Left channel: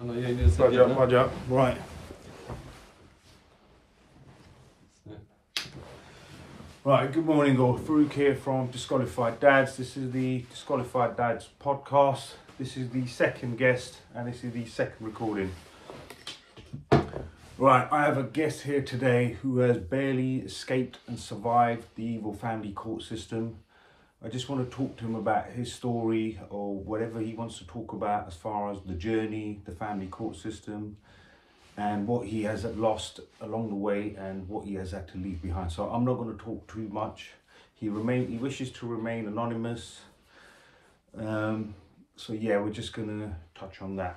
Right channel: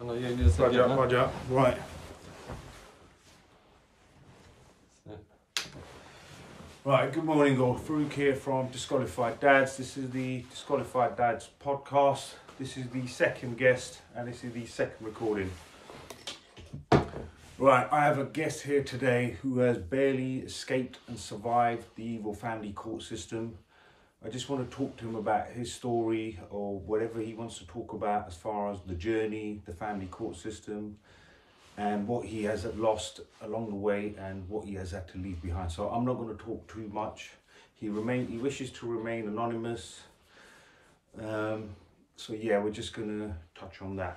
Oh, yeah, you need to Budge up, right. Right, good morning all. Farouk here from Disqualified Dads. This is the Disqualified Dads podcast. This is the second guest and this is the second recording. Right, I have a guest here today who has barely escaped and survived the evil family court system. I just want to talk to him about his story or whatever he wants to talk about as far as the journey, the family court system, and what he has lost along the way and what he has had to leave behind. So I'm not going to talk too much. He wishes to remain anonymous. So yeah, we're just going to touch on that.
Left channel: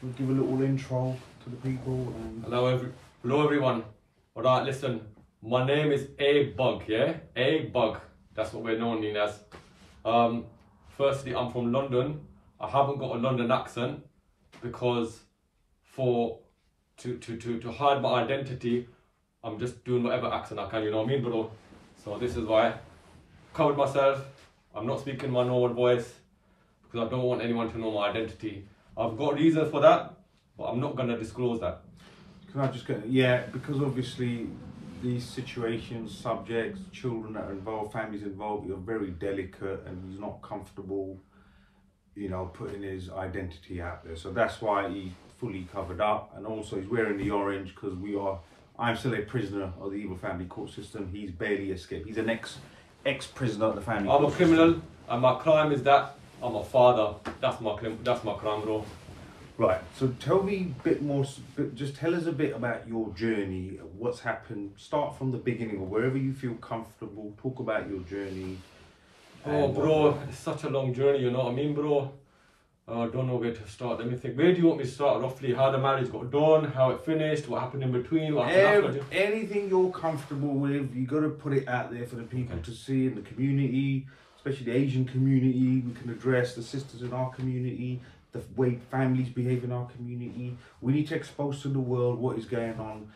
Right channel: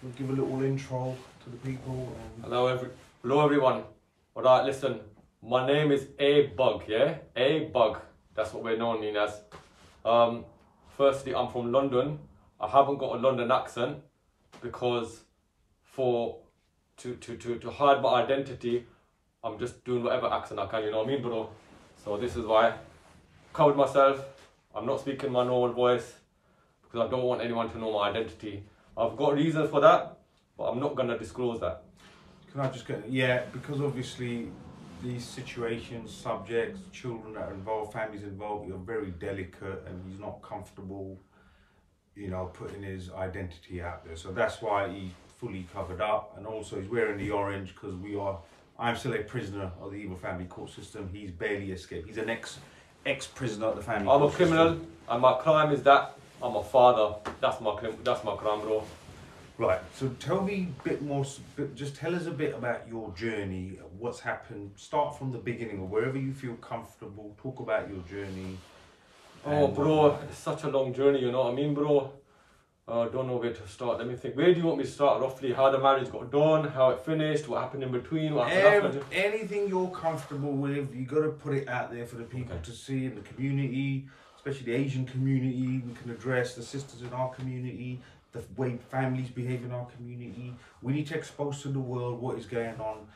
We'll give a little intro to the people. And... Hello everyone. All right, listen. My name is ABUG, yeah? ABUG. That's what we're known as. Firstly, I'm from London. I haven't got a London accent because to hide my identity, I'm just doing whatever accent I can, you know what I mean, bro? So this is why I covered myself. I'm not speaking my normal voice because I don't want anyone to know my identity. I've got reasons for that, but I'm not gonna disclose that. Can I just get, yeah, because obviously these situations, subjects, children that are involved, families involved, you're very delicate and he's not comfortable, you know, putting his identity out there. So that's why he's fully covered up, and also he's wearing the orange because I'm still a prisoner of the evil family court system. He's barely escaped. He's an ex-prisoner of the family court system. I'm a criminal and my crime is that I'm a father. That's my crime, bro. Right, so tell me a bit more, just tell us a bit about your journey, what's happened. Start from the beginning or wherever you feel comfortable. Talk about your journey. Oh, bro, it's such a long journey, you know what I mean, bro? I don't know where to start. Let me think. Where do you want me to start roughly? How the marriage got done, how it finished, what happened in between, what happened after? Anything you're comfortable with, you got to put it out there for the people to see in the community, especially the Asian community. We can address the sisters in our community, the way families behave in our community. We need to expose to the world what is going on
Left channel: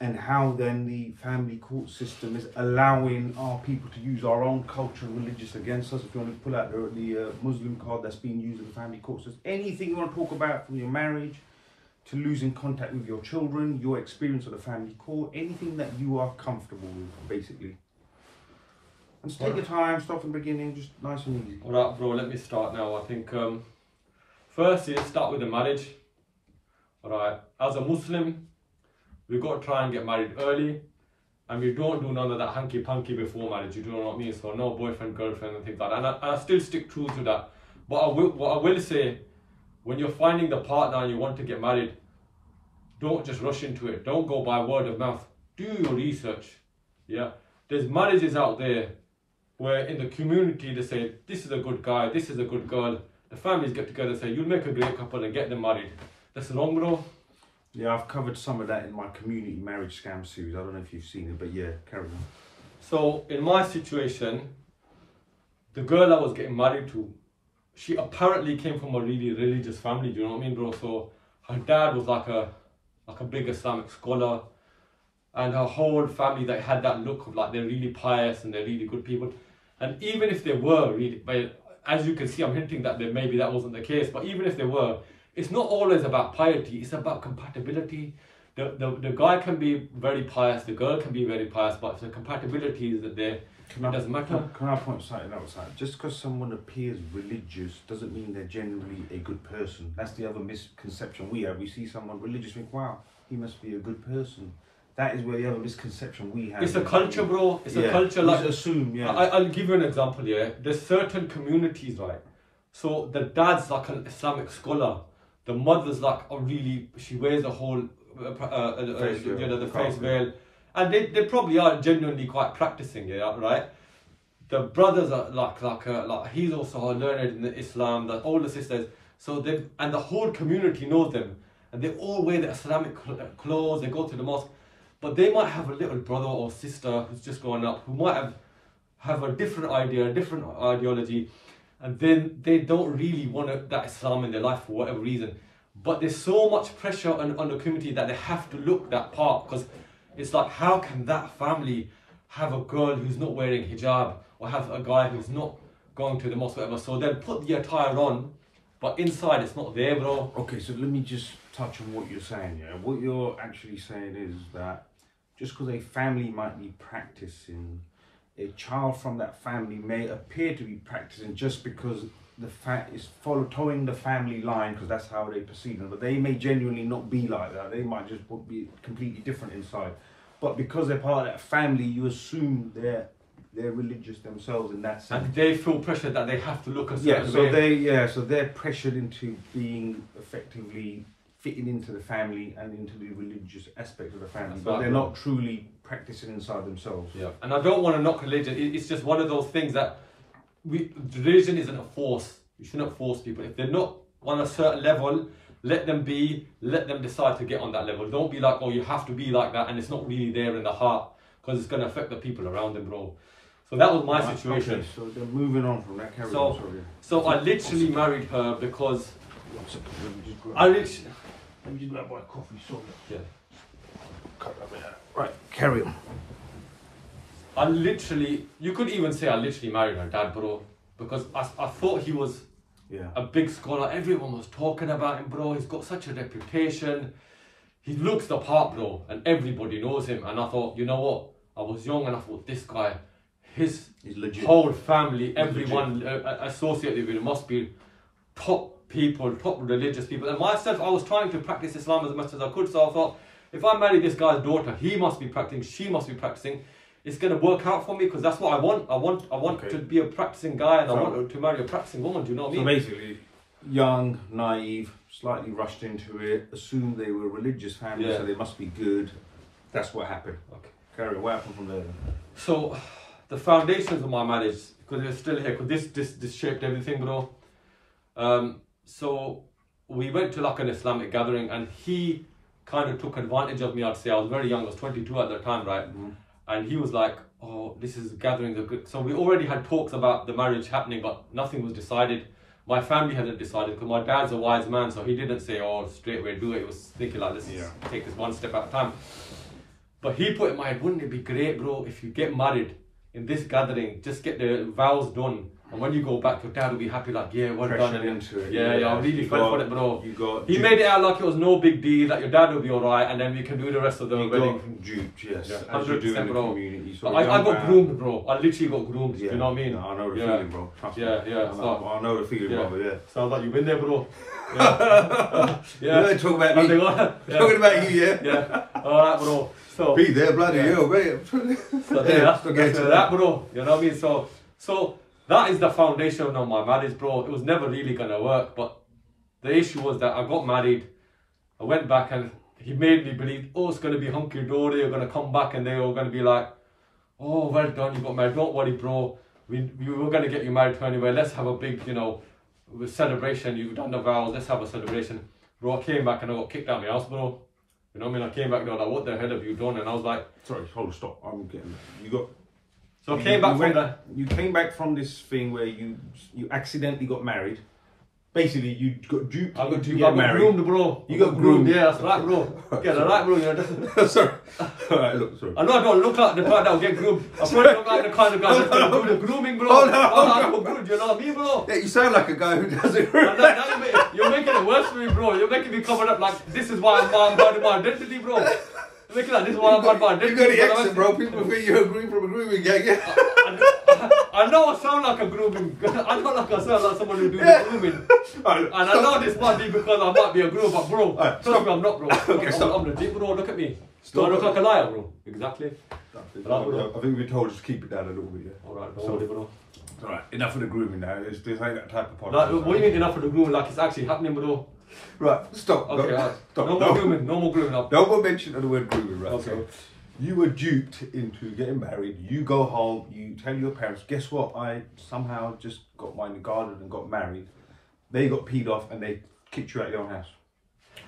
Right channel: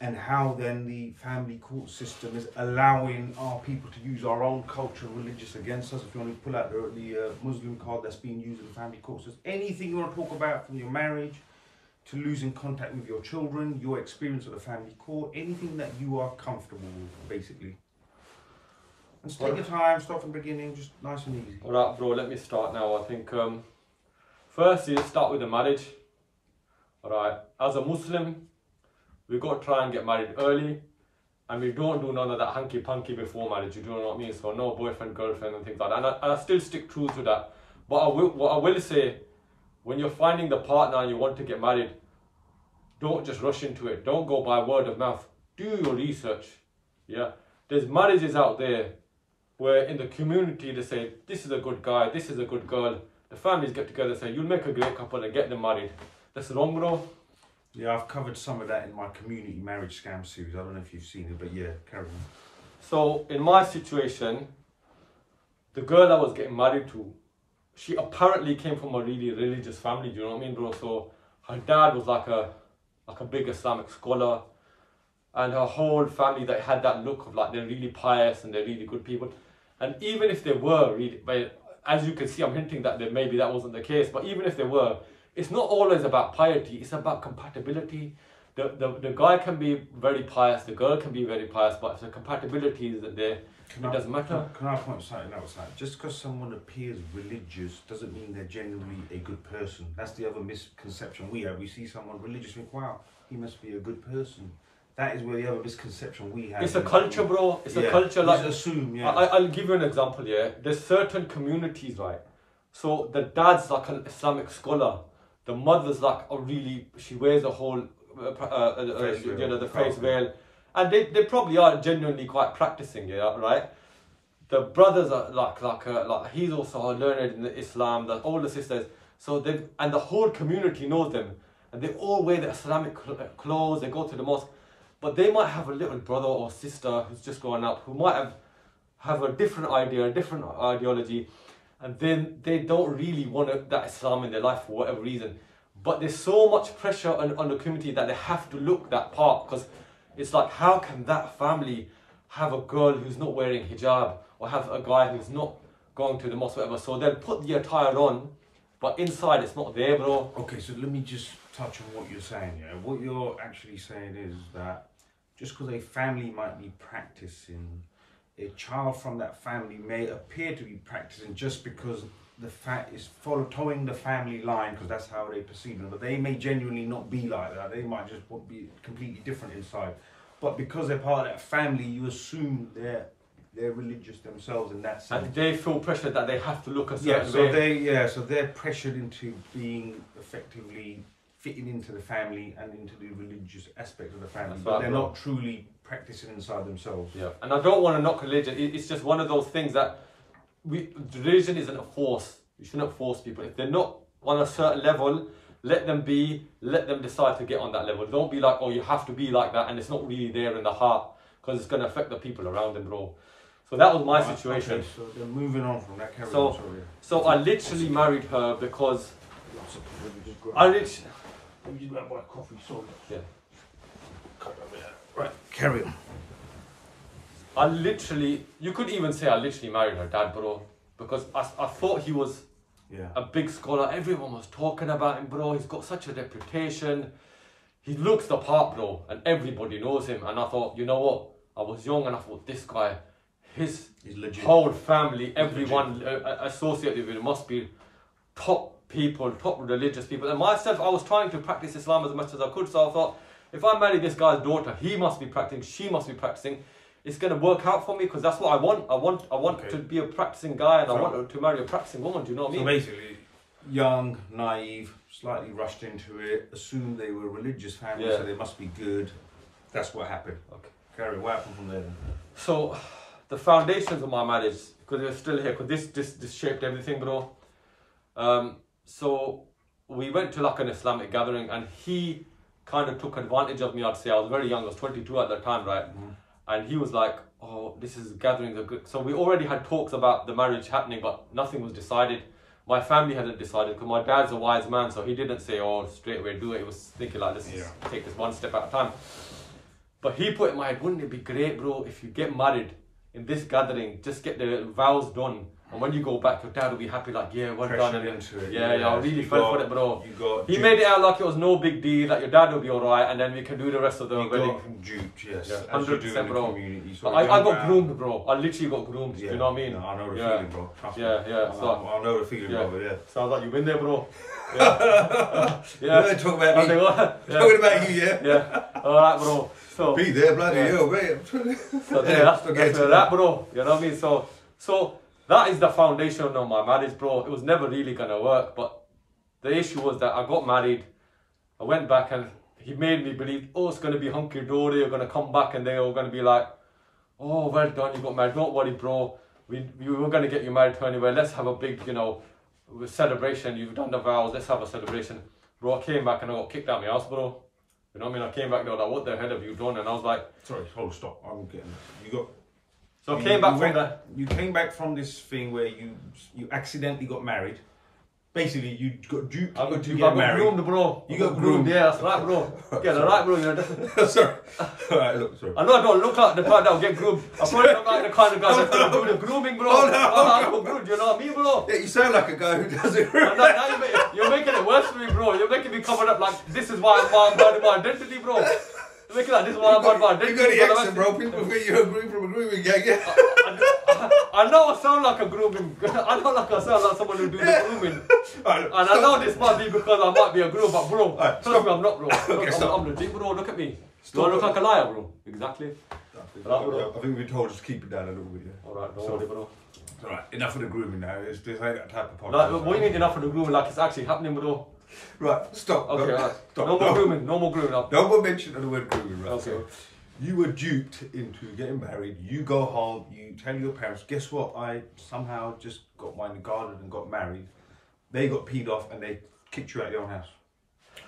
and how then the family court system is allowing our people to use our own culture and religious against us. If you want to pull out the Muslim card that's being used in the family court system, anything you want to talk about from your marriage to losing contact with your children, your experience of the family court, anything that you are comfortable with, basically. And just take your time, start from the beginning, just nice and easy. All right, bro, let me start now. I think first is start with the marriage. All right, as a Muslim, we've got to try and get married early, and we don't do none of that hanky-panky before marriage, you know what I mean? So no boyfriend, girlfriend and things like that, and I still stick true to that. But what I will say, when you're finding the partner and you want to get married, don't just rush into it. Don't go by word of mouth. Do your research, yeah? There's marriages out there where in the community they say, this is a good guy, this is a good girl. The families get together and say, you'll make a great couple and get them married. That's wrong, bro. Yeah, I've covered some of that in my community marriage scam series. I don't know if you've seen it, but yeah, carry on. So in my situation, the girl I was getting married to, she apparently came from a really religious family, do you know what I mean, bro? So her dad was like a big Islamic scholar, and her whole family, they had that look of like they're really pious and they're really good people. And even if they were really, as you can see, I'm hinting that maybe that wasn't the case, but even if they were, it's not always about piety, it's about compatibility. The guy can be very pious, the girl can be very pious, but if the compatibility isn't there, it doesn't matter. Can I point something outside? Just because someone appears religious doesn't mean they're generally a good person. That's the other misconception we have. We see someone religious, think, wow, he must be a good person. That is where the other misconception we have. It's a culture, bro. It's a culture. Like, assume, yeah. I'll give you an example, yeah. There's certain communities, right? So the dad's like an Islamic scholar. The mother's like she wears a whole, the face veil. And they probably are genuinely quite practicing, yeah, right? The brothers are like he's also learned in Islam, the older sisters. So the whole community knows them. And they all wear the Islamic clothes, they go to the mosque. But they might have a little brother or sister who's just growing up who might have a different idea, a different ideology. And then they don't really want that Islam in their life for whatever reason. But there's so much pressure on the community that they have to look that part, because it's like, how can that family have a girl who's not wearing hijab or have a guy who's not going to the mosque, whatever? So they'll put the attire on but inside it's not there, bro. Okay, so let me just touch on what you're saying. Yeah, what you're actually saying is that just because a family might be practicing, a child from that family may appear to be practicing just because the fact is towing the family line, because that's how they perceive them. But they may genuinely not be like that. They might just be completely different inside. But because they're part of that family, you assume they're religious themselves in that sense. And they feel pressured that they have to look a certain way. So they're pressured into being effectively fitting into the family and into the religious aspect of the family, but they're not truly practicing inside themselves. Yeah, and I don't want to knock religion. It's just one of those things that religion isn't a force. You shouldn't force people. If they're not on a certain level, let them be. Let them decide to get on that level. Don't be like, oh, you have to be like that, and it's not really there in the heart, because it's going to affect the people around them, bro. So that was my situation. Okay, so then moving on from that, so I literally married her because Let me just grab my coffee, sorry. Yeah. Cut that bit out. Right, carry on. You could even say I literally married her dad, bro. Because I thought he was a big scholar. Everyone was talking about him, bro. He's got such a reputation. He looks the part, bro. And everybody knows him. And I thought, you know what? I was young and I thought, this guy, his whole family, everyone associated with him must be top people, top religious people. And myself, I was trying to practice Islam as much as I could. So I thought, if I marry this guy's daughter, he must be practicing, she must be practicing. It's going to work out for me, because that's what I want. I want to be a practicing guy, and I want to marry a practicing woman. Do you know what I mean? So basically, young, naive, slightly rushed into it, assumed they were a religious family, so they must be good. That's what happened. Okay, carry on. What happened from there then? So, the foundations of my marriage, because they're still here, because this shaped everything, bro. So we went to like an Islamic gathering, and he kind of took advantage of me. I'd say I was very young. I was 22 at that time, right? Mm-hmm. And he was like, oh, this is gathering the good. So we already had talks about the marriage happening, but nothing was decided. My family hadn't decided, because my dad's a wise man, so he didn't say, oh, straight away do it. He was thinking like, let's take this one step at a time. But he put in my head, wouldn't it be great, bro, if you get married in this gathering, just get the vows done. And when you go back, your dad will be happy, like, yeah, well done. Into it. Yeah, I really felt for it, bro. He made it out like it was no big deal, that your dad will be alright, and then we can do the rest of the wedding. Duped, yes. Yeah, 100%, bro. Community. So I got groomed, bro. I literally got groomed. Yeah. You know what I mean? No, I know the feeling, bro. Trust me. I know the feeling, brother. Yeah. Sounds like you've been there, bro. You don't talk about me. Talking about you, yeah. Yeah. Alright, bro. So be there, bloody hell, mate. So that's that, bro. You know what I mean? So that is the foundation of my marriage, bro. It was never really gonna work, but the issue was that I got married. I went back and he made me believe, oh, it's gonna be hunky dory. You're gonna come back and they're all gonna be like, oh, well done, you got married. Don't worry, bro. We were gonna get you married to anyway. Let's have a big, celebration. You've done the vows. Let's have a celebration, bro. I came back and I got kicked out of my house, bro. You know what I mean? I came back, they were like, what the hell have you done? And I was like... Sorry, hold on, stop. I'm getting... So I came back from that. You came back from this thing where you accidentally got married. Basically, you got duped. I got groomed, bro. You got groomed. Yeah, that's right, bro. Yeah, that's right, bro. Sorry. Alright, look, sorry. I know I don't look like the kind that will get groomed. I probably look like the kind of guy that's going to do the grooming, bro. Oh, no. Good, you know what I mean, bro? Yeah, you sound like a guy who does it. Now you're making it worse for me, bro. You're making me cover up like, this is why I'm bad in my identity, bro. You're making like, this is why I'm bad in my identity. You got the accent, bro. People think you're a groom from a grooming gang, yeah? I know I sound like a grooming. I know I sound like someone who do the grooming. Right, and I know this might be because I might be a groom, but bro, trust me, I'm not, bro. I'm legit, bro. Look at me. Do I look like a liar, bro? Exactly. I think we're told just keep it down a little bit, yeah? Alright, don't worry, bro. Alright, enough of the grooming now. This ain't that type of podcast. Like, what do you mean enough of the grooming? Like it's actually happening, bro. Right, stop. Okay, right. Stop. No more grooming. No more grooming. No more mention of the word grooming, right? Okay. So, you were duped into getting married. You go home. You tell your parents, guess what? I somehow just got mine guarded and got married. They got peed off and they kicked you out of your own house.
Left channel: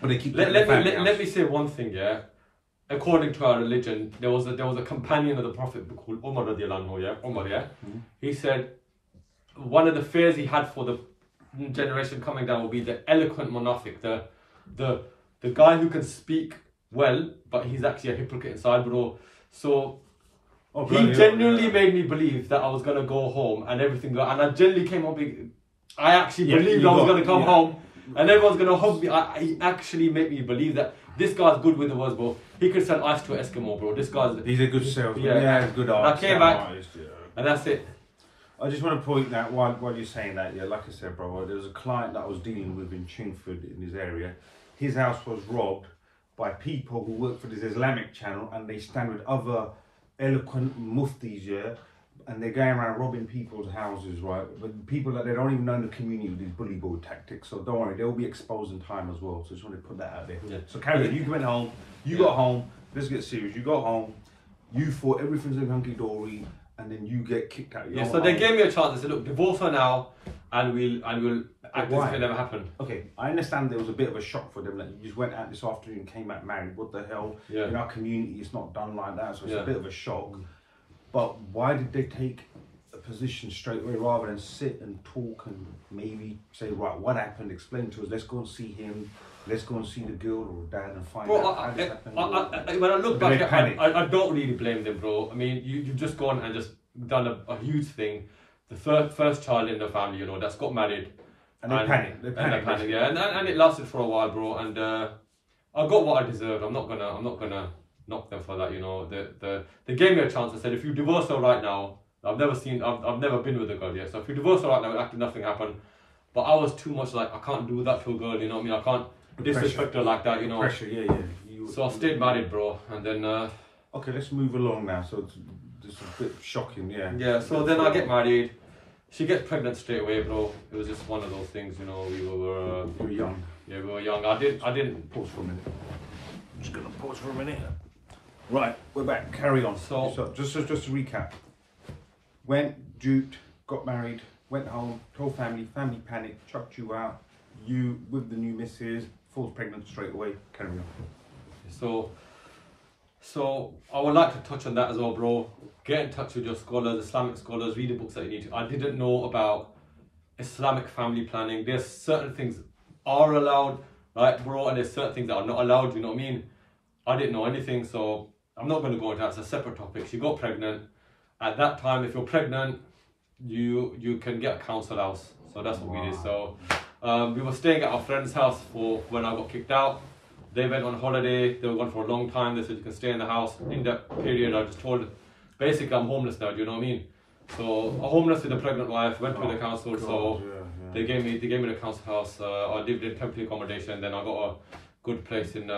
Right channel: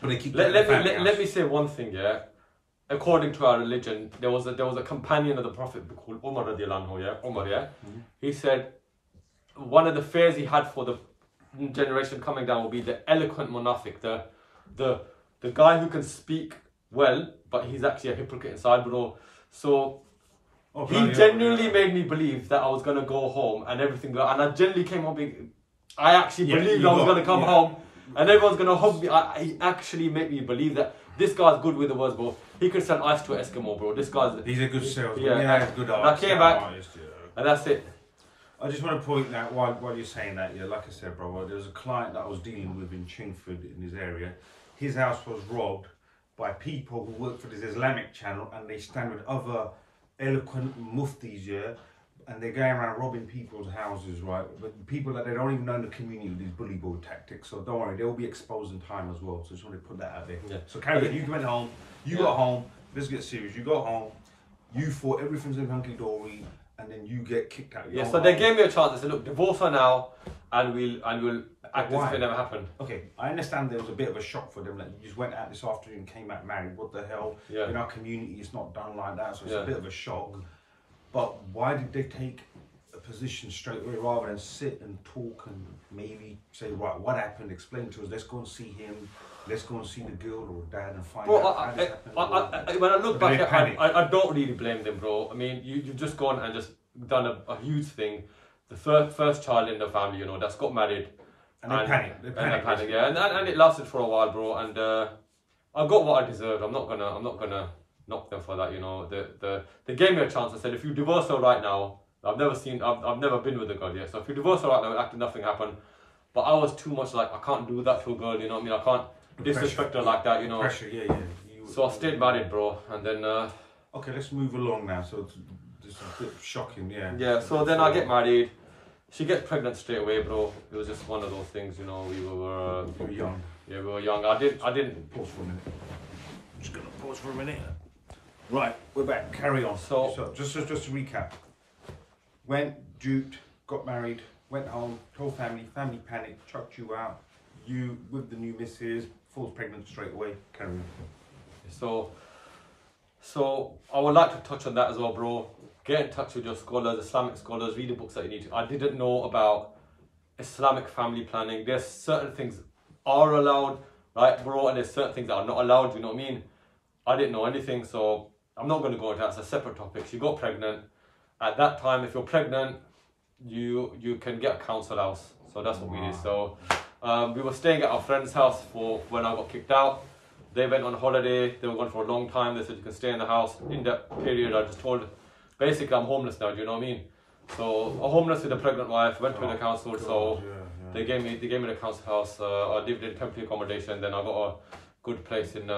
But they kicked you out of the family house. Let me say one thing, yeah. According to our religion, there was a companion of the Prophet called Umar radiallahu anhu, yeah. Umar, yeah. Mm-hmm. He said one of the fears he had for the generation coming down will be the eloquent munafiq, the guy who can speak well, but he's actually a hypocrite inside, bro. So he genuinely made me believe that I was gonna go home and everything, and I genuinely came home being, I actually believed I was going to come home and everyone's going to hug me. He actually made me believe that this guy's good with the words, bro. He could sell ice to an Eskimo, bro. This guy's... He's a good salesman. Yeah, he's a good artist. I came back, and that's it. I just want to point that while you're saying that, yeah, like I said, bro, there was a client that I was dealing with in Chingford in his area. His house was robbed by people who work for this Islamic channel, and they stand with other eloquent muftis, yeah, and they're going around robbing people's houses, right? But people that they don't even know in the community with these bully boy tactics. So don't worry, they'll be exposed in time as well. So just want to put that out there. Yeah. So carry on. You went home. You got home. Let's get serious. You got home. You thought everything's in hunky dory, and then you get kicked out. Yeah. So they gave me a chance. They said, "Look, divorce her now, and we'll act as if it never happened." Okay, I understand there was a bit of a shock for them that you just went out this afternoon and came back married. What the hell? Yeah. In our community, it's not done like that, so it's a bit of a shock. But why did they take a position straight away rather than sit and talk and maybe say, right, what happened? Explain to us. Let's go and see him. Let's go and see the girl or dad and find out how this happened. When I look back, I don't really blame them, bro. I mean, you've just gone and just done a huge thing. The first child in the family, you know, that's got married. And they panicked. They panicked, yeah. And it lasted for a while, bro. And I got what I deserved. I'm not gonna knock them for that, you know. They gave me a chance. I said, if you divorce her right now, I've never been with a girl yet. So if you divorce her right now, act nothing happened. But I was too much like, I can't do that to a girl, you know what I mean? I can't disrespect her like that, you know. Pressure, yeah. So I stayed married, bro, and then. Okay, let's move along now. So it's a bit shocking, yeah. Yeah. So then I get married. She gets pregnant straight away, bro. It was just one of those things, you know. We were young. Yeah, we were young. I didn't pause for a minute. I'm just gonna pause for a minute. Right, we're back. Carry on. So just to recap. Went, duped, got married, went home, told family panicked, chucked you out. You with the new missus, falls pregnant straight away. Carry on. So I would like to touch on that as well, bro. Get in touch with your scholars, Islamic scholars, read the books that you need to. I didn't know about Islamic family planning. There's certain things are allowed, right, bro, and there's certain things that are not allowed, you know what I mean? I didn't know anything, so I'm not going to go into that. It's a separate topic. She got pregnant. At that time, if you're pregnant, you can get a council house. So that's what we did. So we were staying at our friend's house for when I got kicked out. They went on holiday. They were gone for a long time. They said you can stay in the house. In that period, I just told, basically I'm homeless now. Do you know what I mean? So I'm homeless with a pregnant wife. Went to the council. God, so they gave me the council house. I lived in temporary accommodation. Then I got a good place in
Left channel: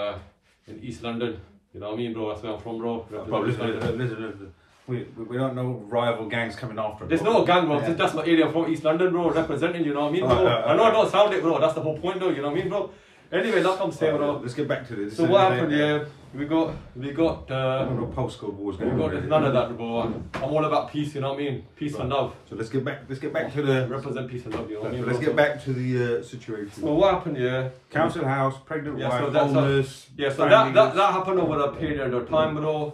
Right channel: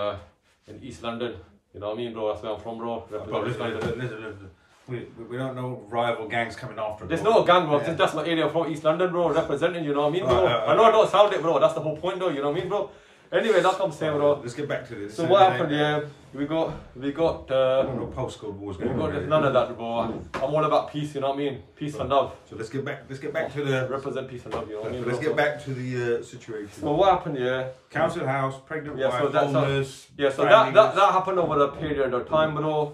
East London. You know what I mean, bro? That's where I'm from, bro. Listen. We don't know rival gangs coming after us. There's no gang, bro. That's my area from East London, bro. Representing, you know what I mean, bro? I know I don't sound it, bro. That's the whole point, though. You know what I mean, bro? Anyway, like I'm saying, bro. Let's get back to this. So what happened? Yeah, we got. No postcode wars going on. There's none of that, bro. I'm all about peace. You know what I mean? Peace and love. So let's get back to the represent peace and love. You know what I mean? Let's get back to the situation. So what happened? Yeah, council house, pregnant wife, homeless. So that happened over a period of time, bro.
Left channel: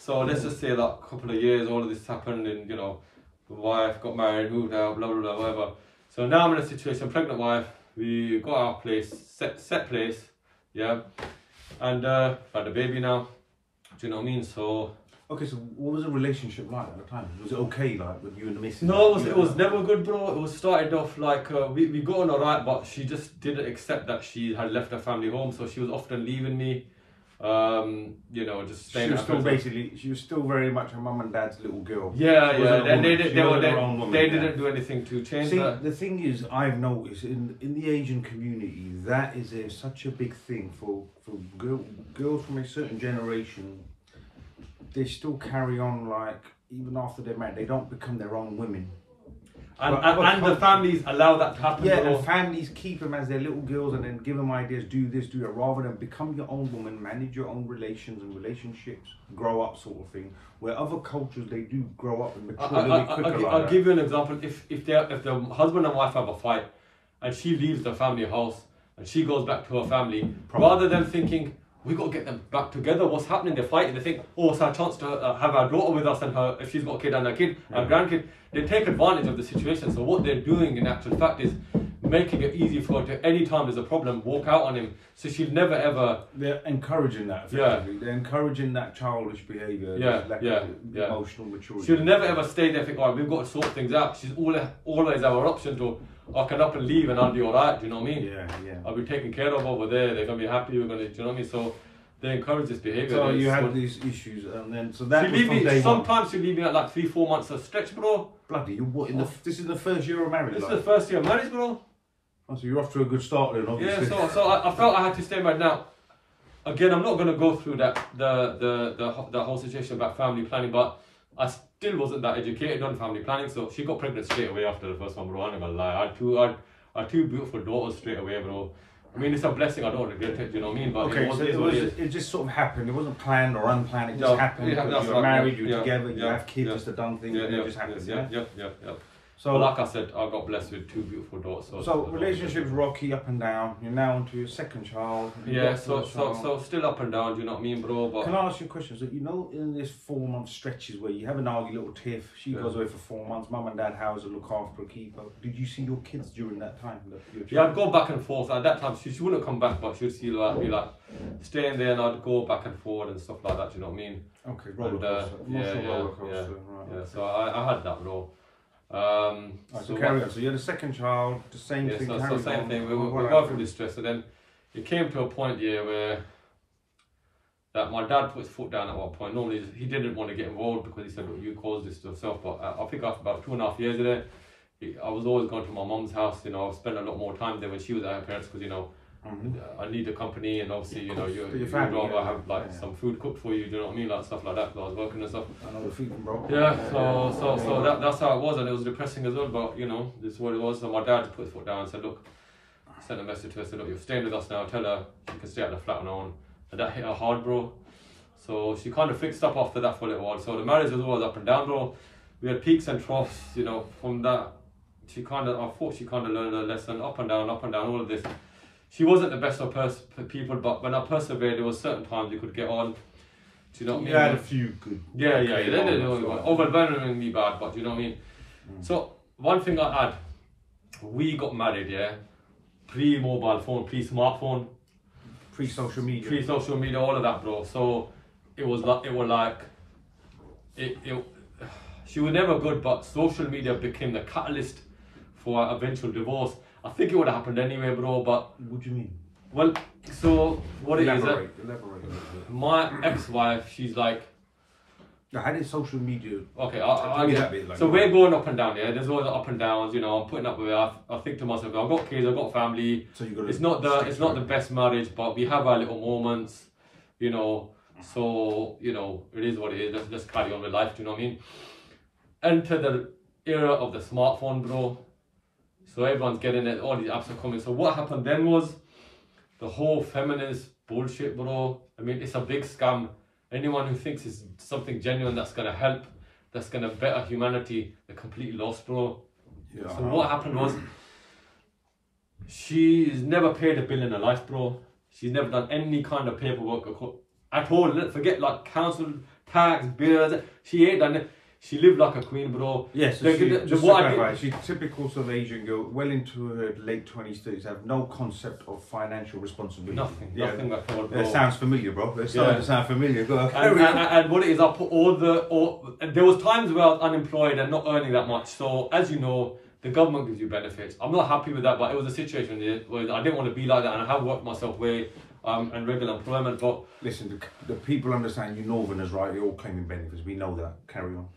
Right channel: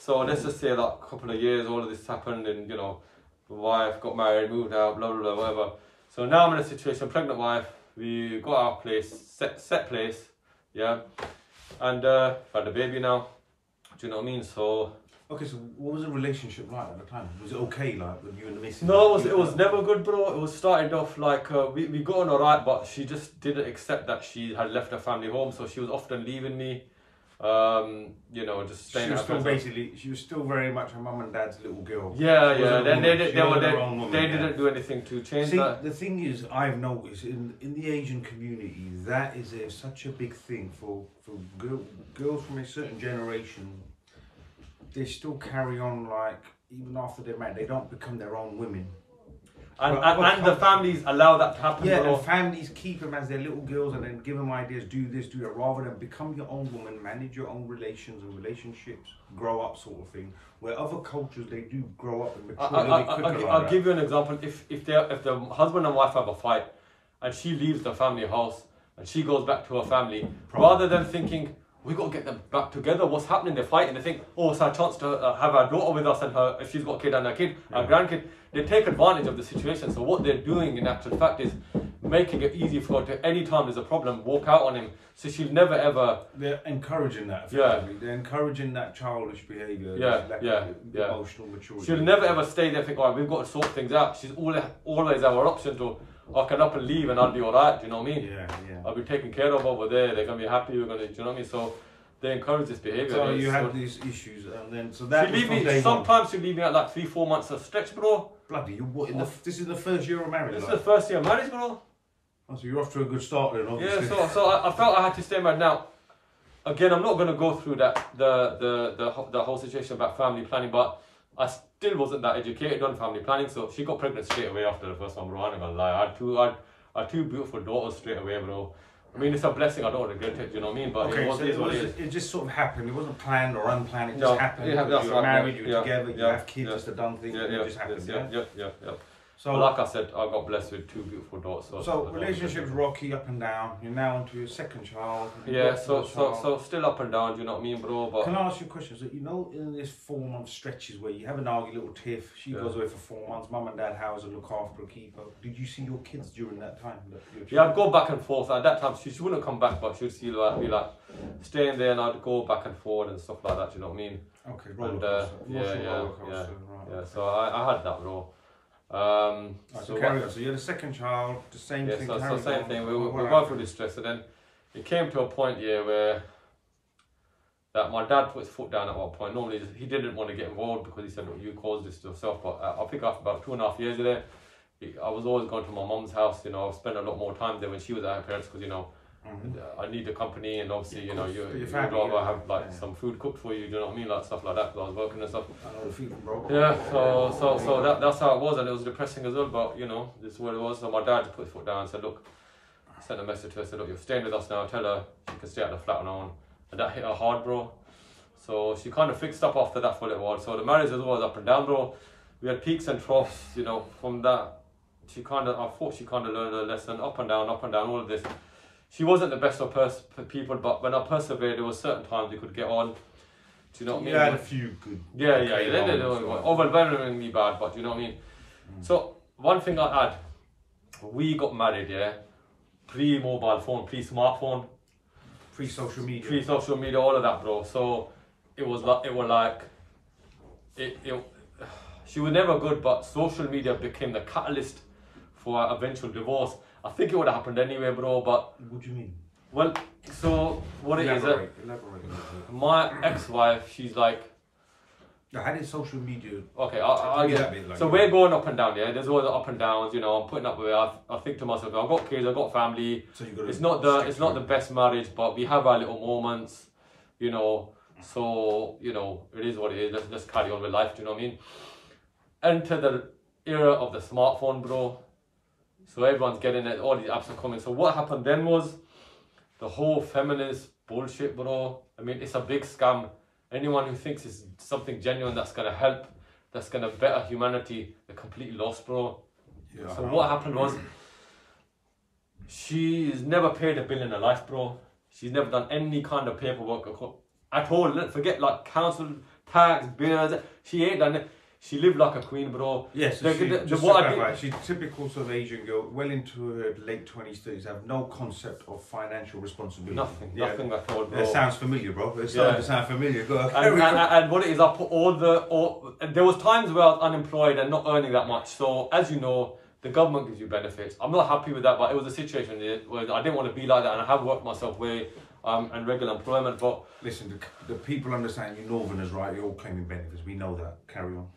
So let's just say that a couple of years, all of this happened, and you know, the wife got married, moved out, blah blah blah, whatever. So now I'm in a situation, pregnant wife. We got our place, set place, yeah, and had a baby now. Do you know what I mean? So okay, so what was the relationship like at the time? Was it okay, like with you and the missus? No, it was never good, bro. It was started off like we got on alright, but she just didn't accept that she had left her family home, so she was often leaving me. You know, just staying. She was still very much her mum and dad's little girl. Yeah. Then they didn't do anything to change that. The thing is, I've noticed in the Asian community, that is such a big thing for girls from a certain generation. They still carry on, like, even after they're married, they don't become their own women. And the families allow that to happen. Yeah, and families keep them as their little girls and then give them ideas, do this, do that, rather than become your own woman, manage your own relations and relationships, grow up sort of thing. Where other cultures, they do grow up and mature a little bit quicker. I'll give you an example. If the husband and wife have a fight and she leaves the family house and she goes back to her family, rather than thinking, we got to get them back together. What's happening? They're fighting. They think, oh, it's our chance to have our daughter with us and her, if she's got a kid and a kid, our grandkid. They take advantage of the situation. So what they're doing in actual fact is making it easy for her to, anytime there's a problem, walk out on him. So she'll never ever... They're encouraging that, effectively. Yeah. They're encouraging that childish behaviour, emotional maturity. She'll never ever stay there and think, oh, we've got to sort things out. She's always have her option to, I can up and leave and I'll be alright, do you know what I mean? Yeah. I'll be taken care of over there, they're going to be happy, we're going to, do you know what I mean? So they encourage this behaviour. So you had these issues, and then, so that was from day one. Sometimes she'll leave me at like 3-4 months of stretch, bro. Bloody, you what, this is the first year of marriage? This is the first year of marriage, bro. Oh, so you're off to a good start then, obviously. Yeah, so I felt I had to stay married. Now, again, I'm not going to go through that the whole situation about family planning, but I still wasn't that educated on family planning, so she got pregnant straight away after the first one, bro. I'm not gonna lie. I had two beautiful daughters straight away, bro. I mean, it's a blessing. I don't regret it. You know what I mean? But okay, it just sort of happened. It wasn't planned or unplanned. It just happened. You were married. You were together. You have kids. Just a done thing. And it just happened. Yeah. So, but like I said, I got blessed with two beautiful daughters. So relationships rocky, up and down. You're now onto your second child. Yeah. So still up and down. Do you know what I mean, bro? But can I ask you a question? So you know, in this 4-month stretches where you have an argued little tiff, she goes away for 4 months. Mum and dad house her, look after her, keep her. Did you see your kids during that time? Yeah, I'd go back and forth. At that time, she wouldn't come back, but she'd see be like staying there, and I'd go back and forth and stuff like that. Do you know what I mean? Okay, roller coaster. Roller coaster. Yeah. So I had that, bro. So carry on. So you had a second child, the same thing. So same thing. We were through this stress, and then it came to a point where that my dad put his foot down at one point. Normally he didn't want to get involved because he said, "Look, you caused this yourself." But I think after about 2.5 years there, I was always going to my mum's house. You know, I spent a lot more time there when she was at her parents because I need the company, and obviously you'd rather have some food cooked for you. Do you know what I mean? Like stuff like that because I was working and stuff. I know the feeling, bro. Yeah. So that's how it was, and it was depressing as well. But this is what it was. So my dad just put his foot down and said, "Look," sent a message to her, said, "Look, you're staying with us now. Tell her she can stay at the flat on her own." And that hit her hard, bro. So she kind of fixed up after that for a little while. So the marriage was always up and down, bro. We had peaks and troughs. From that, I thought she kind of learned a lesson. Up and down, all of this. She wasn't the best of people, but when I persevered, there was certain times you could get on. Do you know what I mean? You had a few good. Yeah. Overwhelmingly bad, but do you know what I mean? So one thing I had, we got married, pre-mobile phone, pre-smartphone, pre-social media, all of that, bro. So it was like she was never good, but social media became the catalyst for our eventual divorce. I think it would have happened anyway, bro, but... What do you mean? Well, so what Elaborate. My ex-wife, she's like... How did social media... Okay, I'll give that bit. So we're going up and down, There's always up and downs, I'm putting up with it. I think to myself, I've got kids, I've got family. So you got to it's not the best marriage, but we have our little moments, So, it is what it is. Let's just carry on with life, do you know what I mean? Enter the era of the smartphone, bro. So everyone's getting it, all these apps are coming. So what happened then was the whole feminist bullshit, bro. I mean, it's a big scam. Anyone who thinks it's something genuine that's going to help, that's going to better humanity, they're completely lost, bro. Yeah, so what happened was, she's never paid a bill in her life, bro. She's never done any kind of paperwork at all. Forget like council tax, bills. She ain't done it. She lived like a queen, bro. Yes, she's typical sort of Asian girl, well into her late 20s, 30s, have no concept of financial responsibility. Nothing at all, bro. It sounds familiar, bro. It's starting to sound familiar. And what it is, I put there was times where I was unemployed and not earning that much. So, as you know, the government gives you benefits. I'm not happy with that, but it was a situation where I didn't want to be like that, and I have worked myself way and regular employment. But listen, the people understand you Northerners, right? You're all claiming benefits. We know that. Carry on.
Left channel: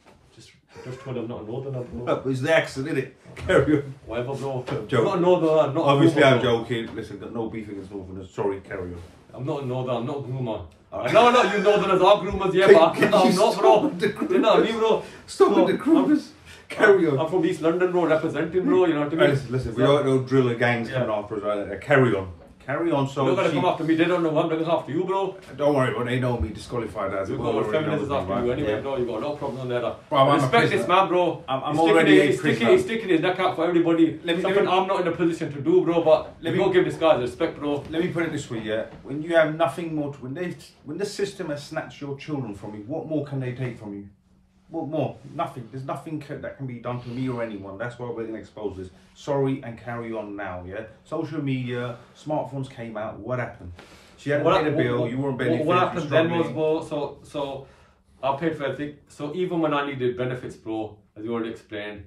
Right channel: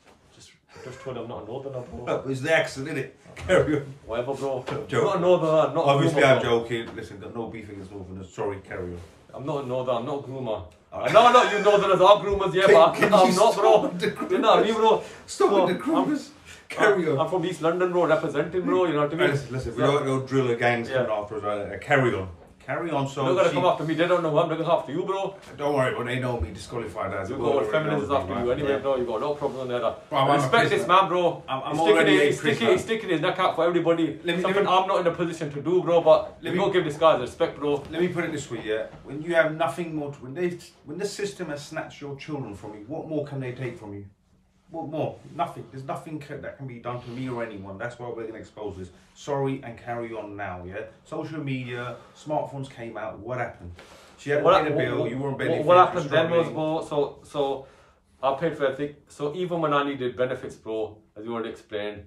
Just told I'm not a Northerner, bro. No, it's the accent, isn't it? Carry on. Whatever, bro. I'm not a Northerner, I'm not Obviously, a groomer, I'm joking. Listen, got no beef against Northerners. Sorry, carry on. I'm not a Northerner, I'm not a groomer. I know you Northerners are groomers, but I'm not, bro. Stop with the groomers. Carry on. I'm from East London, bro, representing, bro, you know what I mean? Listen, we don't know driller gangs coming after us, right? Carry on. Carry on. So you're not gonna come after me. They don't know I'm looking after you, bro. Don't worry, but they know me. Disqualified as you've got feminists after you anyway, bro. You got a lot of problems on there. Bro, respect this man, bro. I'm already a prisoner. He's sticking his neck out for everybody. Something I'm not in a position to do, bro. But let me go give this guy respect, bro. Let me put it this way, when you have nothing more, when the system has snatched your children from you, what more can they take from you? What more? Nothing. There's nothing that can be done to me or anyone. That's why we're going to expose this. Sorry, and carry on now, Social media, smartphones came out. What happened? She had to pay the bill. You weren't benefiting. What happened then was, bro, so I paid for everything. So even when I needed benefits, bro, as you already explained,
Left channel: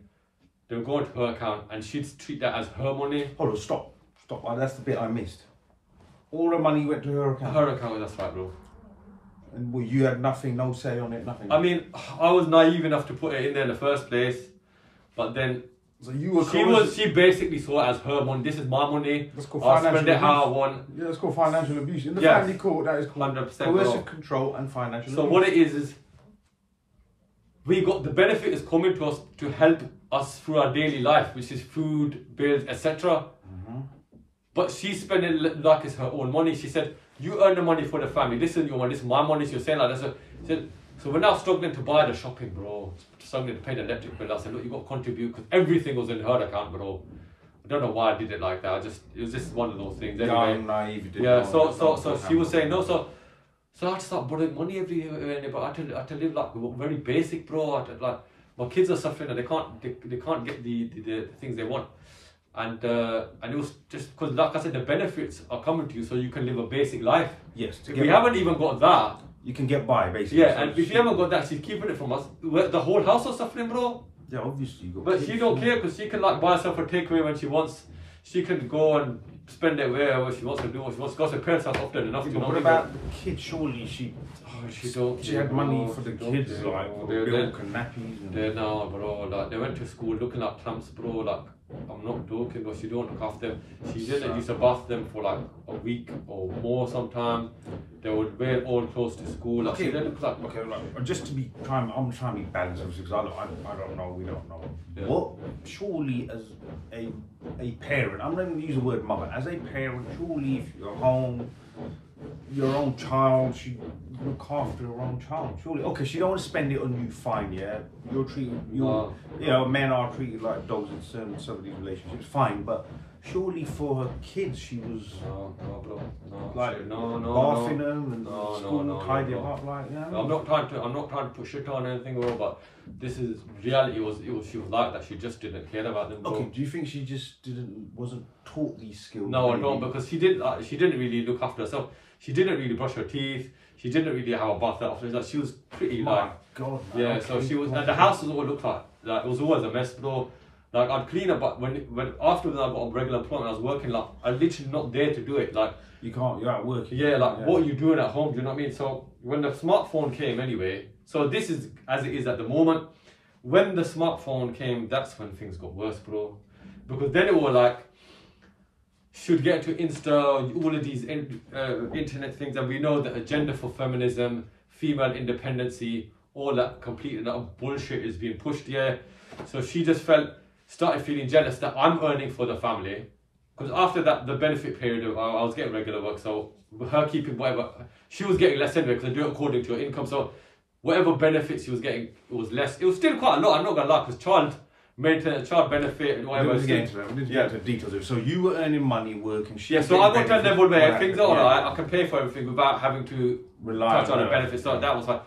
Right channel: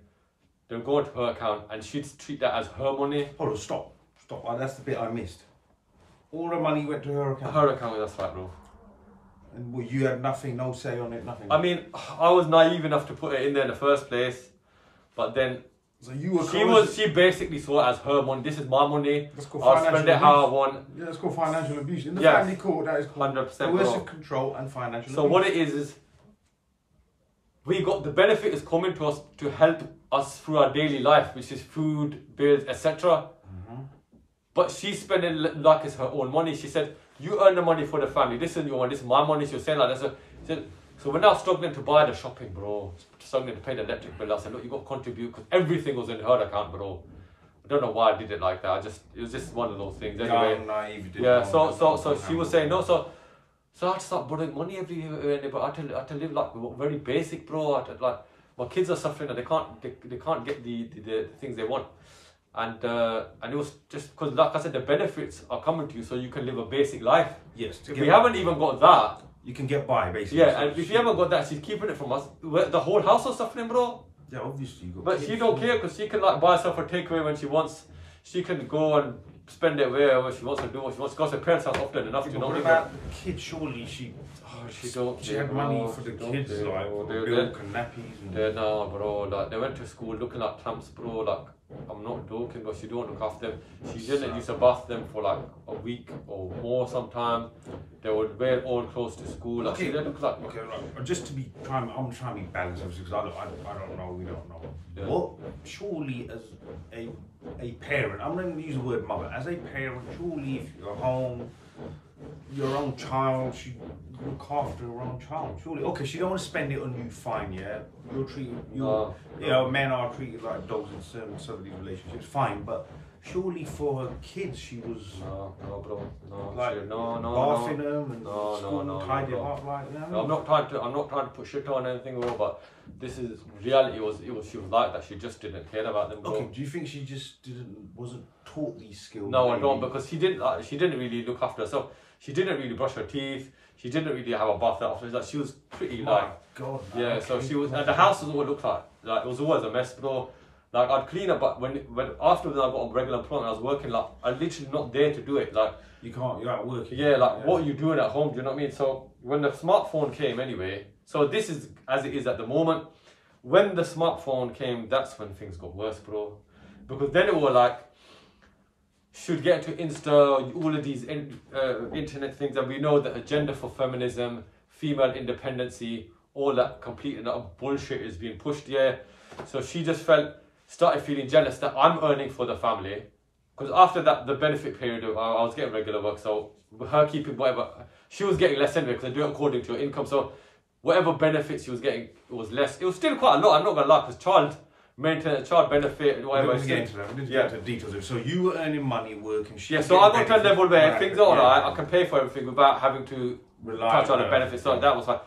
They would go into her account and she'd treat that as her money. Hold on, stop. That's the bit I missed. All the money went to her account. Her account, that's right, bro. And well, you had nothing, no say on it, nothing. I mean, I was naive enough to put it in there in the first place, but then so you were she basically saw it as her money. This is my money. That's called I'll financial spend it abuse. how I want. Yeah, that's called financial abuse. In the family court, that is called 100%, coercive control and financial abuse. So what it is we got the benefit is coming to us to help us through our daily life, which is food, bills, etc. But she's spending it like it's her own money. She said, you earn the money for the family. This is your money. This is my money. She was saying like that. So we're now struggling to buy the shopping, bro. Struggling to pay the electric bill. I said, look, you got to contribute because everything was in her account, bro. I don't know why I did it like that. It was just one of those things. Anyway, naive. Yeah. So she was saying no. So I had to start borrowing money every year. But I had to live like very basic, bro. Like my kids are suffering and they can't get the things they want. And it was just because, like I said, the benefits are coming to you, so you can live a basic life. Yes. If we haven't even got that, you can get by basically. Yeah, and if you haven't got that, she's keeping it from us. The whole house is suffering, bro. Yeah, obviously. But she don't care because she can like buy herself a takeaway when she wants. She can go and spend it where she wants to do what she wants. Because her parents have often enough. Yeah, what about the kids? Surely she had money for the kids, like milk and nappies. And no, bro. Like they went to school looking like tramps, bro. Like I'm not joking, but she don't look after them. She didn't used to bath them for like a week or more sometimes. They would wear all clothes to school. Like, okay, she didn't look like. Okay, right. Just to be I'm trying to be balanced, obviously, because I don't know. We don't know. Yeah. What surely as a parent, I'm not even going to use the word mother. As a parent, surely if you're home, your own child, she look after her own child. Surely, okay, she don't want to spend it on you. Fine, yeah. You're treated. Men are treated like dogs in some of these relationships. Fine, but surely for her kids, she was no, bro. No, like bathing them and school tidy them up, like you know. No, I'm not trying to put shit on anything, bro. But this is reality. She was like that. She just didn't care about them, bro. Okay, do you think she just wasn't taught these skills? No, maybe? I don't, because she didn't really look after herself. She didn't really brush her teeth. She didn't really have a bath after. Like she was pretty God, man. Yeah, okay, so she was. And the house was all looked like it was always a mess, bro. Like I'd clean up, but when after I got a regular employment, I was working. Like I'm literally not there to do it. Like you're out working. Yeah, like what are you doing at home? Do you know what I mean? So when the smartphone came, anyway. So this is as it is at the moment. When the smartphone came, that's when things got worse, bro. Because then it was like, should get to Insta, all of these internet things, and we know that agenda for feminism, female independency, all that complete and utter bullshit is being pushed here. So she just started feeling jealous that I'm earning for the family. Because after that, the benefit period, I was getting regular work, so her keeping whatever, she was getting less anyway, because I do it according to her income. So whatever benefits she was getting, it was less. It was still quite a lot, I'm not gonna lie, because child maintenance, child benefit, whatever. We didn't get into details. So you were earning money working. Yeah, so I got to tell them all that things are alright. I can pay for everything without having to touch on the benefits. So that was like,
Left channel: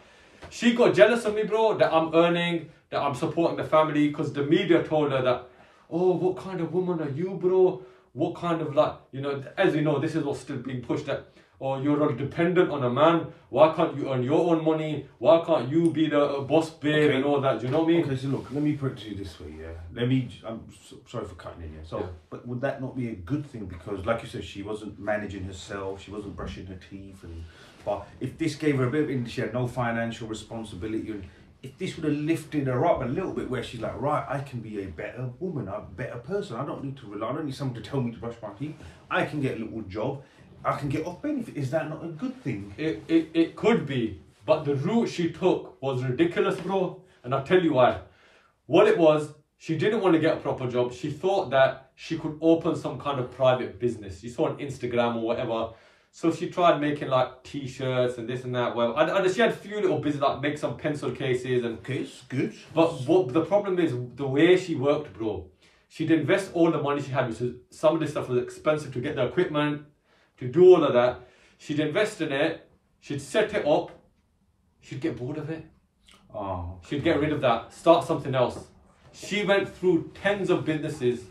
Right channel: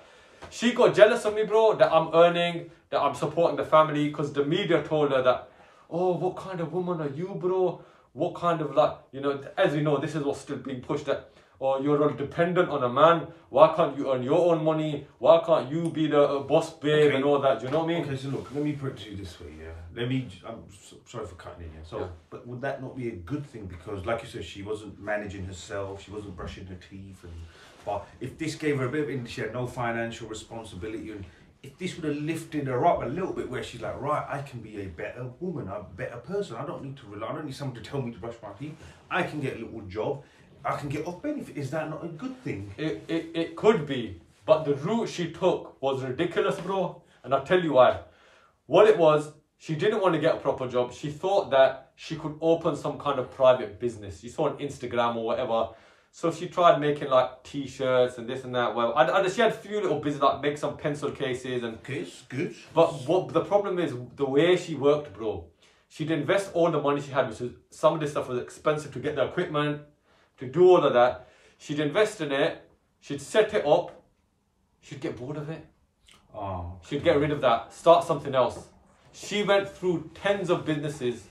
she got jealous of me, bro, that I'm earning, that I'm supporting the family, because the media told her that, oh, what kind of woman are you, bro? What kind of, like, you know, as you know, this is what's still being pushed at. Or you're all dependent on a man. Why can't you earn your own money? Why can't you be the boss babe and all that? Do you know what I mean? Okay, so look, let me put it to you this way, yeah. I'm sorry for cutting in here. So, but would that not be a good thing? Because, like you said, she wasn't managing herself. She wasn't brushing her teeth. But if this gave her a bit of, she had no financial responsibility. And if this would have lifted her up a little bit, where she's like, right, I can be a better woman, a better person. I don't need to rely. I don't need someone to tell me to brush my teeth. I can get a little job. I can get off benefit. Is that not a good thing? It could be, but the route she took was ridiculous, bro. And I'll tell you why. What it was, she didn't want to get a proper job. She thought that she could open some kind of private business. She saw on Instagram or whatever. So she tried making like t-shirts and this and that. Well, she had a few little business, like make some pencil cases and. Okay, it's good. But what the problem is, the way she worked, bro. She'd invest all the money she had, which is some of this stuff was expensive to get the equipment. To do all of that, she'd invest in it, she'd set it up, she'd get bored of it. She'd get rid of that, start something else. She went through tens of businesses,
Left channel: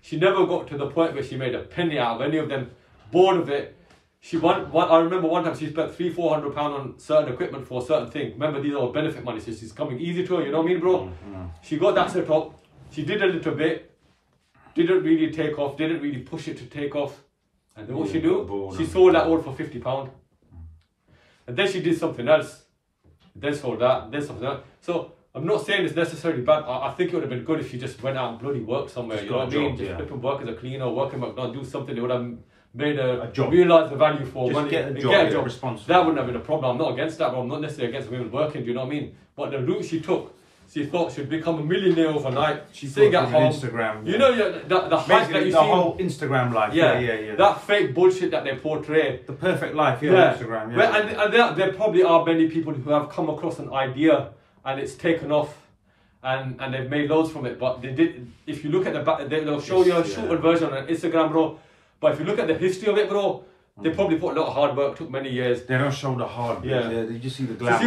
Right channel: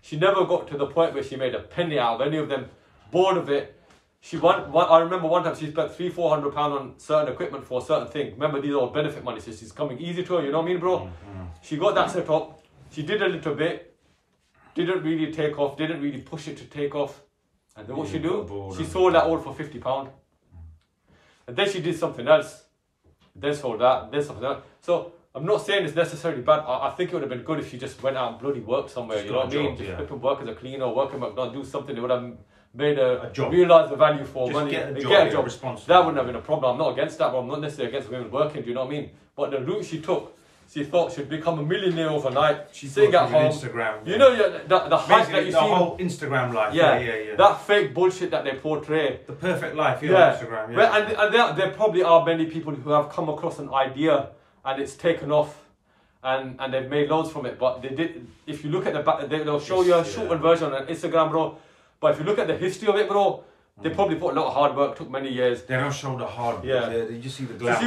she never got to the point where she made a penny out of any of them, bored of it. I remember one time she spent £300-400 on certain equipment for a certain thing. Remember, these are all benefit money, so she's coming easy to her, you know what I mean, bro? She got that set up, she did a little bit, didn't really take off, didn't really push it to take off. And then what she do? She sold that all for £50. And then she did something else. Then sold that, then something else. So I'm not saying it's necessarily bad. I think it would have been good if she just went out and bloody worked somewhere. Just you know what I mean? Job, just work as a cleaner, work in McDonald's, do something that would have made a job. Realise the value for just money. Get a job. That wouldn't have been a problem. I'm not against that, but I'm not necessarily against women working. Do you know what I mean? But the route she took, she thought she'd become a millionaire overnight. She sing at home. Instagram. You know, the hype that you see. The whole Instagram life. Yeah. That fake bullshit that they portray. The perfect life, on Instagram. Yeah. And there probably are many people who have come across an idea and it's taken off. And they've made loads from it, but they did. If you look at the back, they'll show you a shortened version on Instagram, bro. But if you look at the history of it, bro, they probably put a lot of hard work. Took many years. They don't show the hard work. Yeah, you just see the glamour.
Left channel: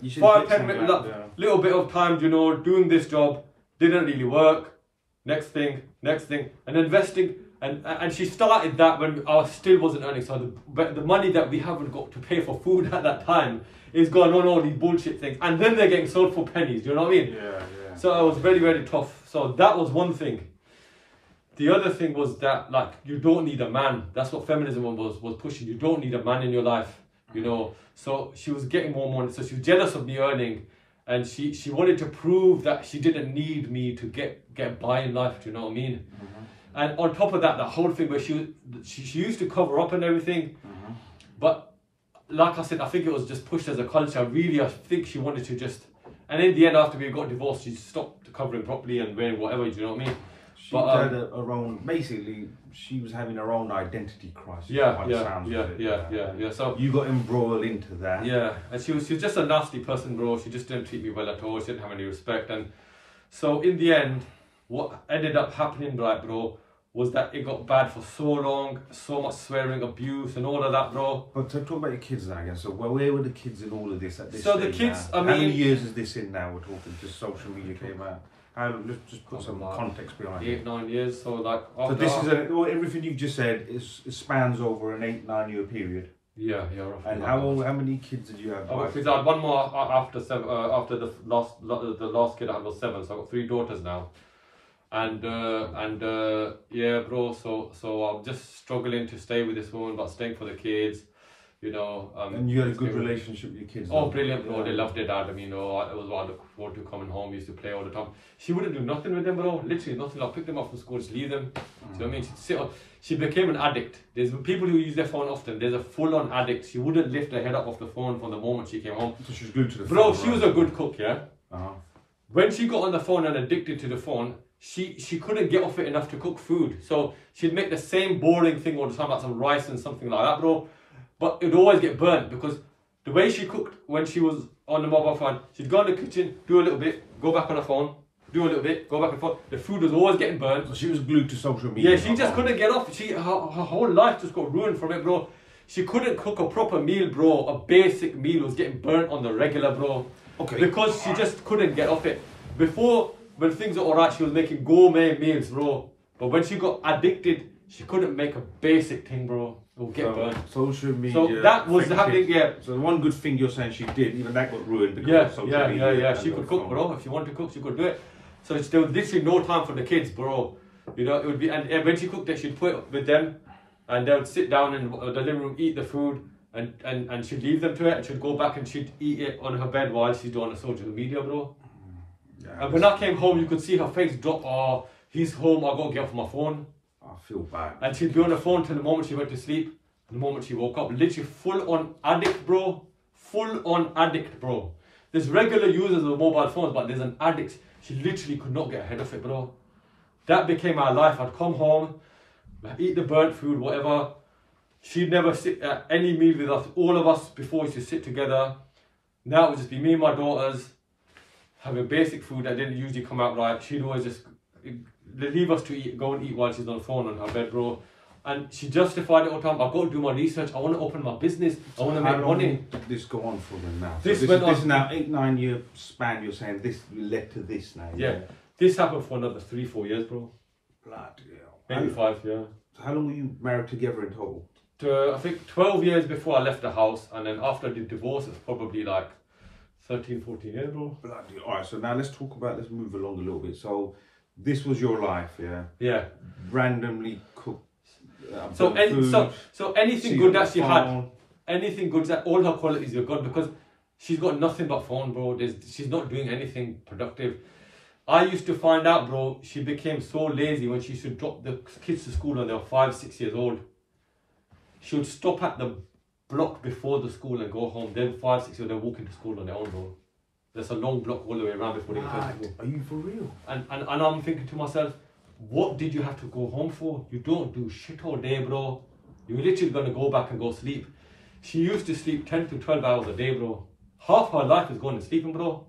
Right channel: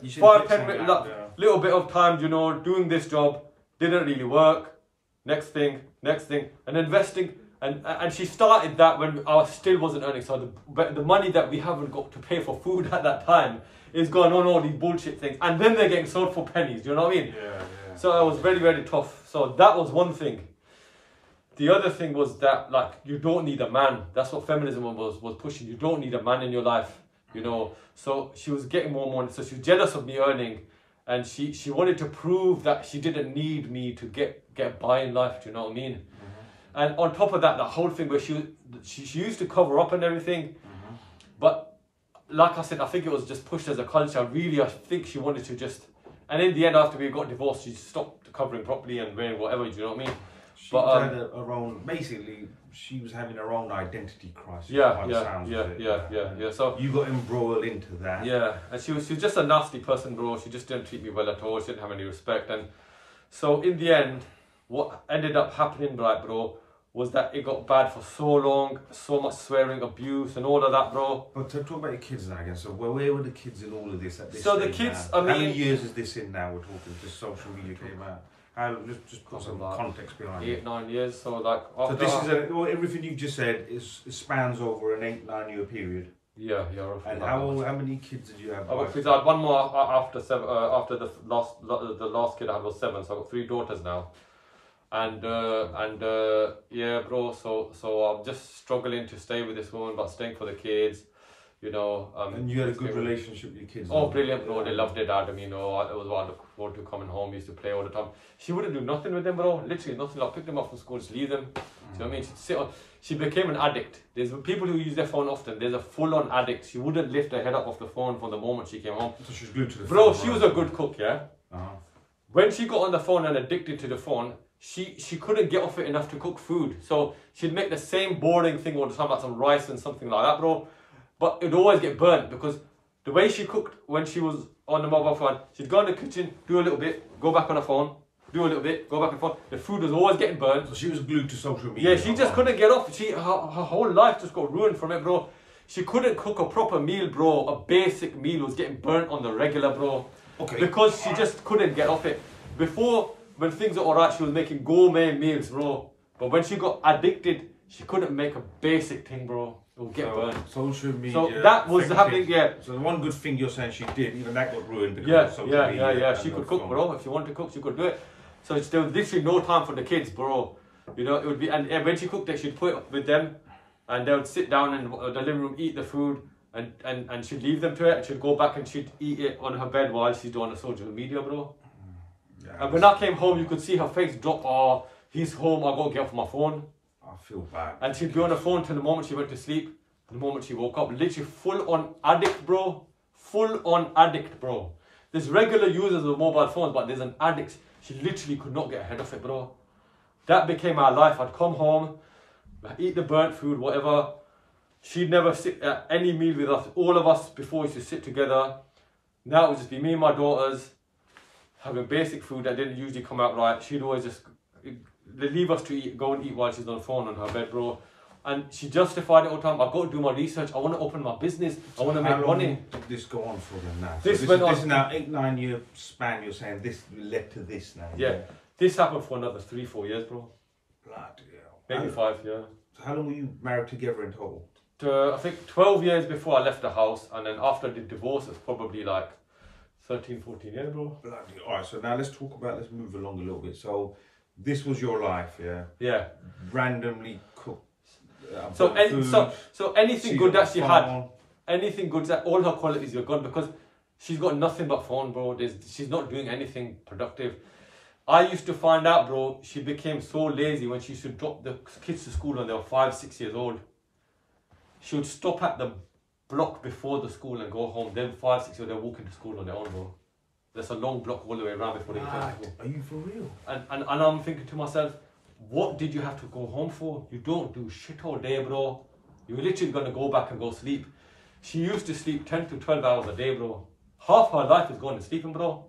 You see there, 5-10 minutes, little bit of time, you know, doing this job didn't really work. Next thing, and investing. And she started that when I still wasn't earning. So the money that we haven't got to pay for food at that time is going on all these bullshit things, and then they're getting sold for pennies. Do you know what I mean? Yeah. So it was very, very tough. So that was one thing. The other thing was that, like, you don't need a man. That's what feminism was pushing. You don't need a man in your life, you know. So she was getting more money. So she was jealous of me earning, and she wanted to prove that she didn't need me to get by in life. Do you know what I mean? And on top of that, the whole thing where she used to cover up and everything, but like I said, I think it was just pushed as a culture. Really, I think she wanted to just... And in the end, after we got divorced, she stopped covering properly and wearing whatever, do you know what I mean? She had her own... Basically, she was having her own identity crisis. Yeah. So you got embroiled into that. Yeah, and she was just a nasty person, bro. She just didn't treat me well at all. She didn't have any respect. And so in the end, what ended up happening, right, bro, was that it got bad for so long, so much swearing, abuse, and all of that, bro. But to talk about your kids now again, so where were the kids in all of this at this So stage the kids, now? How many years is this in now? We're talking, just social media came out. Just put some context behind it. 8-9 years, so like... So this is everything you've just said it spans over an 8-9 year period. Yeah, roughly. And how many kids did you have? I had one more after the last kid I had was 7, so I've got 3 daughters now. And yeah, bro, so I'm just struggling to stay with this woman, but staying for the kids, you know. And you had a good relationship with your kids? Oh, brilliant, bro. They loved their dad. I mean, you know, it was what I look forward to coming home. We used to play all the time. She wouldn't do nothing with them, bro. Literally nothing. I'll pick them up from school, just leave them. Do you know what I mean? She'd sit on... She became an addict. There's people who use their phone often. There's a full-on addict. She wouldn't lift her head up off the phone from the moment she came home. So she was glued to the phone. Bro, she was a good cook, yeah? Uh-huh. When she got on the phone and addicted to the phone, she couldn't get off it enough to cook food. So she'd make the same boring thing all the time, like some rice and something like that, bro. But it'd always get burnt because the way she cooked when she was on the mobile phone, she'd go in the kitchen, do a little bit, go back on the phone, do a little bit, go back and forth. The food was always getting burnt. So she was glued to social media. Yeah, she just couldn't get off. Her whole life just got ruined from it, bro. She couldn't cook a proper meal, bro. A basic meal was getting burnt on the regular, bro. Okay. Because she just couldn't get off it. Before, when things were alright, she was making gourmet meals, bro. But when she got addicted, she couldn't make a basic thing, bro. It would get burnt. Social media. So that was happening, yeah. So the one good thing you're saying she did, even that got ruined because of social media. Yeah. She could cook, bro. If she wanted to cook, she could do it. So there was literally no time for the kids, bro. You know, it would be, and when she cooked it, she'd put it with them, and they would sit down in the living room, eat the food, and she'd leave them to it, and she'd go back and she'd eat it on her bed while she's doing the social media, bro. Yeah, and when I came home, you could see her face drop. Oh, he's home. I gotta get off my phone. I feel bad. And she'd be on the phone till the moment she went to sleep. The moment she woke up, literally full on addict, bro. Full on addict, bro. There's regular users of mobile phones, but there's an addict. She literally could not get ahead of it, bro. That became our life. I'd come home, I'd eat the burnt food, whatever. She'd never sit at any meal with us. All of us before used to sit together. Now it would just be me and my daughters having basic food that didn't usually come out right. She'd always just leave us to eat, go and eat while she's on the phone on her bed, bro. And she justified it all the time. I've got to do my research. I want to open my business. I want to make money. Did this go on for them now? This is now 8-9 year span. You're saying this led to this now. Yeah, this happened for another 3-4 years, bro. Bloody hell. Maybe 5, yeah. So how long were you married together in total? I think 12 years before I left the house, and then after the divorce, it's probably like 13, 14 years, bro. Bloody. All right, so now let's move along a little bit. So this was your life, yeah? Yeah. Randomly cooked. So anything good that she had, anything good that all her qualities are good, because she's got nothing but phone, bro. She's not doing anything productive. I used to find out, bro, she became so lazy when she used to drop the kids to school when they were 5, 6 years old. She would stop at the block before the school and go home. Then 5, 6 years, they're walking to school on their own, bro. There's a long block all the way around before they get to school. Are you for real? And I'm thinking to myself, what did you have to go home for? You don't do shit all day, bro. You're literally going to go back and go sleep. She used to sleep 10 to 12 hours a day, bro. Half her life is going to sleeping, bro.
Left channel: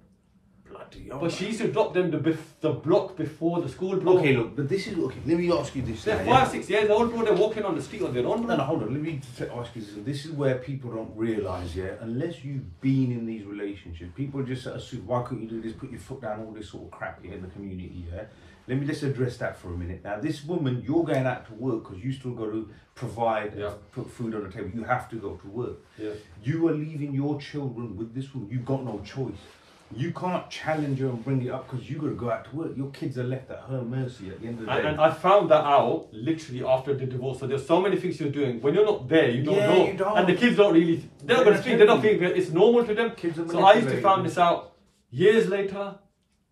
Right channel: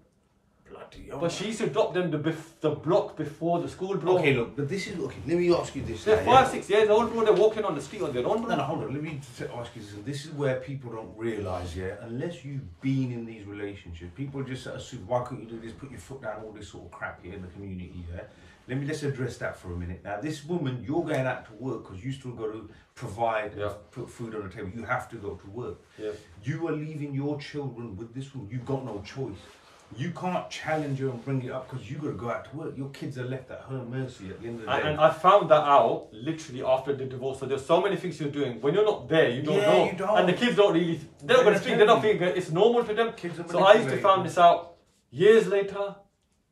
Bloody. But she used to drop them the block before the school, bro. Okay, look, but this is, okay, let me ask you this. They're 5, 6 years old, bro. They're walking on the street on their own, bro. No, hold on. Let me ask you this. This is where people don't realise, yeah, unless you've been in these relationships, people just assume, why couldn't you do this, put your foot down, all this sort of crap here in the community, yeah? Let's address that for a minute. Now, this woman, you're going out to work because you still got to provide, put food on the table. You have to go to work. Yeah. You are leaving your children with this woman. You've got no choice. You can't challenge her and bring it up because you got to go out to work. Your kids are left at her mercy at the end of the day. And I found that out literally after the divorce. So there's so many things you're doing. When you're not there, you don't know. You don't. And the kids don't really, they're not going to speak, they're not thinking, it's normal to them. Kids are so I used to find this out years later.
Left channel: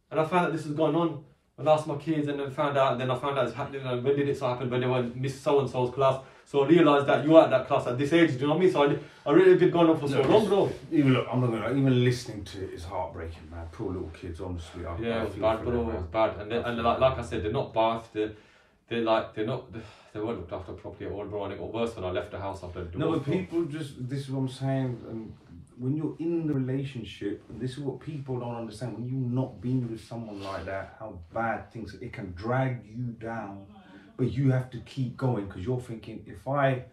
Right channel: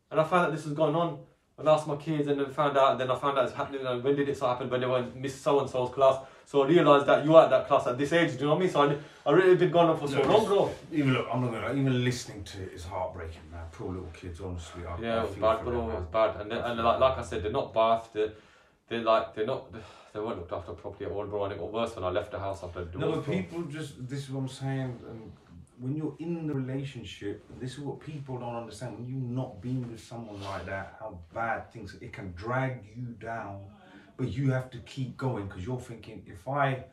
And I found out this was going on. I asked my kids and then found out, and then I found out it's happening. And when did it happen? When they were in Miss So-and-so's class. So I realised that you were at that class at this age, do you know what I mean? So I really been going on for so long, bro. Even look, I'm not gonna, even listening to it is heartbreaking, man. Poor little kids, honestly. It was bad, bro. It was bad. And like I said, they're not bathed. They weren't looked after properly at all, bro. And it got worse when I left the house after the divorce. No, but people just, this is what I'm saying. When you're in the relationship, this is what people don't understand. When you've not been with someone like that, how bad things, it can drag you down. But you have to keep going because you're thinking, if I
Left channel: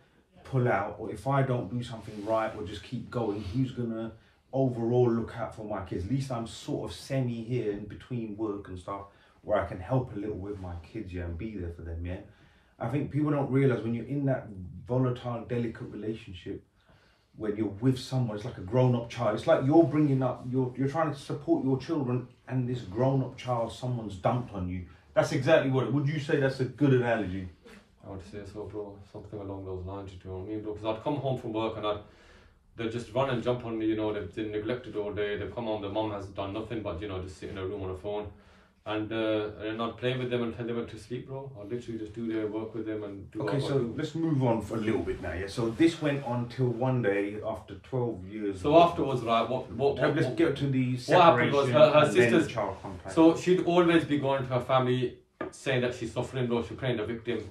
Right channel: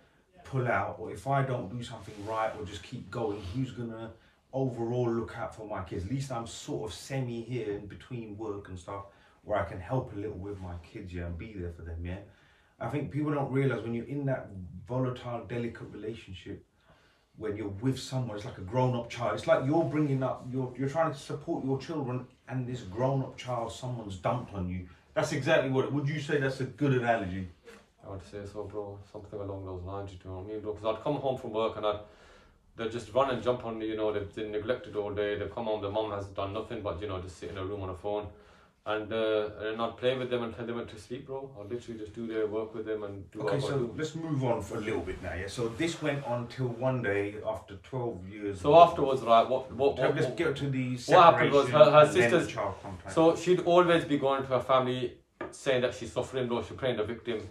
pull out or if I don't do something right or just keep going, who's going to overall look out for my kids? At least I'm sort of semi here in between work and stuff where I can help a little with my kids, yeah, and be there for them, yeah. I think people don't realise when you're in that volatile, delicate relationship, when you're with someone, it's like a grown-up child. It's like you're bringing up, you're trying to support your children and this grown-up child, someone's dumped on you. That's exactly what. Would you say that's a good analogy? I would say so, bro. Something along those lines, you know what I mean, bro? Because I'd come home from work and they'd just run and jump on me, you know, they've been neglected all day. They've come home, the mum has done nothing but, you know, just sit in a room on a phone. And I'd play with them until they went to sleep, bro. I'd literally just do their work with them and do Okay, so let's move on for a little bit now, yeah? So this went on till one day after 12 years. So afterwards, right, let's get to the separation what happened was her sisters, child contact. So she'd always be going to her family saying that she's suffering, bro, she's playing the victim.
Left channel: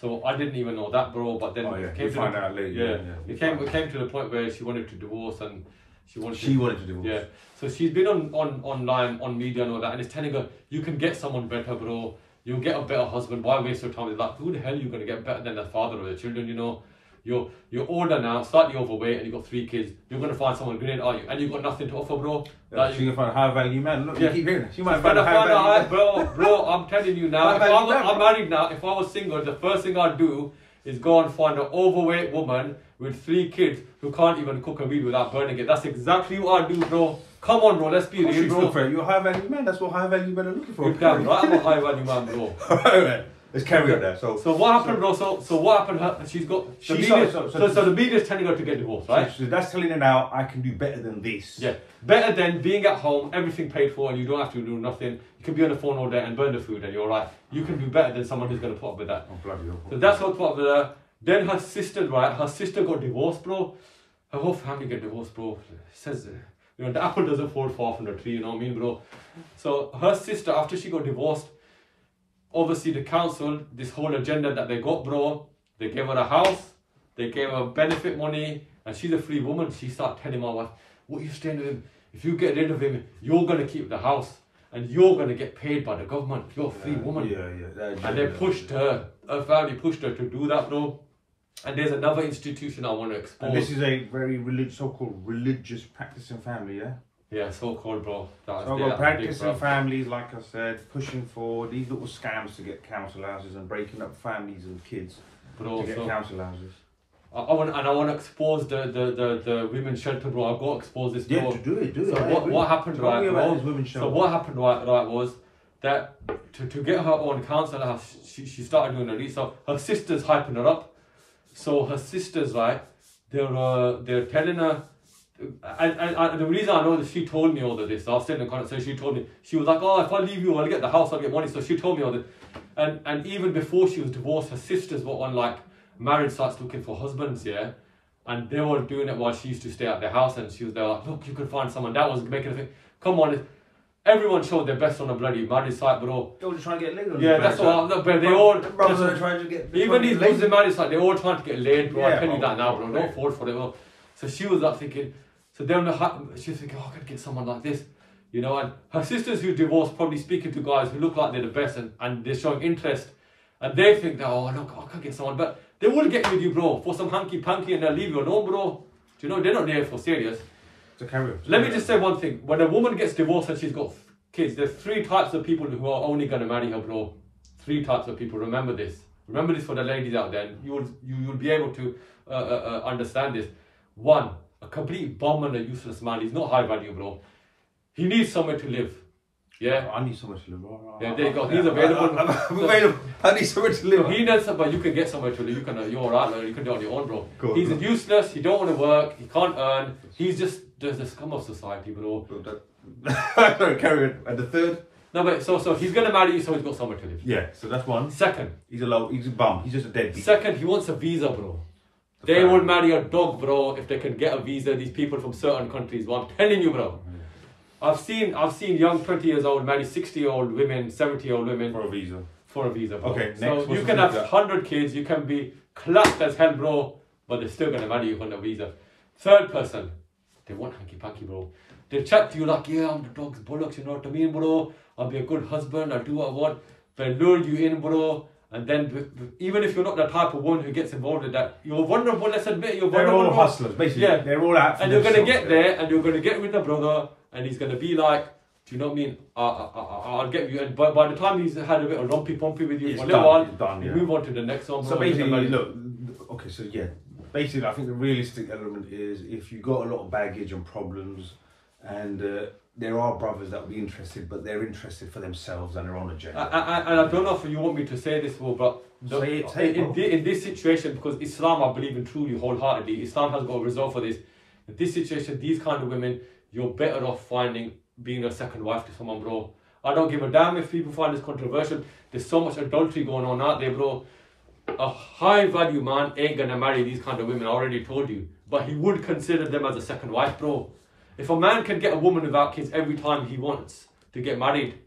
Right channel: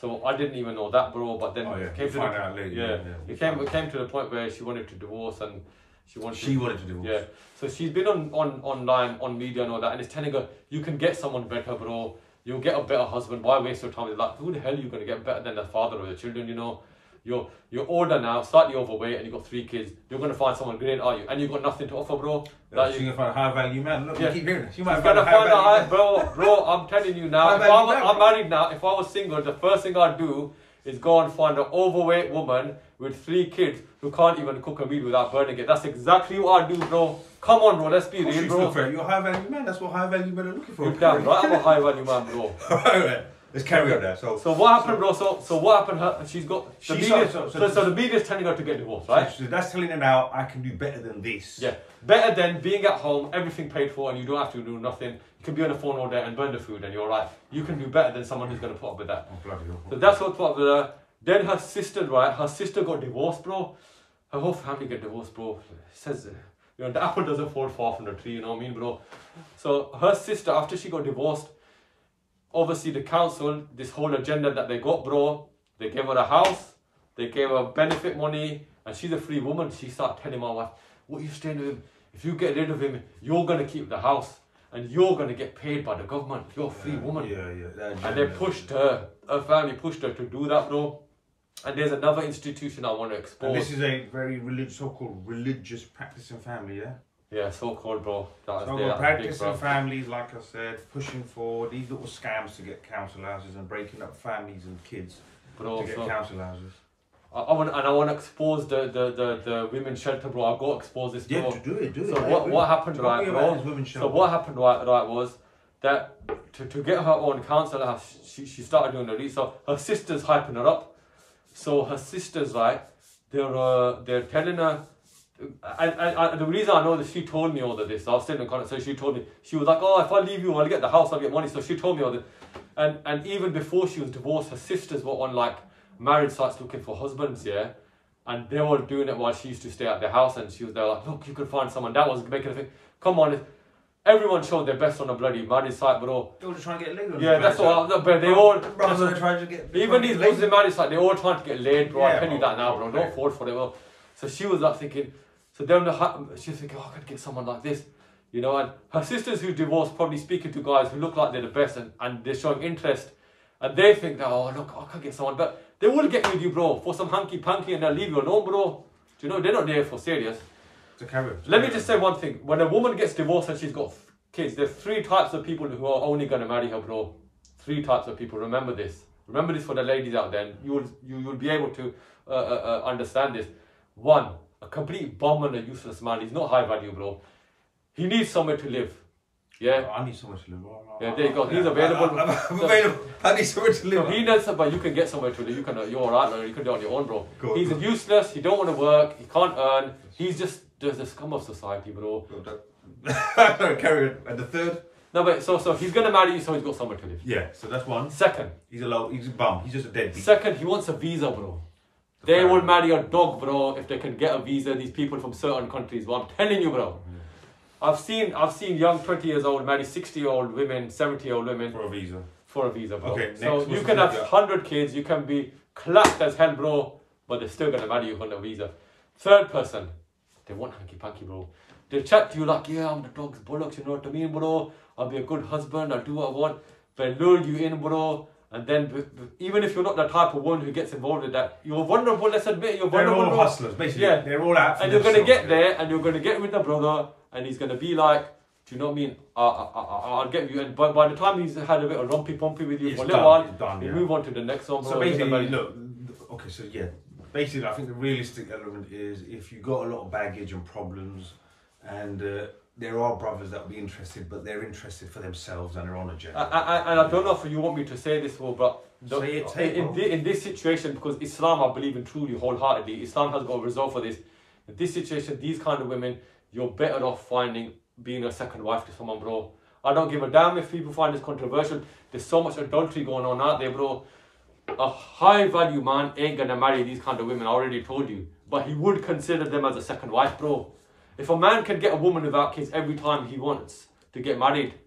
So I didn't even know that, bro, but then it came to out later. It came to the point where she wanted to divorce and she wanted to divorce. Yeah. So she's been online, on media and all that, and it's telling her, you can get someone better, bro. You'll get a better husband. Why waste your time? It's like, who the hell are you going to get better than the father of the children, you know? You're older now, slightly overweight, and you've got 3 kids. You're going to find someone great, are you? And you've got nothing to offer, bro. She's going to find a high value man. Look, you keep hearing it. She might find a high value man. Bro, I'm telling you now, I'm married now. If I was single, the first thing I'd do is go and find an overweight woman with 3 kids who can't even cook a meal without burning it. That's exactly what I do, bro. Come on, bro, let's be real, bro. You're a high value man. That's what high value men are looking for. You're damn right, I'm a high value man, bro. Alright, let's carry on there. So what happened, bro? So what happened? She's got the media's telling her to get divorced, right? So that's telling her now, I can do better than this. Yeah, better than being at home, everything paid for, and you don't have to do nothing. You can be on the phone all day and burn the food, and you're right. You can do better than someone who's going to put up with that. Oh bloody hell! So that's what put up with her. Then her sister, right? Her sister got divorced, bro. Her whole family got divorced, bro. It says, you know, the apple doesn't fall far from the tree, you know what I mean, bro? So her sister, after she got divorced, obviously the council, this whole agenda that they got, bro, they gave her a house, they gave her benefit money, and she's a free woman. She started telling my wife, what are you staying with him? If you get rid of him, you're going to keep the house. And you're going to get paid by the government. You're a free woman. And they pushed her family pushed her to do that, bro. And there's another institution I want to expose. And this is a very so-called religious practicing family, yeah? Yeah, so-called, bro. So-called practicing families, like I said, pushing for these little scams to get council houses and breaking up families and kids to get council houses. I want to expose the women's shelter, bro. I've got to expose this, bro. Yeah, do it. So what happened, right, bro? So what happened, right, was that to get her own counsellor, she started doing the research. Her sister's hyping her up. So her sisters, right, they're telling her, and the reason I know that she told me all of this, I was sitting in contact, so she told me, she was like, oh, if I leave you, I'll get the house, I'll get money. So she told me all this. And even before she was divorced, her sisters were on like marriage sites looking for husbands, yeah? And they were doing it while she used to stay at their house, and she was there like, look, you can find someone. That was making a thing. Come on, everyone showed their best on a bloody marriage site, bro. They were just trying to get laid on. Yeah, that's what. But they all brothers are trying to get. Even these Muslim marriage sites, they're all trying to get laid, bro. Yeah, I tell you that now, bro. Don't fall for it, bro. So she was like thinking. So then she was thinking, oh, I can get someone like this, you know. And her sisters who divorced probably speaking to guys who look like they're the best, and they're showing interest, and they think that, oh look, I can get someone, but they will get with you, bro, for some hanky panky, and they'll leave you alone, bro. Do you know they're not there for serious? Let me just say one thing: when a woman gets divorced and she's got kids, there's 3 types of people who are only gonna marry her, bro. 3 types of people. Remember this. Remember this for the ladies out there. You'll be able to understand this. 1. A complete bum and a useless man. He's not high value, bro. He needs somewhere to live. Yeah. I need somewhere to live. Yeah, there you go. He's available. I'm available. I need somewhere to live. He knows, but you can get somewhere to live. You're alright, like, you can do it on your own, bro. Cool, he's useless. He don't want to work. He can't earn. He's just the scum of society, bro. Carry on. And the 3rd? No, but so he's gonna marry you, so he's got somewhere to live. Yeah. So that's 1. 2nd, he's a bum. He's just a deadbeat. 2nd, he wants a visa, bro. They will marry a dog, bro, if they can get a visa. These people from certain countries. Well, I'm telling you, bro. I've seen young 20 years old marry 60-year-old women, 70-year-old women for a visa. For a visa, bro. Okay. So next, you can have 100 kids. You can be clapped as hell, bro, but they're still gonna marry you on a visa. 3rd person, they want hanky panky, bro. They chat to you like, yeah, I'm the dog's bollocks. You know what I mean, bro? I'll be a good husband. I'll do what I want. They lure you in, bro. And then, even if you're not the type of one who gets involved in that, you're vulnerable, let's admit, you're vulnerable. They're all hustlers, basically. Yeah. They're all out for and you're going to get there, and you're going to get with the brother, and he's going to be like, do you know what I mean? I'll get you. And by the time he's had a bit of lumpy-pumpy with you for a little while, you move on to the next one. So basically, look, okay, so yeah. Basically, I think the realistic element is if you've got a lot of baggage and problems, and there are brothers that will be interested, but they're interested for themselves and their own agenda. And I don't know if you want me to say this, but in this situation, because Islam, I believe in truly, wholeheartedly, Islam has got a resolve for this. In this situation, these kind of women, you're better off being a second wife to someone, bro. I don't give a damn if people find this controversial. There's so much adultery going on out there, bro. A high value man ain't gonna marry these kind of women, I already told you. But he would consider them as a second wife, bro. If a man can get a woman without kids every time he wants to get married,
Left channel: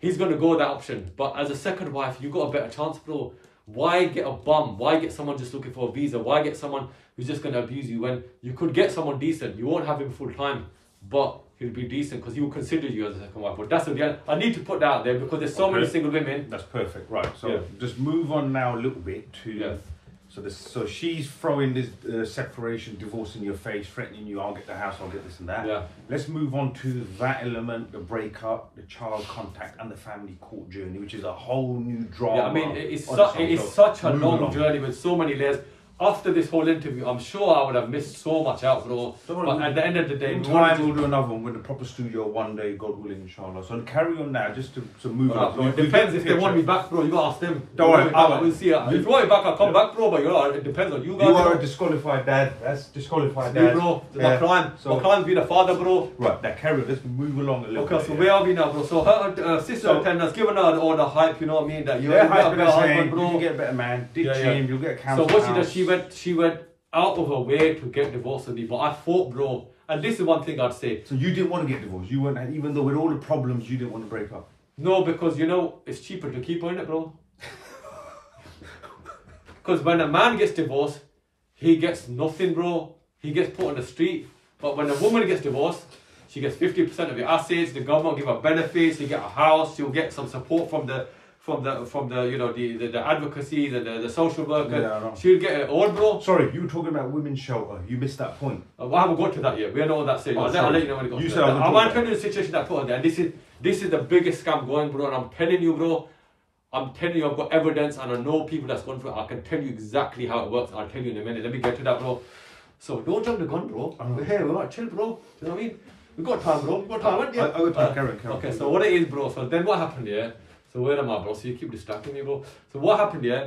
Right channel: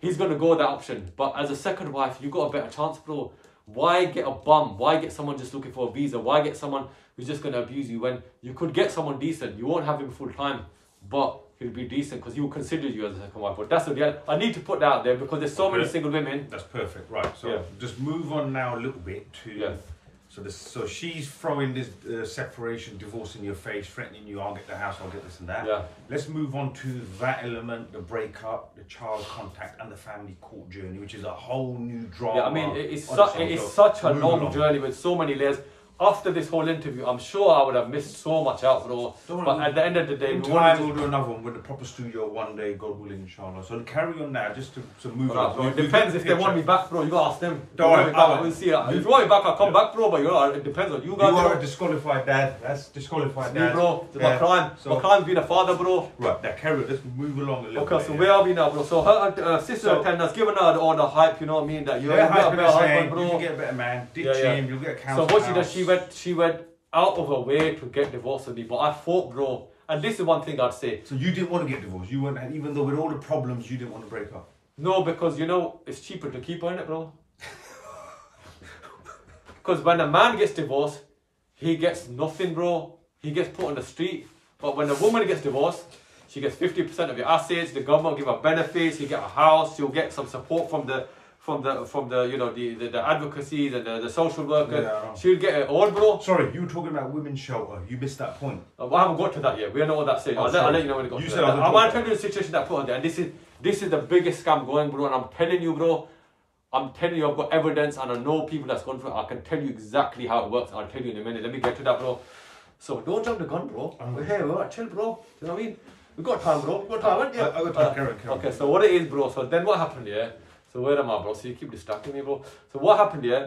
he's going to go that option. But as a second wife, you got a better chance, bro. Why get a bum? Why get someone just looking for a visa? Why get someone who's just going to abuse you when you could get someone decent? You won't have him full time, but he'll be decent because he will consider you as a second wife. But that's the I need to put that out there because there's so many single women. That's perfect, right? So just move on now a little bit to... So she's throwing this separation, divorce in your face, threatening you, I'll get the house, I'll get this and that. Yeah. Let's move on to that element, the breakup, the child contact and the family court journey, which is a whole new drama. Yeah, I mean, it is such a long journey with so many layers. After this whole interview, I'm sure I would have missed so much out, bro. But at the end of the day, we'll do another one with the proper studio one day, God willing, inshallah. So carry on now, just to move on. Bro, it depends if they want me back, bro. You gotta ask them. Don't worry, we'll see. If you want me back, I'll come back, bro. But it depends on you guys. You are a disqualified dad. That's disqualified dad. Bro, my crime. So, my crime's being a father, bro. Right, now carry on. Let's move along a little bit. Okay, so where are we now, bro? So her sister telling us, giving her all the hype. You know what I mean? That you're a better husband, bro. You can get a better man. Ditch him. You'll get a council. So what she does? She went out of her way to get divorced with me, but I fought, bro. And this is one thing I'd say. So you didn't want to get divorced? You weren't, even though with all the problems, you didn't want to break up? No, because you know, it's cheaper to keep her in it, bro. Because when a man gets divorced, he gets nothing, bro. He gets put on the street. But when a woman gets divorced, she gets 50% of your assets, the government will give her benefits, you get a house, you'll get some support from the you know the advocacy, the social worker. Yeah, she'll get it all, bro. Sorry, you were talking about women's shelter. You missed that point. I haven't got to that yet. We don't know what that's saying. I'll let you know when it got to that. I'm telling you the situation that put her there. And this is the biggest scam going, bro. And I'm telling you, bro, I'm telling you, I've got evidence and I know people that's gone through it. I can tell you exactly how it works. I'll tell you in a minute. Let me get to that, bro. So don't jump the gun, bro. We're here, we're chill, bro. Do you know what I mean? We've got time, bro. We've got time, haven't you? I got time, Karen. Okay, so what it is, bro. So then what happened, yeah? So where am I, bro? So you keep distracting me, bro. So what happened, yeah?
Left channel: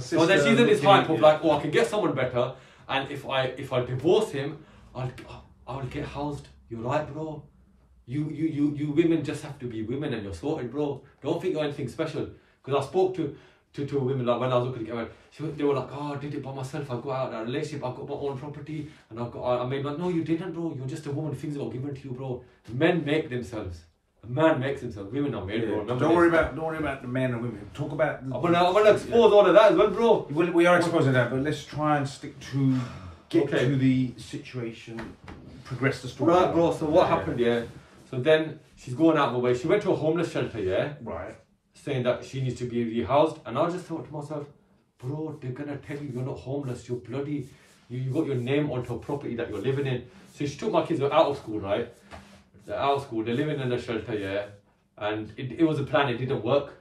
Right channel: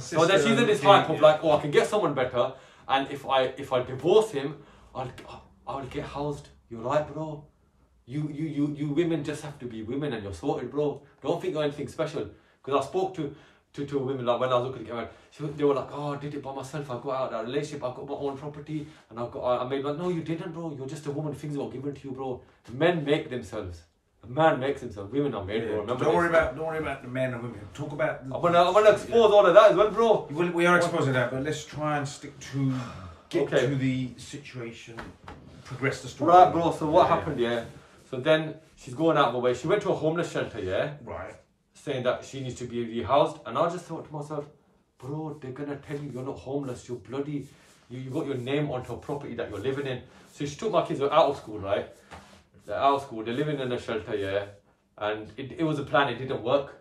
So then she's in this hype of like, oh, I can get someone better. And if I divorce him, I'll get housed. You're right, bro. You women just have to be women and you're sorted, bro. Don't think you're anything special. Because I spoke to women like when I was looking to get married, they were like, oh, I did it by myself. I got out of that relationship. I got my own property, and I made like, no, you didn't, bro. You're just a woman. Things were given to you, bro. Men make themselves. A man makes himself. Women are made, bro. Don't worry about the men and women. Talk about. I'm gonna expose all of that as well, bro. We are exposing that, but let's try and stick to get to the situation, progress the story. Right, bro. So what happened? Yeah. So then she's going out of the way. She went to a homeless shelter. Yeah. Right. Saying that she needs to be rehoused, and I just thought to myself, bro, they're gonna tell you you're not homeless. You're bloody. You got your name onto a property that you're living in. So she took my kids out of school, right? They're out of school, they're living in a shelter, yeah. And it was a plan, it didn't work.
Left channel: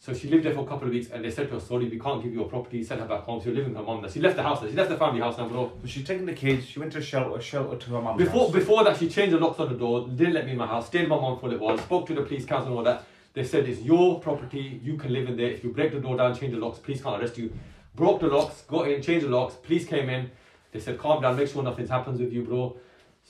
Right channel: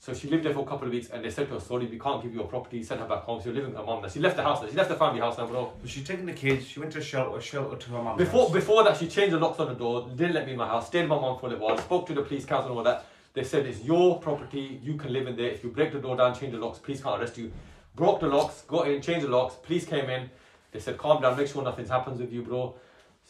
So she lived there for a couple of weeks and they said to her, sorry, we can't give you a property, send her back home. So you're living with her mum now. She left the house now, she left the family house now, bro. But she's taking the kids, she went to a shelter to her mum's house. Before that, she changed the locks on the door, didn't let me in my house, stayed with my mum for a little while, spoke to the police council and all that. They said it's your property, you can live in there. If you break the door down, change the locks, police can't arrest you. Broke the locks, got in, changed the locks, police came in. They said, calm down, make sure nothing happens with you, bro.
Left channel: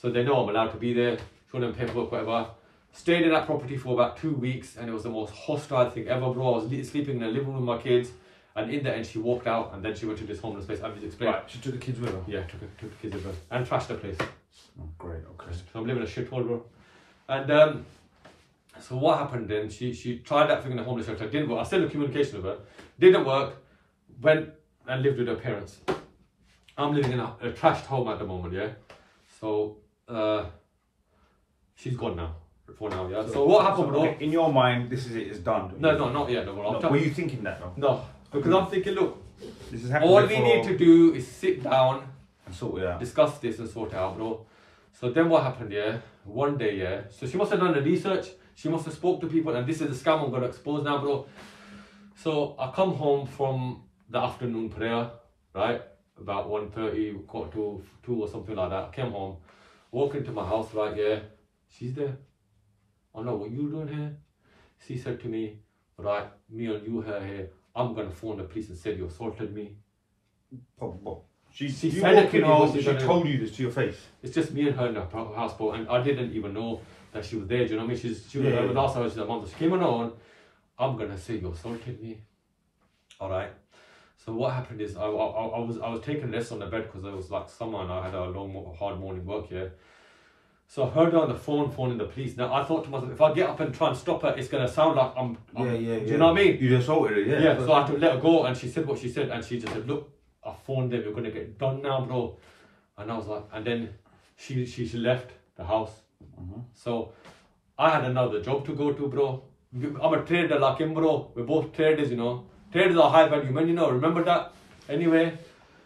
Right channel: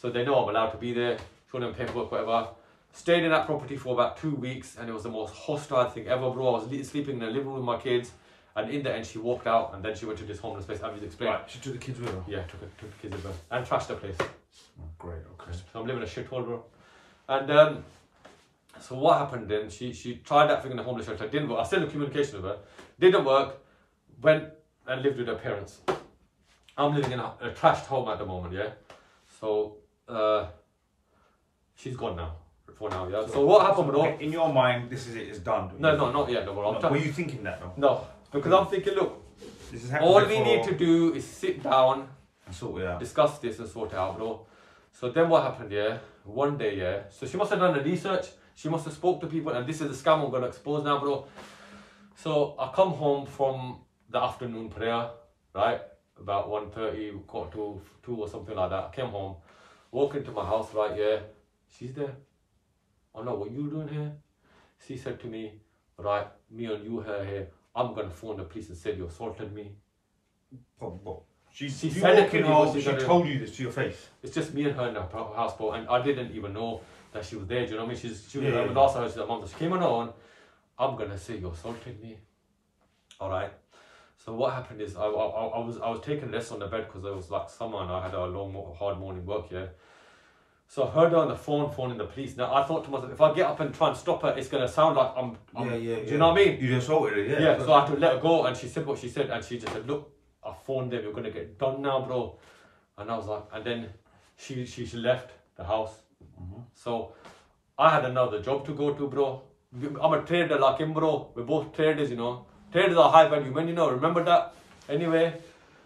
So they know I'm allowed to be there, show them paperwork, whatever. Stayed in that property for about 2 weeks and it was the most hostile thing ever, bro. I was sleeping in the living room with my kids and in the end she walked out and then she went to this homeless place, as you explained. Right, she took the kids with her? Yeah, took the kids with her and trashed the place. Oh, great, okay. So I'm living a shithole, bro. And so what happened then, she tried that thing in the homeless shelter, didn't work. I still had communication with her, didn't work, went and lived with her parents. I'm living in a trashed home at the moment, yeah? So, she's gone now. For now, yeah. So what happened, bro? Okay, in your mind, this is it, it's done. No, not yet, no, bro. Were you thinking that, though? No, because I'm thinking, look, this is all we need to do is sit down and sort it out. Discuss this and sort it out, bro. So then what happened, yeah? One day, yeah. So she must have done the research. She must have spoke to people, and this is the scam I'm going to expose now, bro. So I come home from the afternoon prayer, right? About 1:30, quarter to 2 or something like that. I came home, walk into my house, right, yeah. She's there. I know what you doing here. She said to me, right, me and you here, I'm going to phone the police and say you assaulted me. She told you this to your face. It's just me and her in the house, bro, and I didn't even know that she was there. Do you know what I mean? She was the last house, she's a mom. She came on. I'm gonna say you assaulted me. All right. So what happened is I was taking less on the bed because it was like summer and I had a long, hard morning work. Yeah. So I heard her on the phone phoning the police. Now I thought to myself, if I get up and try and stop her, it's gonna sound like I'm do you know what I mean? You assaulted her, yeah. Yeah. So I had to let her go, and she said what she said, and she just said, look, I phoned them, you're gonna get done now, bro. And I was like, and then she left the house. So I had another job to go to, bro. I'm a trader like him, bro. We're both traders, you know. Traders are high value men, you know. Remember that? Anyway.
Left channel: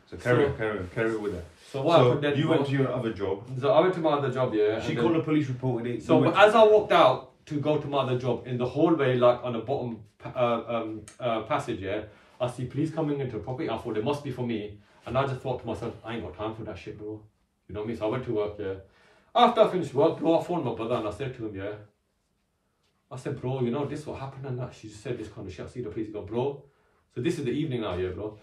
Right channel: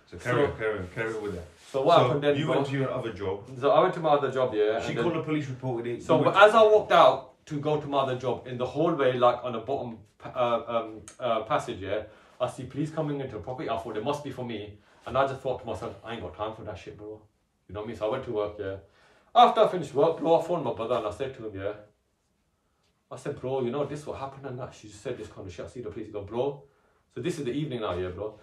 So carry on with that. So what happened then? You went to your other job. So I went to my other job, yeah. She called the police, reported it. So as I walked out to go to my other job, in the hallway, like on the bottom passage, yeah, I see police coming into the property. I thought it must be for me. And I just thought to myself, I ain't got time for that shit, bro. You know what I mean? So I went to work, yeah. After I finished work, bro, I phoned my brother and I said to him, yeah. I said, bro, you know, this what happened and that. She just said this kind of shit. I see the police. He goes, bro. So this is the evening now, yeah, bro.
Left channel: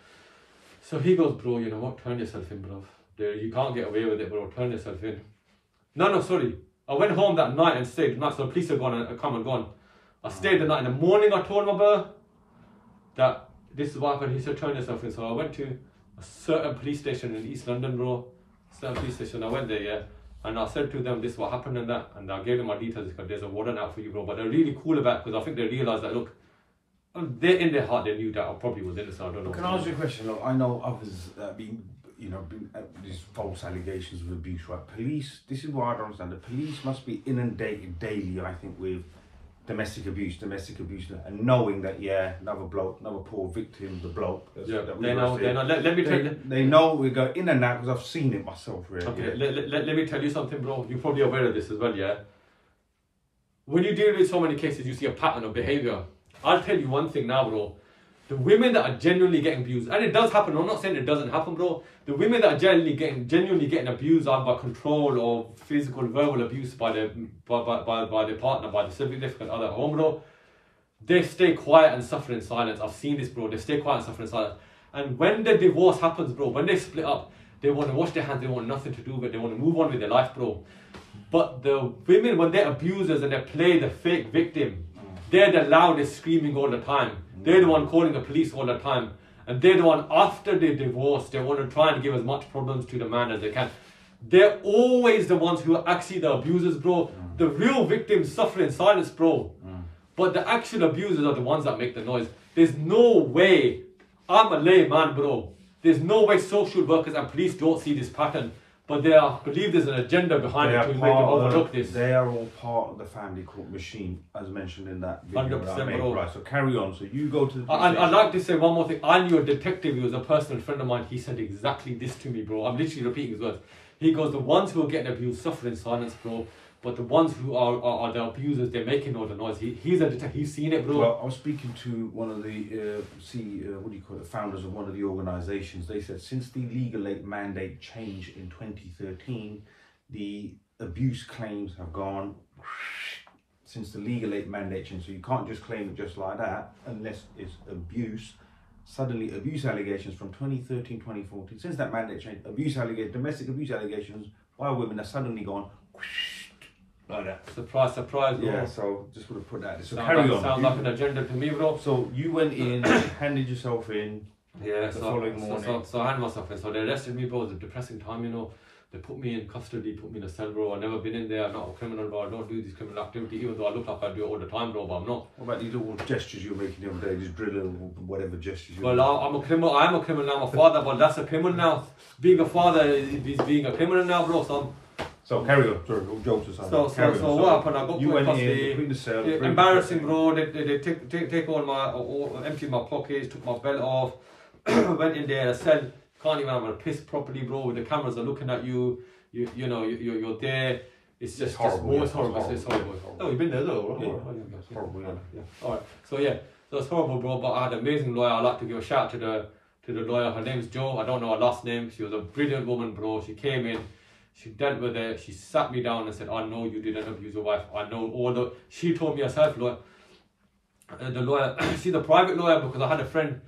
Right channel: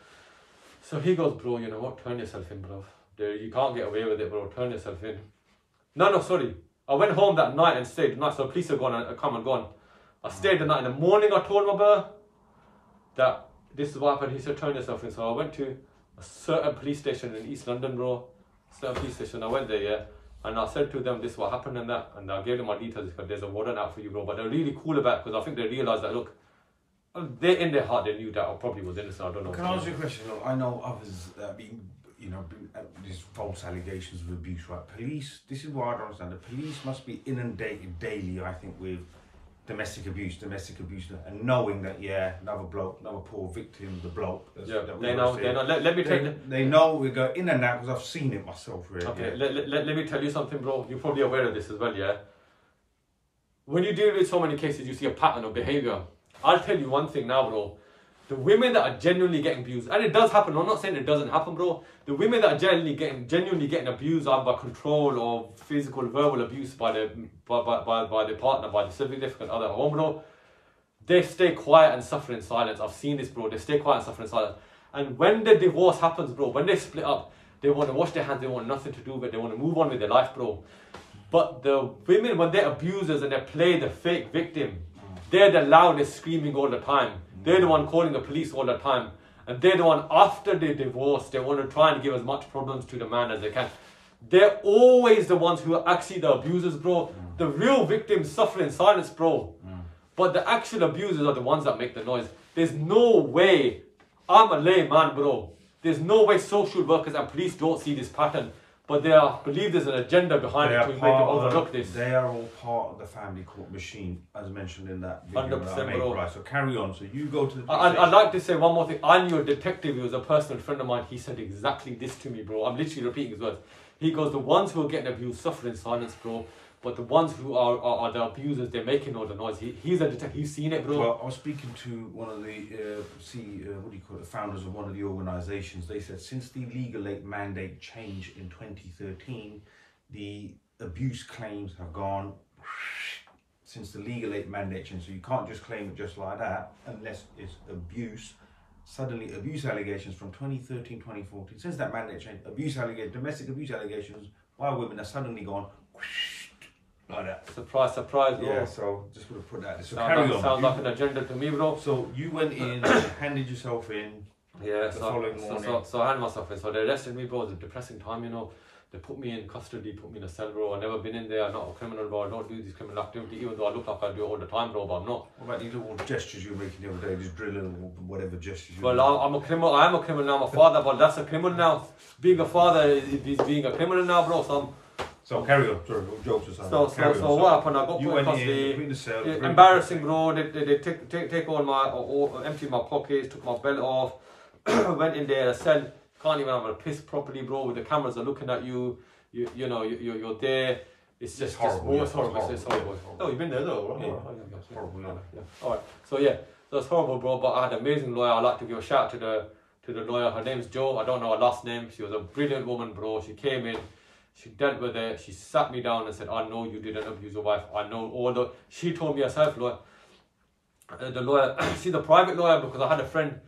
So he goes, bro, you know what? Turn yourself in, bro. You can't get away with it, bro. Turn yourself in. No, sorry. I went home that night and stayed the night. So the police are gone and come and gone. I stayed the night. In the morning, I told my brother that this is what happened. He said, turn yourself in. So I went to a certain police station in East London, bro. Certain police station. I went there, yeah. And I said to them, this is what happened and that. And I gave them my details because there's a warrant out for you, bro. But they're really cool about it because I think they realised that, look, they in their heart, they knew that I probably was innocent. I don't know. Can I ask you a question? Look, I know others been these false allegations of abuse, right? Police, this is what I don't understand. The police must be inundated daily, I think, with domestic abuse, and knowing that, yeah, another poor victim, the bloke. They know. Let me tell you. They know we go in and out because I've seen it myself, really. Okay, let me tell you something, bro. You're probably aware of this as well, yeah? When you deal with so many cases, you see a pattern of behaviour. I'll tell you one thing now, bro. The women that are genuinely getting abused, and it does happen, I'm not saying it doesn't happen, bro. The women that are genuinely getting abused either by control or physical, verbal abuse by their partner, by the significant other at home, bro, they stay quiet and suffer in silence. I've seen this, bro. They stay quiet and suffer in silence. And when the divorce happens, bro, when they split up, they want to wash their hands, they want nothing to do with it, they want to move on with their life, bro. But the women, when they're abusers and they play the fake victim, they're the loudest screaming all the time. They're the one calling the police all the time. And they're the one, after they divorce, they want to try and give as much problems to the man as they can. They're always the ones who are actually the abusers, bro. The real victims suffer in silence, bro. But the actual abusers are the ones that make the noise. There's no way, I'm a layman, bro. There's no way social workers and police don't see this pattern. But they believe there's an agenda behind it to make them overlook this. They are all part of the family court machine, as mentioned in that video. 100%, right, so carry on. So you go to the police I'd like to say one more thing. I knew a detective who was a personal friend of mine. He said exactly this to me, bro. I'm literally repeating his words. He goes, the ones who are getting abused suffer in silence, bro. But the ones who are the abusers, they're making all the noise. He's a detective. He's seen it, bro. Well, I was speaking to one of the founders of one of the organisations. They said since the legal aid mandate change in 2013, the abuse claims have gone since the legal aid mandate change. So you can't just claim it just like that unless it's abuse. Suddenly, abuse allegations from 2013, 2014, since that mandate change, domestic abuse allegations by women have suddenly gone like that. Surprise, surprise, bro. Yeah, so just would have put that. So carry on. Sounds like an agenda to me, bro. So you went in, handed yourself in. Yeah, the following morning. So I handed myself in. So they arrested me, bro. It was a depressing time, you know. They put me in custody, put me in a cell, bro. I've never been in there. I'm not a criminal, bro. I don't do this criminal activity, even though I look like I do it all the time, bro, but I'm not. What about these little gestures you were making the other day, just drilling or whatever gestures you Well, I'm a criminal. I am a criminal now. I'm a father, but that's a criminal now. Being a father is being a criminal now, bro, son. So carry on. Sorry, jokes aside. So what happened? I got you put went in the cell. Embarrassing, bro. They take all my, empty my pockets, took my belt off, went in there, said, can't even have a piss properly, bro. The cameras are looking at you. You know, you're there. It's just horrible. It's horrible. It's horrible. Oh, you've been there though, right? Yeah, it's horrible. Yeah. All right. So yeah, so it's horrible, bro. But I had an amazing lawyer. I'd like to give a shout out to the lawyer. Her name's Jo. I don't know her last name. She was a brilliant woman, bro. She came in. She dealt with it. She sat me down and said, I know you didn't abuse your wife. I know all the... She told me herself, lawyer. The lawyer, she's a private lawyer because I had a friend.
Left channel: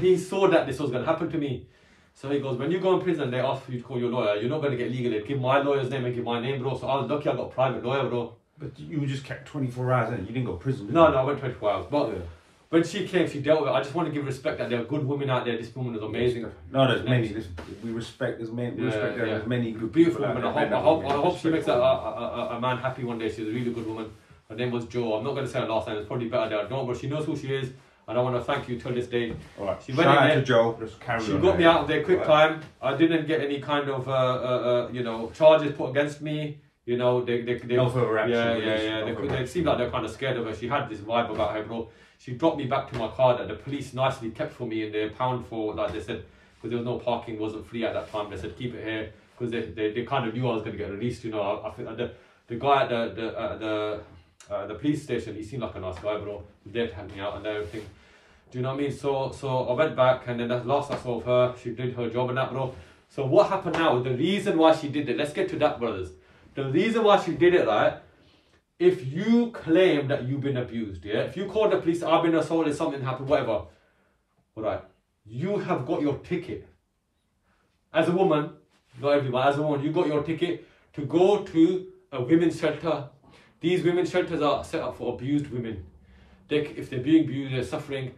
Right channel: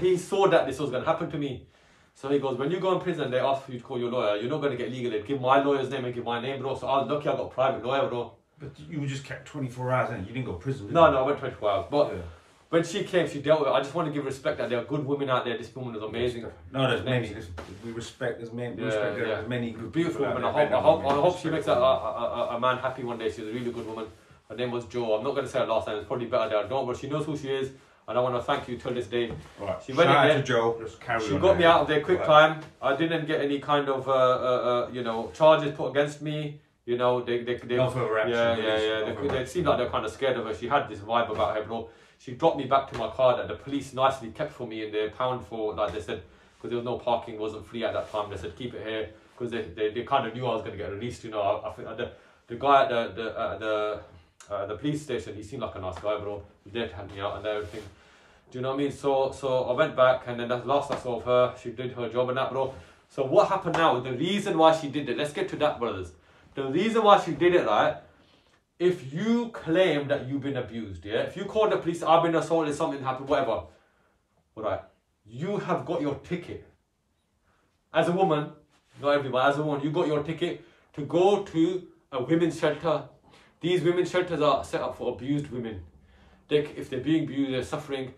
He saw that this was going to happen to me. So he goes, when you go in prison, they ask for you to call your lawyer. You're not going to get legal aid. Give my lawyer's name and give my name, bro. So I was lucky I got a private lawyer, bro. But you were just kept 24 hours in. You didn't go to prison, did No, you? I went 24 hours. But when she came, she dealt with it. I just want to give respect that there are good women out there. This woman is amazing. No, there's many. We respect. There's many. There's many good beautiful people women. I hope she makes a man happy one day. She's a really good woman. Her name was Jo. I'm not going to say her last name. It's probably better that I don't. But she knows who she is. And I want to thank you till this day. All right. She went Shout in out there, to Jo. Just carry on. She got me out of there quick time. I didn't get any kind of charges put against me. You know, they no further action. They seemed like they're kind of scared of her. She had this vibe about her, bro. She dropped me back to my car that the police nicely kept for me in the pound for, like they said, because there was no parking, wasn't free at that time. They said keep it here because they kind of knew I was going to get released. You know, I think the guy at the police station, he seemed like a nice guy, bro. He was there to help me out and everything. Do you know what I mean? So I went back, and then that's the last I saw of her. She did her job and that, bro. So what happened now? The reason why she did it. Let's get to that, brothers. The reason why she did it, right? If you claim that you've been abused, yeah? If you call the police, I've been assaulted, something happened, whatever. All right. You have got your ticket. As a woman, not everyone, as a woman, you got your ticket to go to a women's shelter. These women's shelters are set up for abused women. If they're being abused, they're suffering,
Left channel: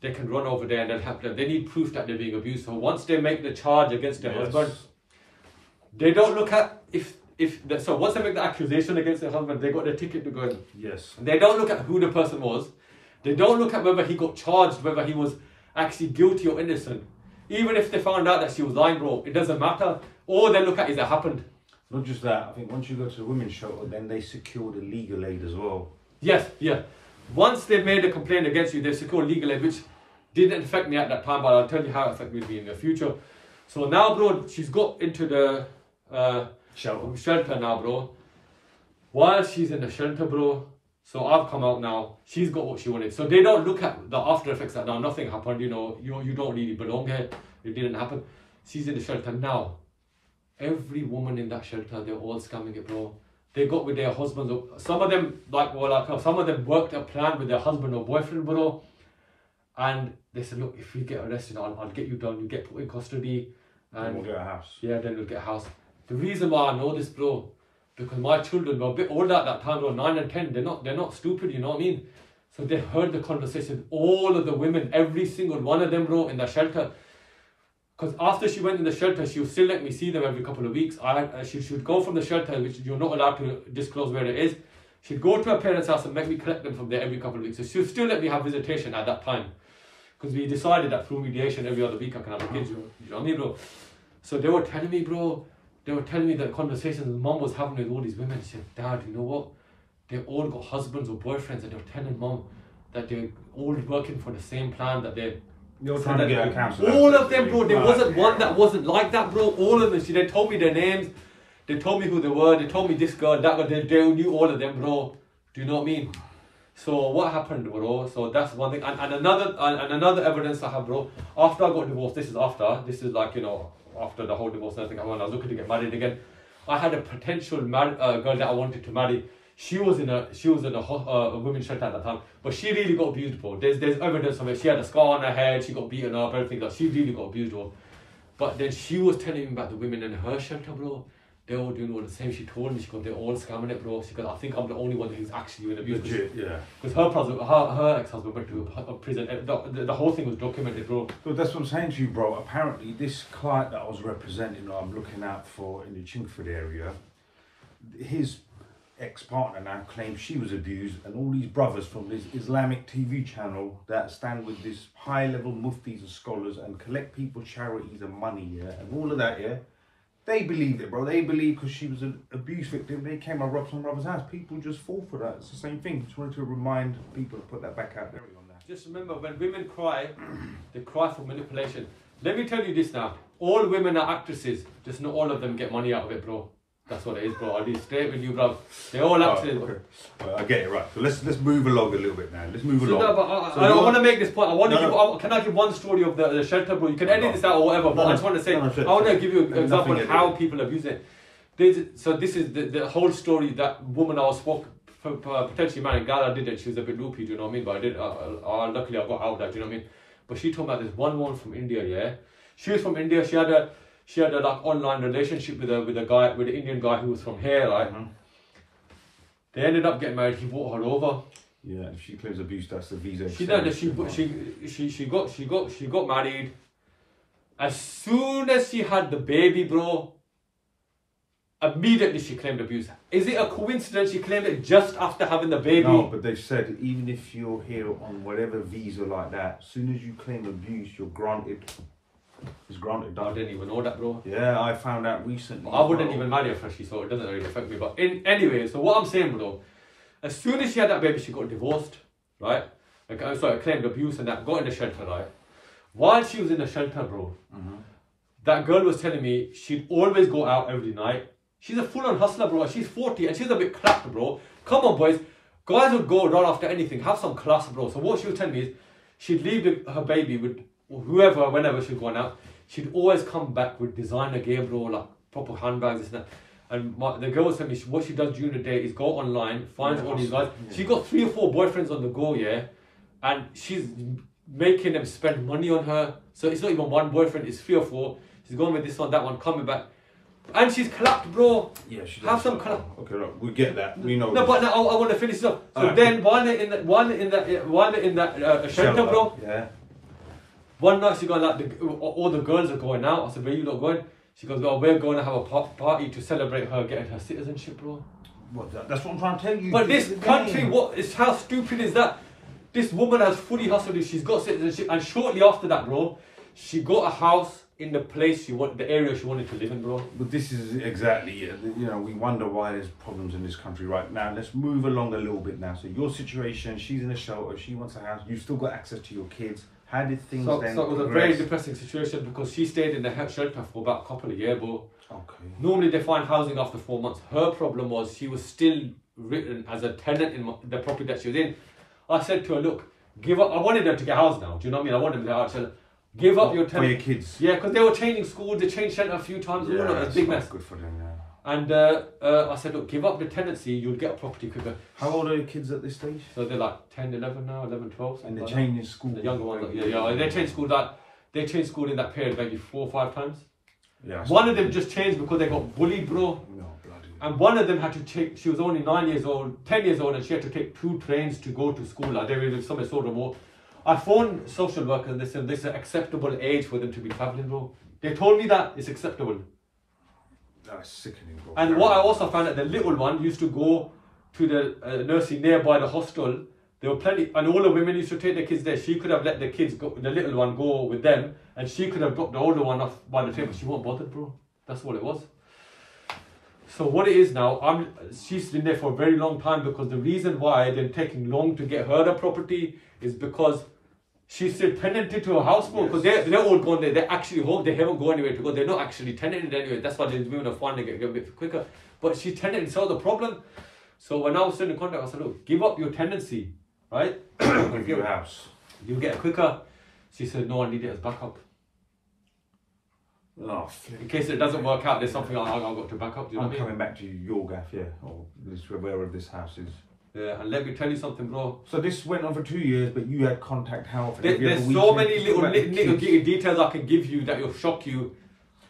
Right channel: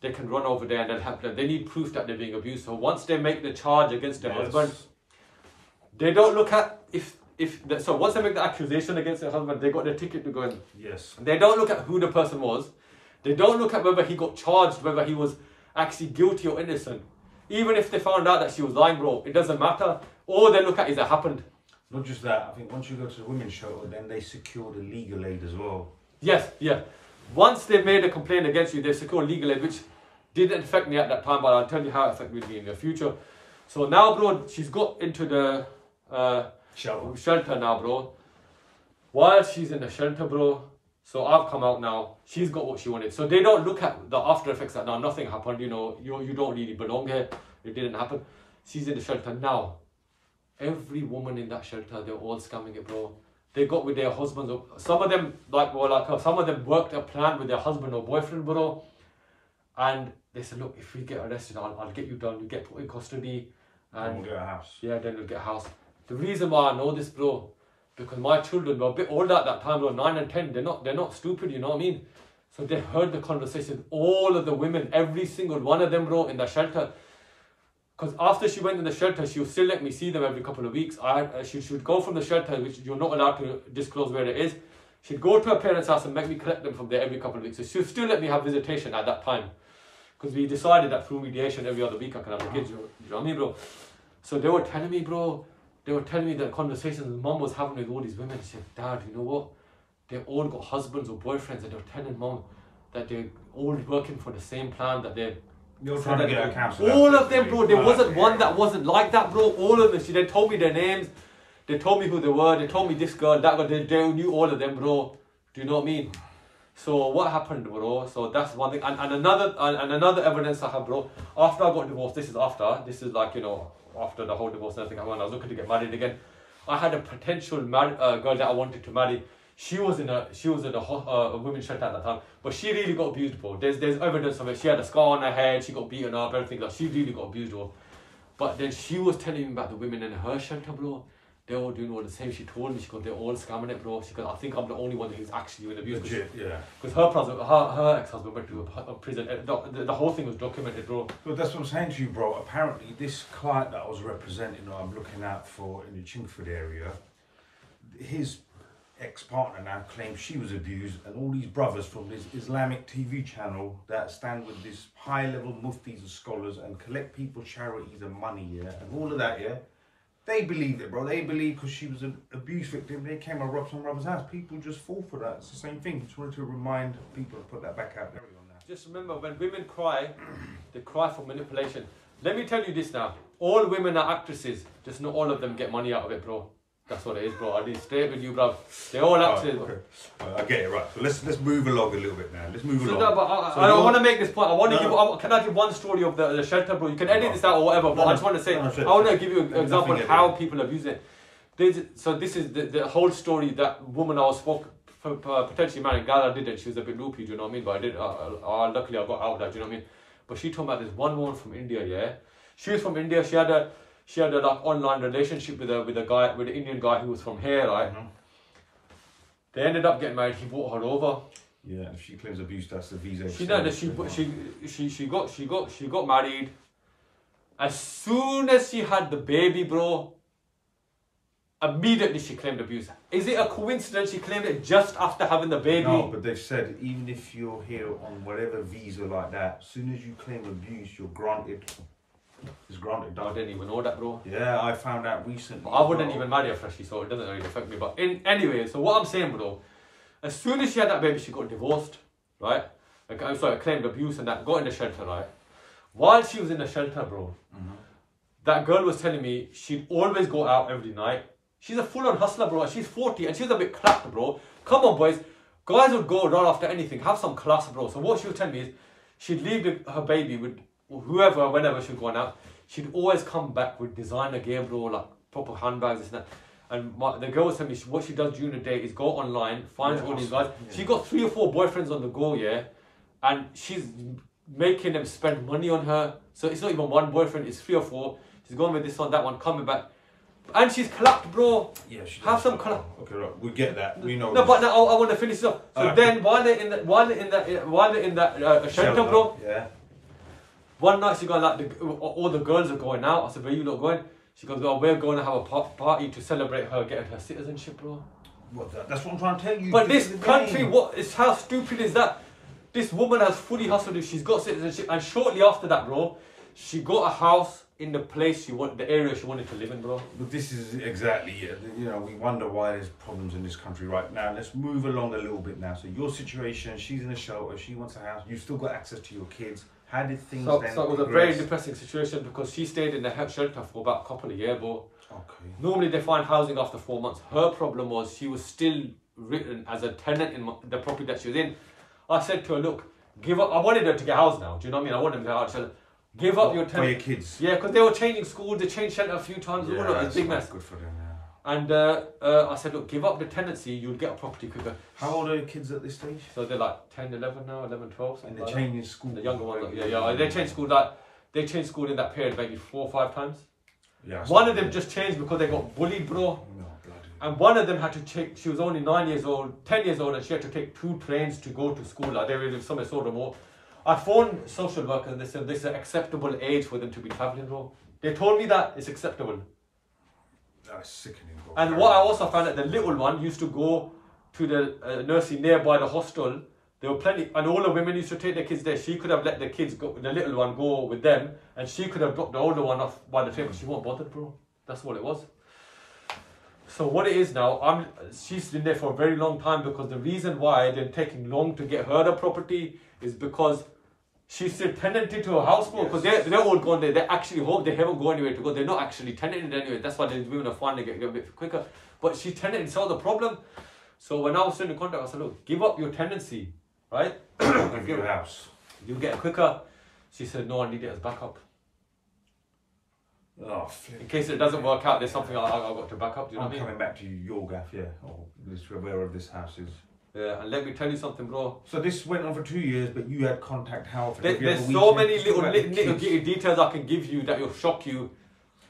they can run over there and they'll help them. They need proof that they're being abused. So once they make the charge against their husband, they don't look at so once they make the accusation against their husband, they got their ticket to go in. Yes. They don't look at who the person was. They don't look at whether he got charged, whether he was actually guilty or innocent. Even if they found out that she was lying, bro, it doesn't matter. All they look at is it happened. Not just that, I think once you go to the women's shelter, then they secure the legal aid as well. Yes, yeah. Once they made a complaint against you, they secure legal aid, which didn't affect me at that time, but I'll tell you how it affected me in the future. So now, bro, she's got into the shelter now, bro. While she's in the shelter, bro, So I've come out now. She's got what she wanted. So they don't look at the after effects that now nothing happened. You know, you don't really belong here. It didn't happen. She's in the shelter now. Every woman in that shelter, they're all scamming it, bro. They got with their husbands. Some of them some of them worked a plan with their husband or boyfriend, bro. And they said, look, if we get arrested, I'll get you done. You get put in custody. And we'll get a house. Yeah, then we'll get a house. The reason why I know this, bro, because my children were a bit older at that time, they were 9 and 10. They're not stupid, you know what I mean? So they heard the conversation. All of the women, every single one of them, bro, in the shelter. Because after she went in the shelter, she would still let me see them every couple of weeks. She should go from the shelter, which you're not allowed to disclose where it is. She'd go to her parents' house and make me collect them from there every couple of weeks. So she'd still let me have visitation at that time. Because we decided that through mediation every other week I can have the kids, you know what I mean, bro? So they were telling me, bro, that conversations mom was having with all these women. She said, Dad, you know what? They all got husbands or boyfriends, and they were telling mom that they're all working for the same plan, that they're trying to get a counselor. All of them, bro. There wasn't one that wasn't like that, bro. All of them. They told me their names. They told me who they were. They told me this girl, that girl. They knew all of them, bro. Do you know what I mean? So what happened, bro? So that's one thing. And another evidence I have, bro. After I got divorced, this is like, you know, after the whole divorce and everything, when I was looking to get married again, I had a potential girl that I wanted to marry. She was in a women's shelter at that time, but she really got abused, bro. There's evidence of it. She had a scar on her head. She got beaten up, everything. Like, she really got abused, bro. But then she was telling me about the women in her shelter, bro. They're all doing all the same. She told me, she goes, they're all scamming it, bro. She goes, I think I'm the only one who's actually been abused. Legit, yeah. Because her ex-husband went to a prison. The whole thing was documented, bro. But that's what I'm saying to you, bro. Apparently, this client that I was representing, or I'm looking out for in the Chingford area, his ex-partner now claims she was abused, and all these brothers from this Islamic TV channel that stand with this high-level muftis and scholars and collect people's charities and money, yeah, and all of that, yeah. They believed it, bro. They believed because she was an abuse victim. They came and robbed some brother's house. People just fall for that. It's the same thing. Just wanted to remind people to put that back out there on that. Just remember, when women cry, they cry for manipulation. Let me tell you this now. All women are actresses. Just not all of them get money out of it, bro. That's what it is, bro. I'll be straight with you, bro. They're all actresses. Okay. I get it, right. So let's move along a little bit now. Let's move along. No, but I want to make this point. Can I give one story of the shelter, bro? You can edit this out or whatever, but I just want to say, I want to give you an example of how people abuse it. So this is the whole story. That woman I was potentially married, girl I did it. She was a bit loopy, do you know what I mean? But I did. Luckily, I got out of that, do you know what I mean? But she told me about this one woman from India, yeah? She was from India. She had a like online relationship with an Indian guy who was from here, right? Mm-hmm. They ended up getting married. He brought her over. Yeah, if she claims abuse, that's the visa. She got married. As soon as she had the baby, bro, immediately she claimed abuse. Is it a coincidence she claimed it just after having the baby? No, but they've said even if you're here on whatever visa like that, as soon as you claim abuse, you're granted. It's granted. I didn't even know that, bro. Yeah, I found out recently. I wouldn't even marry her freshly, so it doesn't really affect me. But anyway, so what I'm saying, bro, as soon as she had that baby, she got divorced, right? Like, I'm sorry, claimed abuse and that, got in the shelter, right? While she was in the shelter, bro, that girl was telling me she'd always go out every night. She's a full-on hustler, bro, and she's 40, and she's a bit clapped, bro. Come on, boys. Guys would go right after anything. Have some class, bro. So what she was telling me is she'd leave her baby with whoever, whenever she was going out, she'd always come back with designer gear, bro, like proper handbags, this and that. And the girl was telling me what she does during the day is go online, finds all these guys. Yeah. She got 3 or 4 boyfriends on the go, yeah, and she's making them spend money on her. So it's not even one boyfriend, it's 3 or 4. She's going with this one, that one, coming back. And she's clapped, bro. Yeah, she does. Have some clap. Okay, look, we get that. We know. No, this. But now I want to finish it up. So then, while they're in that shelter, bro. Yeah. One night she got like all the girls are going out. I said, where you not going? She goes, well, we're going to have a party to celebrate her getting her citizenship, bro. That's what I'm trying to tell you. But this country, how stupid is that? This woman has fully hustled. She's got citizenship, and shortly after that, bro, she got a house in the place the area she wanted to live in, bro. But this is exactly it. You know, we wonder why there's problems in this country right now. Let's move along a little bit now. So your situation, she's in a shelter, she wants a house, you've still got access to your kids. How did things then So it was a very depressing situation because she stayed in the shelter for about a couple of years, bro. Okay. Normally they find housing after 4 months. Her problem was she was still written as a tenant in the property that she was in. I said to her, look, give up. I wanted her to get housed now. Do you know what I mean? I wanted them to get housed. Give up your tenant. For your kids. Yeah, because they were changing schools. They changed shelter a few times. Yeah, it's a big mess. Good for them, yeah. And I said, look, give up the tenancy. You'll get a property quicker. How old are the kids at this stage? So they're like 10, 11 now, 11, 12. And they're changing school. The younger ones, they changed school in that period maybe 4 or 5 times. Yeah. One of them just changed because they got bullied, bro. No, bloody. And one of them had to take, she was only 9 years old, 10 years old, and she had to take 2 trains to go to school. Like they were somewhere so remote. I phoned social workers and they said this is an acceptable age for them to be travelling, bro. They told me that it's acceptable. That's sickening, bro. And what I also found out, the little one used to go to the nursery nearby the hostel. There were plenty, and all the women used to take their kids there. She could have let the kids go, the little one go with them, and she could have dropped the older one off by the train, but she won't bother, bro. That's what it was. So what it is now, she's been there for a very long time because the reason why they're taking long to get her the property is because she's still tenanted to her house, bro, because they're all gone there. They actually hope they haven't gone anywhere to go. They're not actually tenanted anyway. That's why they're moving a fund to get a bit quicker. But she tenanted, so the problem. So when I was still in contact, I said, look, give up your tenancy, right? With your house. You'll get it quicker. She said, no, I need it as backup. Oh, flip. In case it doesn't work out, there's something I've got to back up. Do you know I'm what I mean? coming back to your gaff, yeah, or wherever this house is. Yeah, and let me tell you something, bro. So this went on for 2 years, but you had contact how often? There's so many little details I can give you that will shock you.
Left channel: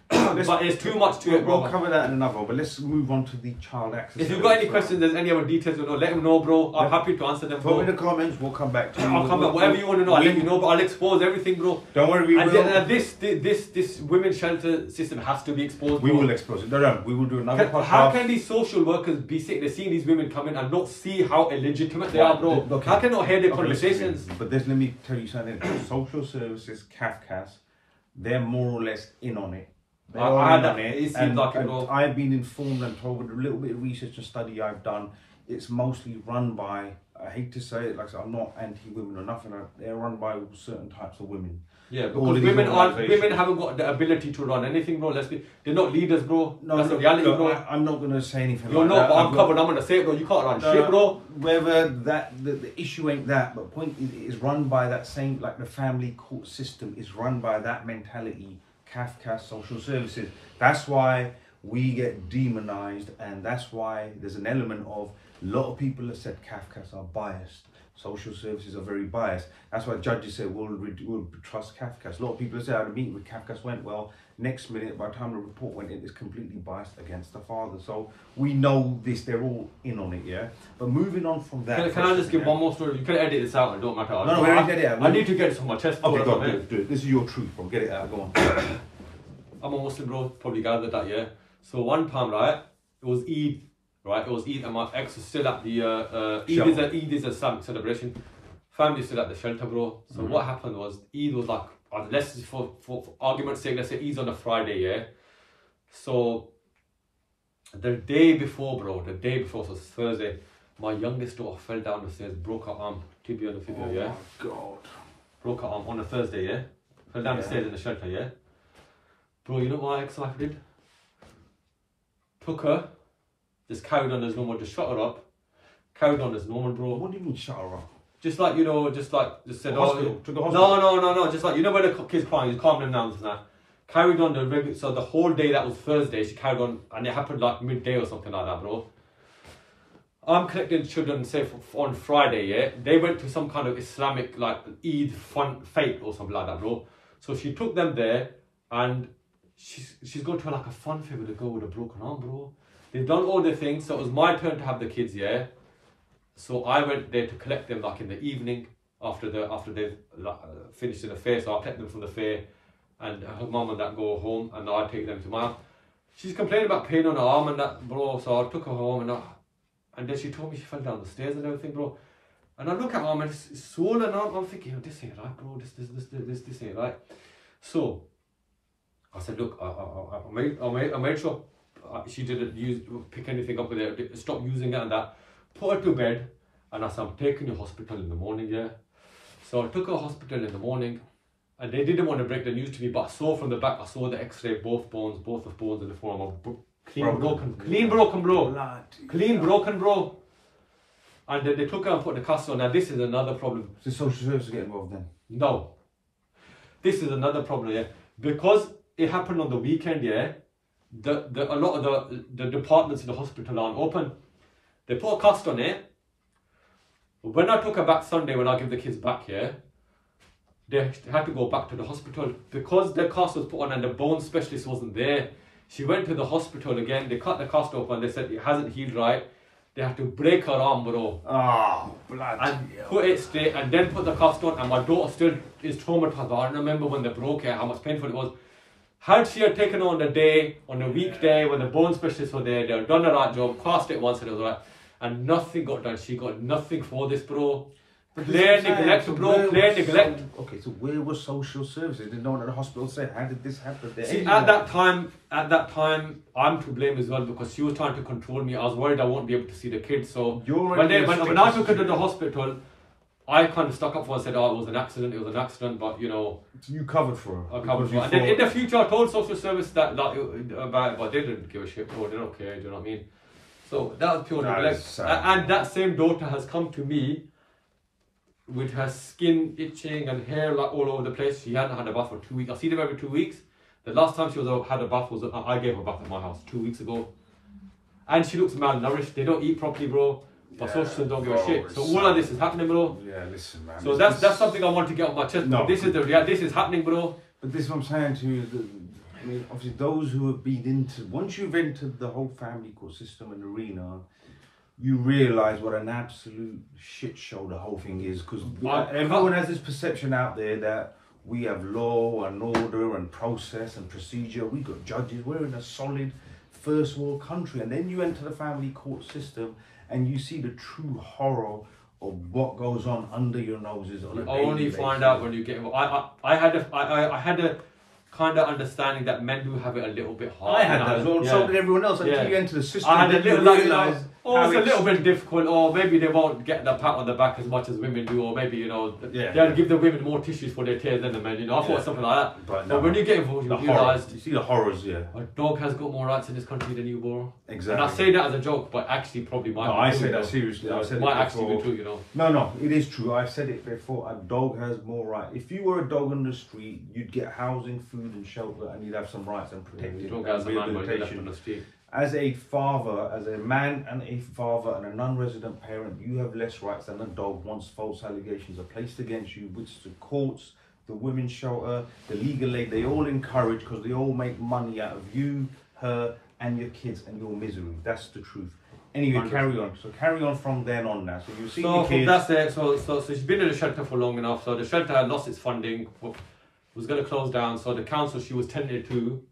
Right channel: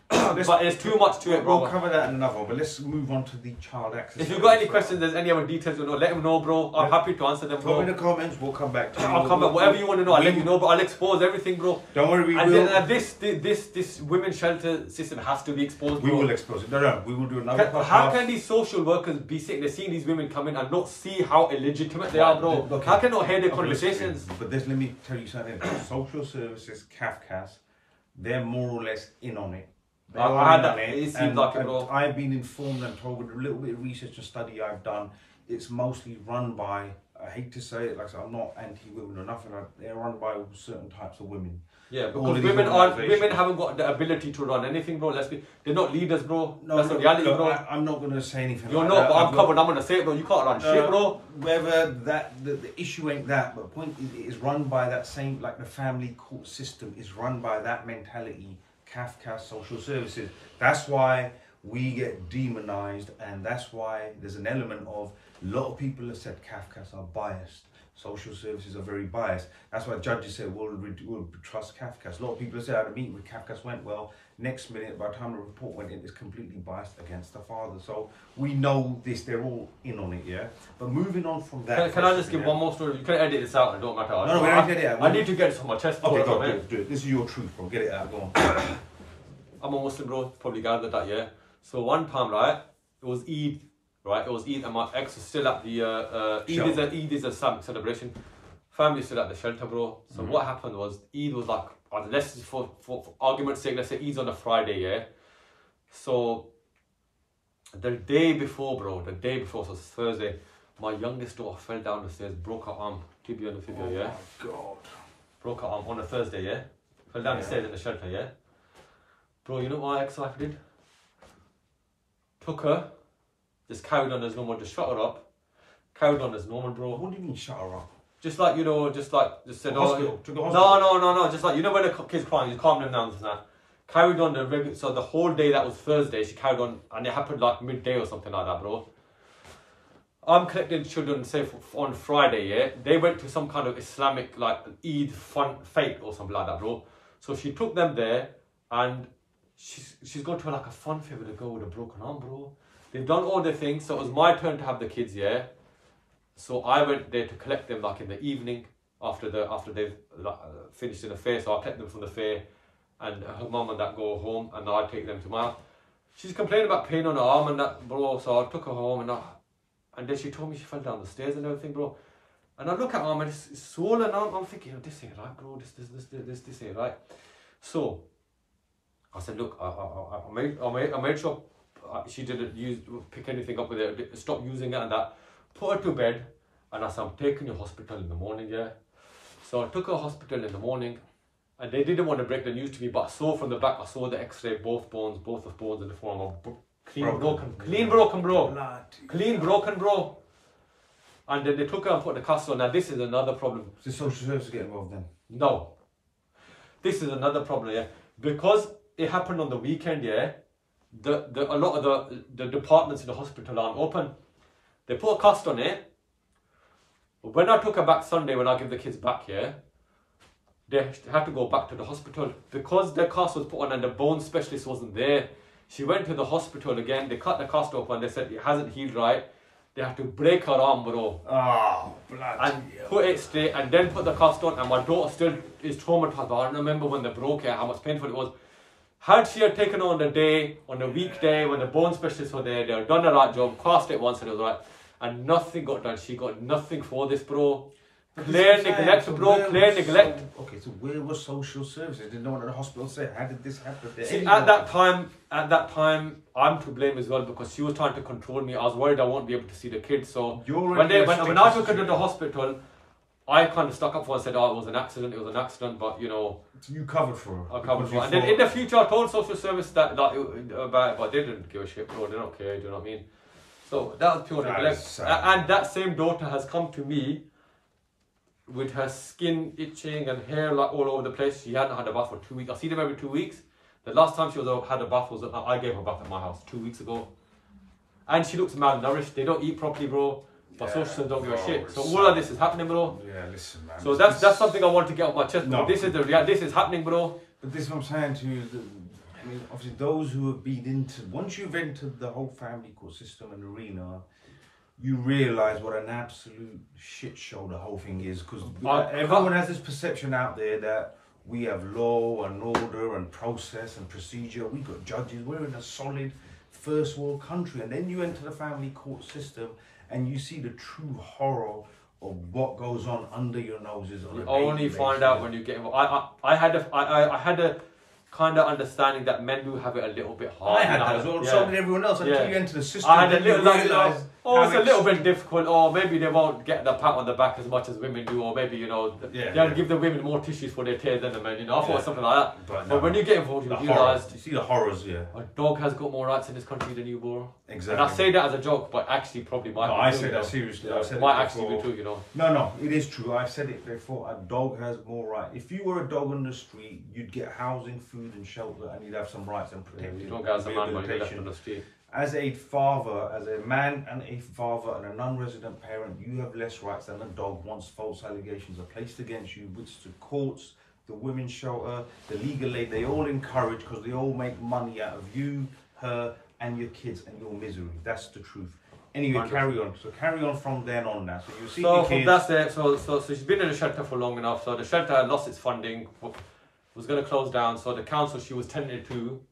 But there's too much to it, bro. We'll cover that in another one, but let's move on to the child access. If you've got any questions, there's any other details you know, let them know, bro. I'm happy to answer them, bro. Put them in the comments, we'll come back to you. I'll come back, whatever you want to know, I'll let you know, but I'll expose everything, bro. Don't worry, we will. And this women's shelter system has to be exposed, bro. We will expose it. No, we will do another podcast. How can these social workers be sitting there seeing these women come in and not see how illegitimate they are, bro? Okay. How can not hear their conversations? But let me tell you something. Social services, CAFCAS, they're more or less in on it. I've been informed and told with a little bit of research and study I've done, it's mostly run by, I hate to say it, like I'm not anti-women or nothing, they're run by certain types of women. Yeah, because women haven't got the ability to run anything, bro. They're not leaders, bro. No, that's the reality, bro. I'm not going to say anything You're like not, that. but I'm covered. I'm going to say it, bro. You can't run shit, bro. Whether the issue ain't that, but the point is run by that same, like the family court system is run by that mentality. CAFCAS, social services. That's why we get demonized, and that's why there's an element of a lot of people have said CAFCAS are biased. Social services are very biased. That's why judges say we'll trust CAFCAS. A lot of people say, the meeting with CAFCAS went well. Next minute, by the time the report went in, it's completely biased against the father. So we know this, they're all in on it, yeah? But moving on from that... Can I just give one more story? You can edit this out, it don't matter. No, we don't edit it out. I need to get this on my chest. Okay, go on, do it. This is your truth, bro. Get it out, go on. I'm a Muslim, bro. Probably gathered that, yeah? So one time, right, it was Eid, right? It was Eid and my ex was still at the... Eid is a Islamic celebration. Family still at the shelter, bro. So what happened was, Eid was like... let's for argument's sake, let's say Eid's on a Friday, yeah? So, the day before, bro, so it's Thursday, my youngest daughter fell down the stairs, broke her arm, tibia and fibula, yeah? Oh my God. Broke her arm on a Thursday, yeah? Fell down the stairs in the shelter, yeah? Bro, you know what my ex-wife did? Took her, just carried on as normal, just shut her up, carried on as normal, bro. What do you mean shut her up? Just like, just said, hospital, to the hospital. No, just like, when the kid's crying, you calm them down and that. Carried on so the whole day that was Thursday, she carried on, and it happened like midday or something like that, bro. I'm collecting children, say, on Friday, yeah? They went to some kind of Islamic, like, Eid fun fete or something like that, bro. So she took them there, and she's gone to like a fun fair with a girl with a broken arm, bro. They've done all their things, so it was my turn to have the kids, yeah? So I went there to collect them like in the evening after they've finished in the fair. So I collect them from the fair, and her mum and that go home, and I take them to my house. She's complaining about pain on her arm and that, bro. So I took her home, and then she told me she fell down the stairs and everything, bro. And I look at her arm and it's swollen arm. I'm thinking, oh, this ain't right, bro. This ain't right. So I said, look, I made sure she didn't pick anything up with it, stop using it and that. Put her to bed, and I said, I'm taking you to hospital in the morning, yeah? So I took her to hospital in the morning, and they didn't want to break the news to me, but I saw from the back, I saw the x-ray, both of bones in the form of clean broken, bro. Clean broken, bro. And then they took her and put the cast on. Now this is another problem. So social services get involved then? No. This is another problem, yeah. Because it happened on the weekend, yeah, a lot of the departments in the hospital aren't open. They put a cast on it. When I took her back Sunday, when I give the kids back here, they had to go back to the hospital. Because the cast was put on and the bone specialist wasn't there, she went to the hospital again. They cut the cast open. They said it hasn't healed right. They had to break her arm, bro. Oh, bloody and put it straight and then put the cast on. And my daughter still is traumatized. I remember when they broke it, how much painful it was. Had she had taken on the day, on the weekday, when the bone specialists were there, they had done the right job, cast it once and it was right. And nothing got done. She got nothing for this, bro. Plain neglect, bro. Plain neglect. Okay, so where was social services? Did no one at the hospital say, how did this happen? See, at that time, I'm to blame as well because she was trying to control me. I was worried I won't be able to see the kids. So when I took her to the hospital, I kind of stuck up for her and said, oh, it was an accident, but you know. You covered for her. I covered for her. And then in the future, I told social service about it, but they didn't give a shit, bro. They don't care, do you know what I mean? So that was pure neglect. And that same daughter has come to me with her skin itching and hair like all over the place. She hadn't had a bath for 2 weeks. I see them every 2 weeks. The last time she had a bath was I gave her a bath at my house 2 weeks ago. And she looks malnourished. They don't eat properly, bro. But social don't give a shit. So all of this is happening, bro. Yeah, listen, man. So that's something I want to get off my chest. No, this is the reality. This is happening, bro. But this is what I'm saying to you. I mean, obviously, those who have been into, once you've entered the whole family court system and arena, you realise what an absolute shit show the whole thing is. Because everyone has this perception out there that we have law and order and process and procedure. We got judges. We're in a solid first world country. And then you enter the family court system and you see the true horror of what goes on under your noses on a daily basis. Only find out when you get involved. I had a kind of understanding that men do have it a little bit hard. I had that as well. Yeah. So did everyone else. Until you enter the system, I had a little realise. Oh, it's a little bit difficult, or maybe they won't get the pat on the back as much as women do, or maybe, you know, they'll give the women more tissues for their tears than the men, you know. I thought something like that. But when you get involved, you realise. You see the horrors, a dog has got more rights in this country than you, bro. Exactly. And I say that as a joke, but actually probably might be true. I say that seriously. I said might actually be true, you know. No, it is true. I've said it before. A dog has more rights. If you were a dog on the street, you'd get housing, food and shelter, and you'd have some rights and protected rehabilitation. As a father, as a man and a father and a non-resident parent, you have less rights than a dog once false allegations are placed against you, which the courts, the women's shelter, the legal aid, they all encourage because they all make money out of you, her and your kids and your misery. That's the truth. Anyway, carry on. So carry on from then on now. So you see your kids. That's it. So she's been in the shelter for long enough. So the shelter had lost its funding, was going to close down. So the council she was tenanted to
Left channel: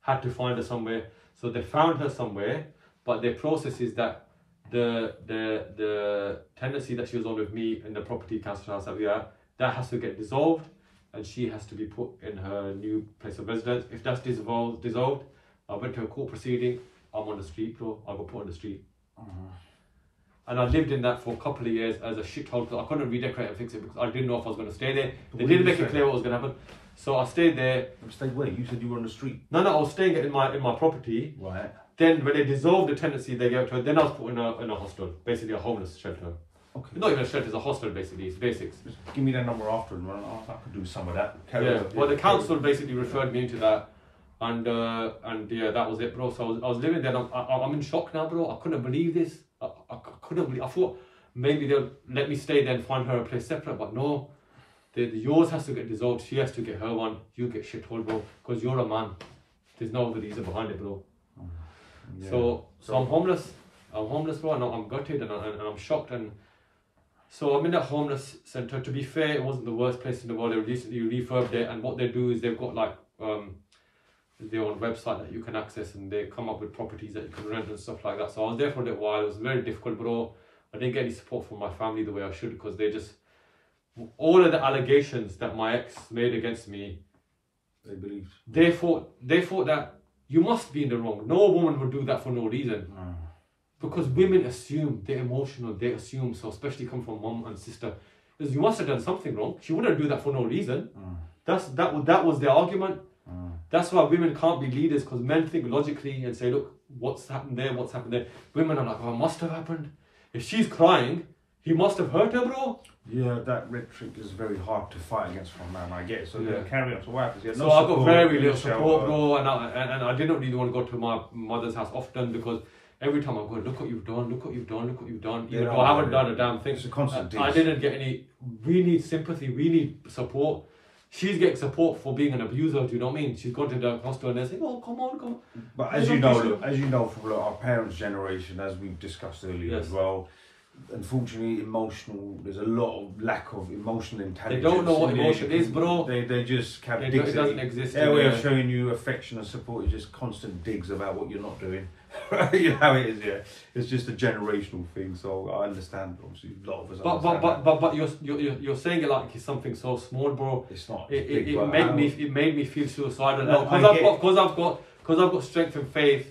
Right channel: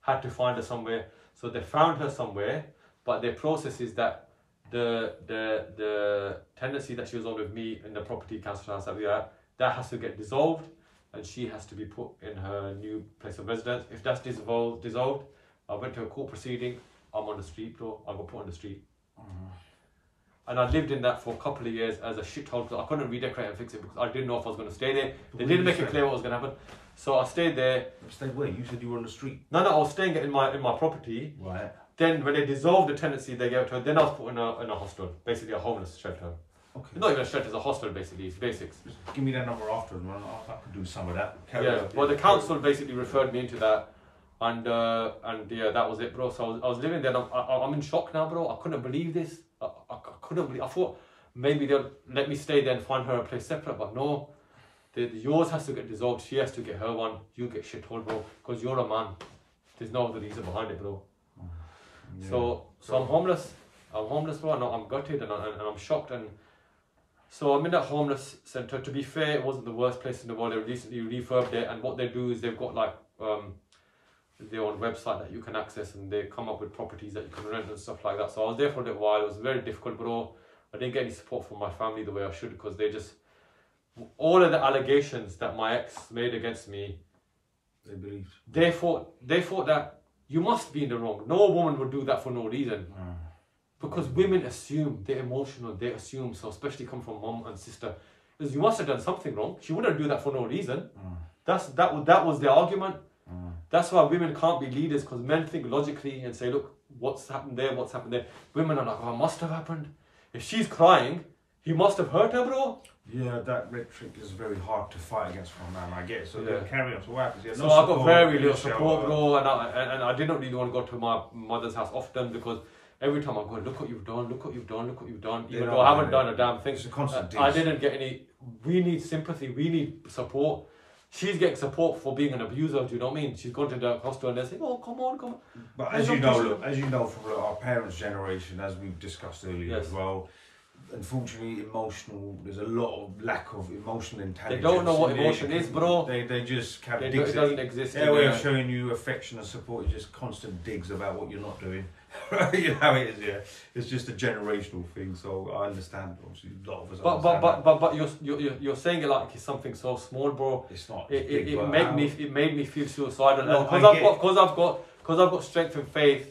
had to find her somewhere. So they found her somewhere, but their process is that the tenancy that she was on with me in the property council house that we are, that has to get dissolved, and she has to be put in her new place of residence. If that's dissolved, I went to a court proceeding. I'm on the street, bro. I got put on the street. And I lived in that for a couple of years as a shithole because I couldn't redecorate and fix it because I didn't know if I was going to stay there. They didn't make it clear what was going to happen. So I stayed there. Stayed where? You said you were on the street. No, I was staying in my property. Right. Then when they dissolved the tenancy, they gave it to her. Then I was put in a hostel, basically a homeless shelter. Okay. Not even a shelter, it's a hostel basically. It's basics. Just give me that number after, and I could do some of that. Well, the council basically referred me into that, and yeah, that was it, bro. So I was living there. And I'm in shock now, bro. I couldn't believe this. I couldn't believe. I thought maybe they'll let me stay there and find her a place separate, but no. Yours has to get dissolved. She has to get her one. You get shithole, bro, because you're a man. There's no other reason behind it, bro. Yeah. So I'm homeless. I'm homeless, bro. I'm gutted and I'm shocked. And so I'm in that homeless centre. To be fair, it wasn't the worst place in the world. They recently refurbed it, and what they do is they've got like their own website that you can access, and they come up with properties that you can rent and stuff like that. So I was there for a little while. It was very difficult, bro. I didn't get any support from my family the way I should because they just. All of the allegations that my ex made against me, they thought that you must be in the wrong. No woman would do that for no reason. Because women assume, they're emotional, they assume, so especially come from mum and sister, because you must have done something wrong. She wouldn't do that for no reason. That was their argument. That's why women can't be leaders, because men think logically and say, look, what's happened there, what's happened there. Women are like, oh, it must have happened. If she's crying, he must have hurt her, bro. Yeah, that rhetoric is very hard to fight against from man. I get it. So Yeah. carry on. So what happens? So I got very little support, bro, and I didn't really want to go to my mother's house often because every time I go, look what you've done, look what you've done, look what you've done. Even though I haven't done a damn thing. It's a constant I didn't get any. We need sympathy. We need support. She's getting support for being an abuser. Do you know what I mean? She's gone to the hospital and they're saying, "Oh, come on, come on." But as you know from our parents' generation, as we've discussed earlier as well, unfortunately, there's a lot of lack of emotional intelligence. They don't know what emotion is, bro. They just kind of it doesn't exist. Their way of showing you affection and support is just constant digs about what you're not doing. You know how it is, yeah. It's just a generational thing. So I understand. Obviously, a lot of us. But you're saying it like it's something so small, bro. It's not. It made me feel suicidal. Because I've got strength and faith.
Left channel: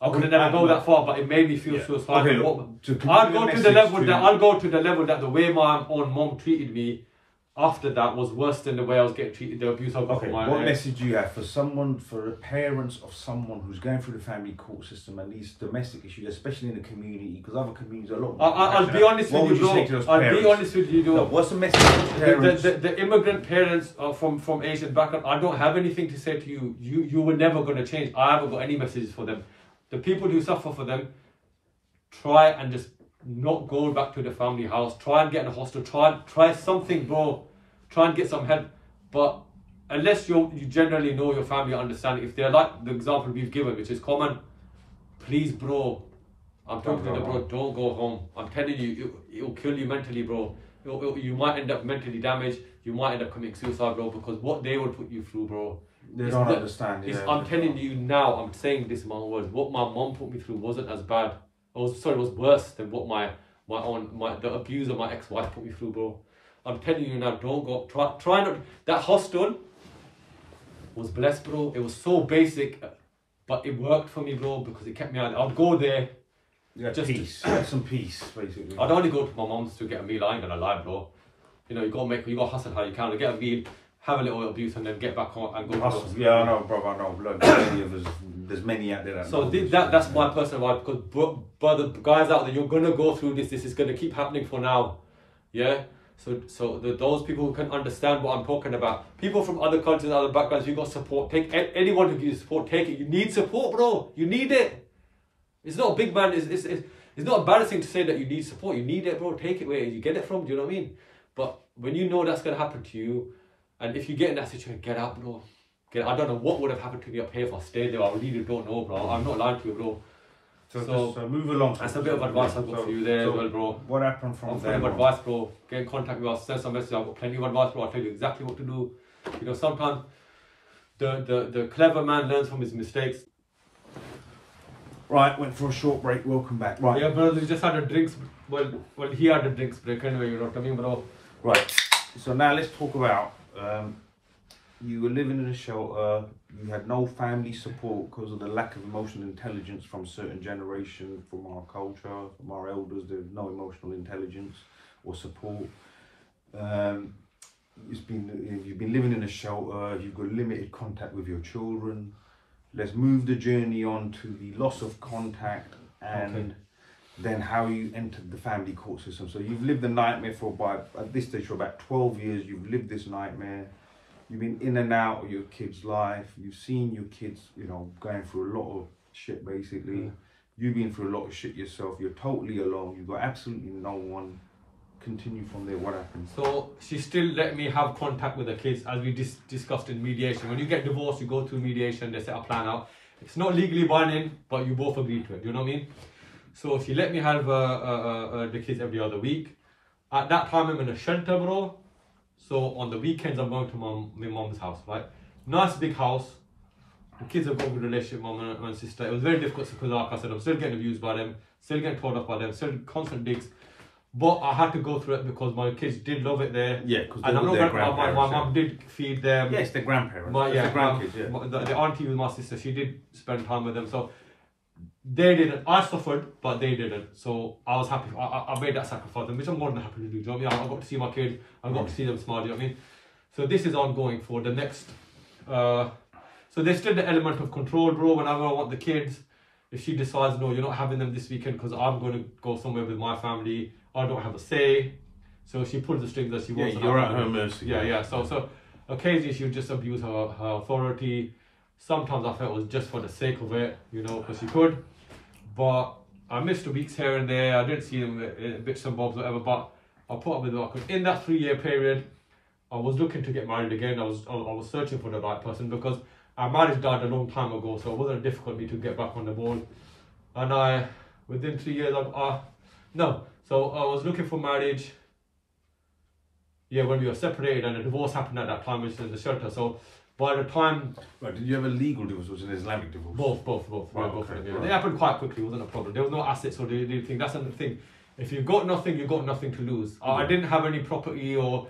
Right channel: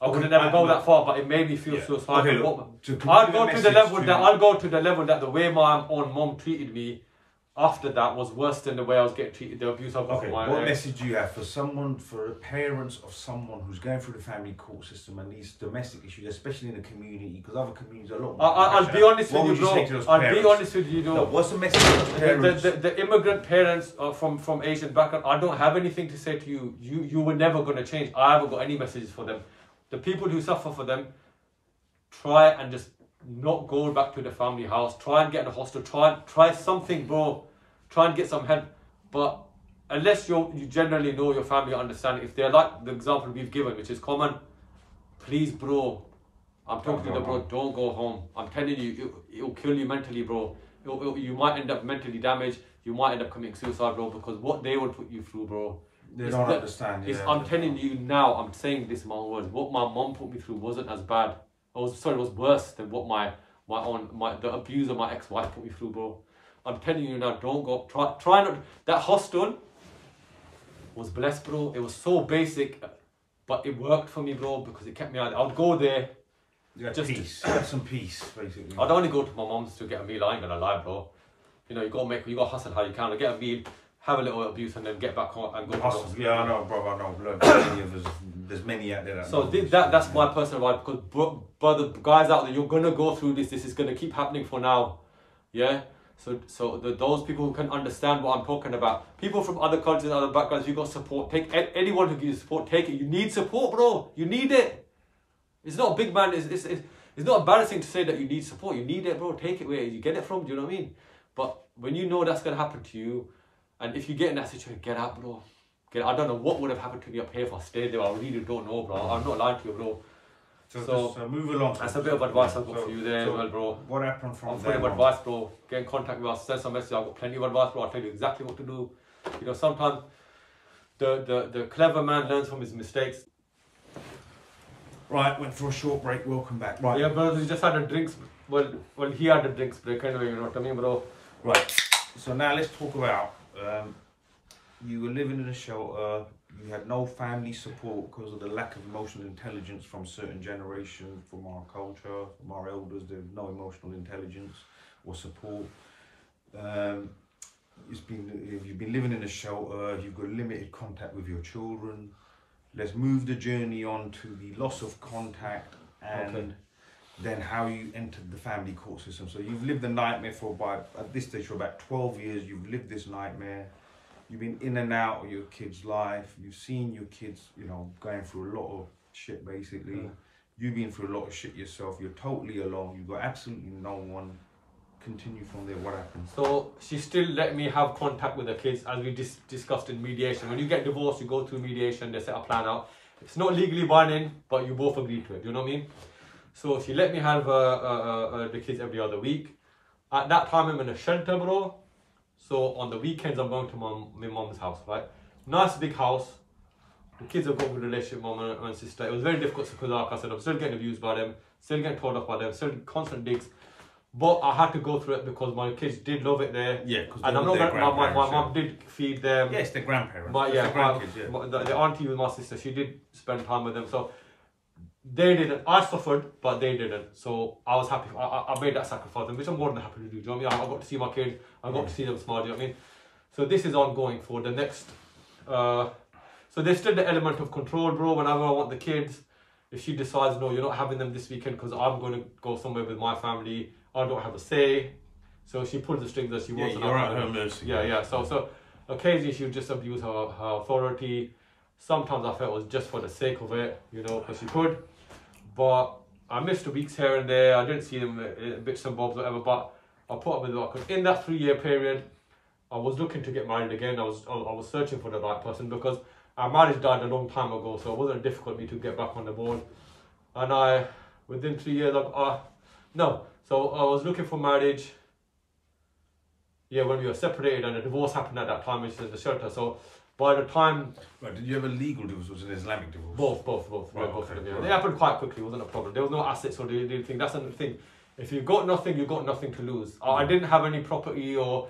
I would never go that far, but it made me feel suicidal. I'll go to the level that the way my own mom treated me after that was worse than the way I was getting treated, the abuse I got from my What message do you have for the parents of someone who's going through the family court system and these domestic issues, especially in the community, because other communities are a lot more I'll be honest with you, What would you say to those I'll parents? be honest with you, No, what's the message to those parents? The immigrant parents from Asian background, I don't have anything to say to you. You were never going to change. I haven't got any messages for them. The people who suffer for them, try and just not go back to the family house. Try and get in a hostel. Try something, bro. Try and get some help. But unless you generally know your family, understand, if they're like the example we've given, which is common, please, bro, I'm talking to the bro, don't go home. I'm telling you, it'll kill you mentally, bro. You might end up mentally damaged. You might end up committing suicide, bro, because what they will put you through, bro. They don't understand. I'm telling you now, I'm saying this in my words. What my mom put me through wasn't as bad. It was worse than what the abuse of my ex-wife put me through, bro. I'm telling you now, don't go. Try not. That hostel was blessed, bro. It was so basic, but it worked for me, bro, because it kept me out. I'd go there. You had peace. You had some peace, basically. I'd only go to my mom's to get a meal. I ain't gonna lie, bro. You know, you gotta hustle how you can. I get a meal, have a little abuse, and then get back home and go. Hustle. Yeah, I know, bro. I know. Look, there's many out there that. So that's my personal advice, because brother, guys out there, you're gonna go through this. This is gonna keep happening for now. Yeah. So those people who can understand what I'm talking about, people from other cultures, other backgrounds, you got support. Take anyone who gives you support, take it. You need support, bro. You need it. It's not a big man. It's not embarrassing to say that you need support. You need it, bro. Take it where you get it from. Do you know what I mean? But when you know that's gonna happen to you, and if you get in that situation, get out, bro. I don't know what would have happened to me up here if I stayed there. I really don't know, bro. I'm not lying to you, bro. So move along. That's a bit of advice I've got for you there as well, bro. What happened from there? Advice, bro. Get in contact with us, send some message. I've got plenty of advice, bro. I'll tell you exactly what to do. You know, sometimes the clever man learns from his mistakes. Right, went for a short break. Welcome back. Right. Yeah, bro. We just had a drinks. Well, he had a drinks break anyway. You know what I mean, bro? Right. So now let's talk about. You were living in a shelter. You had no family support because of the lack of emotional intelligence from certain generations, from our culture, from our elders. There's no emotional intelligence or support. You've been living in a shelter. You've got limited contact with your children. Let's move the journey on to the loss of contact and then how you entered the family court system. So you've lived the nightmare at this stage for about 12 years. You've lived this nightmare. You've been in and out of your kid's life. You've seen your kids, you know, going through a lot of shit, basically. You've been through a lot of shit yourself. You're totally alone. You've got absolutely no one. Continue from there. What happened? So she still let me have contact with the kids, as we discussed in mediation. When you get divorced, you go through mediation. They set a plan out. It's not legally binding, but you both agree to it. Do you know what I mean? So she let me have the kids every other week. At that time, I'm in a shelter, bro. So on the weekends, I'm going to my mom's house, right? Nice big house. The kids have got a good relationship, mom and sister. It was very difficult because, like I said, I'm still getting abused by them, still getting told off by them, still constant digs. But I had to go through it because my kids did love it there. Yeah, because my mum did feed them. Yeah, it's their grandparents. The grandkids, yeah. The auntie with my sister, she did spend time with them. So they didn't. I suffered, but they didn't. So I was happy. I made that sacrifice, which I'm more than happy to do. Do you know what I mean? I got to see my kids. I got to see them smile. Do you know what I mean? So this is ongoing for the next. So there's still the element of control, bro. Whenever I want the kids, if she decides, no, you're not having them this weekend because I'm going to go somewhere with my family, I don't have a say. So she pulls the strings as she wants. Yeah, you're at her mercy. Yeah. So occasionally she would just abuse her authority. Sometimes I felt it was just for the sake of it, you know, because she could. But I missed the weeks here and there. I didn't see them in bits and bobs, whatever. But I put up with what I could. In that 3-year period, I was looking to get married again. I was searching for the right person because our marriage died a long time ago, so it wasn't difficult for me to get back on the ball. And within 3 years, so I was looking for marriage. Yeah, when we were separated, and a divorce happened at that time, which is the shelter. So by the time... Right, did you have a legal divorce or was it an Islamic divorce? Both. Right, Both okay, They happened quite quickly, it wasn't a problem. There was no assets or anything. That's another thing. If you've got nothing, you've got nothing to lose. I didn't have any property or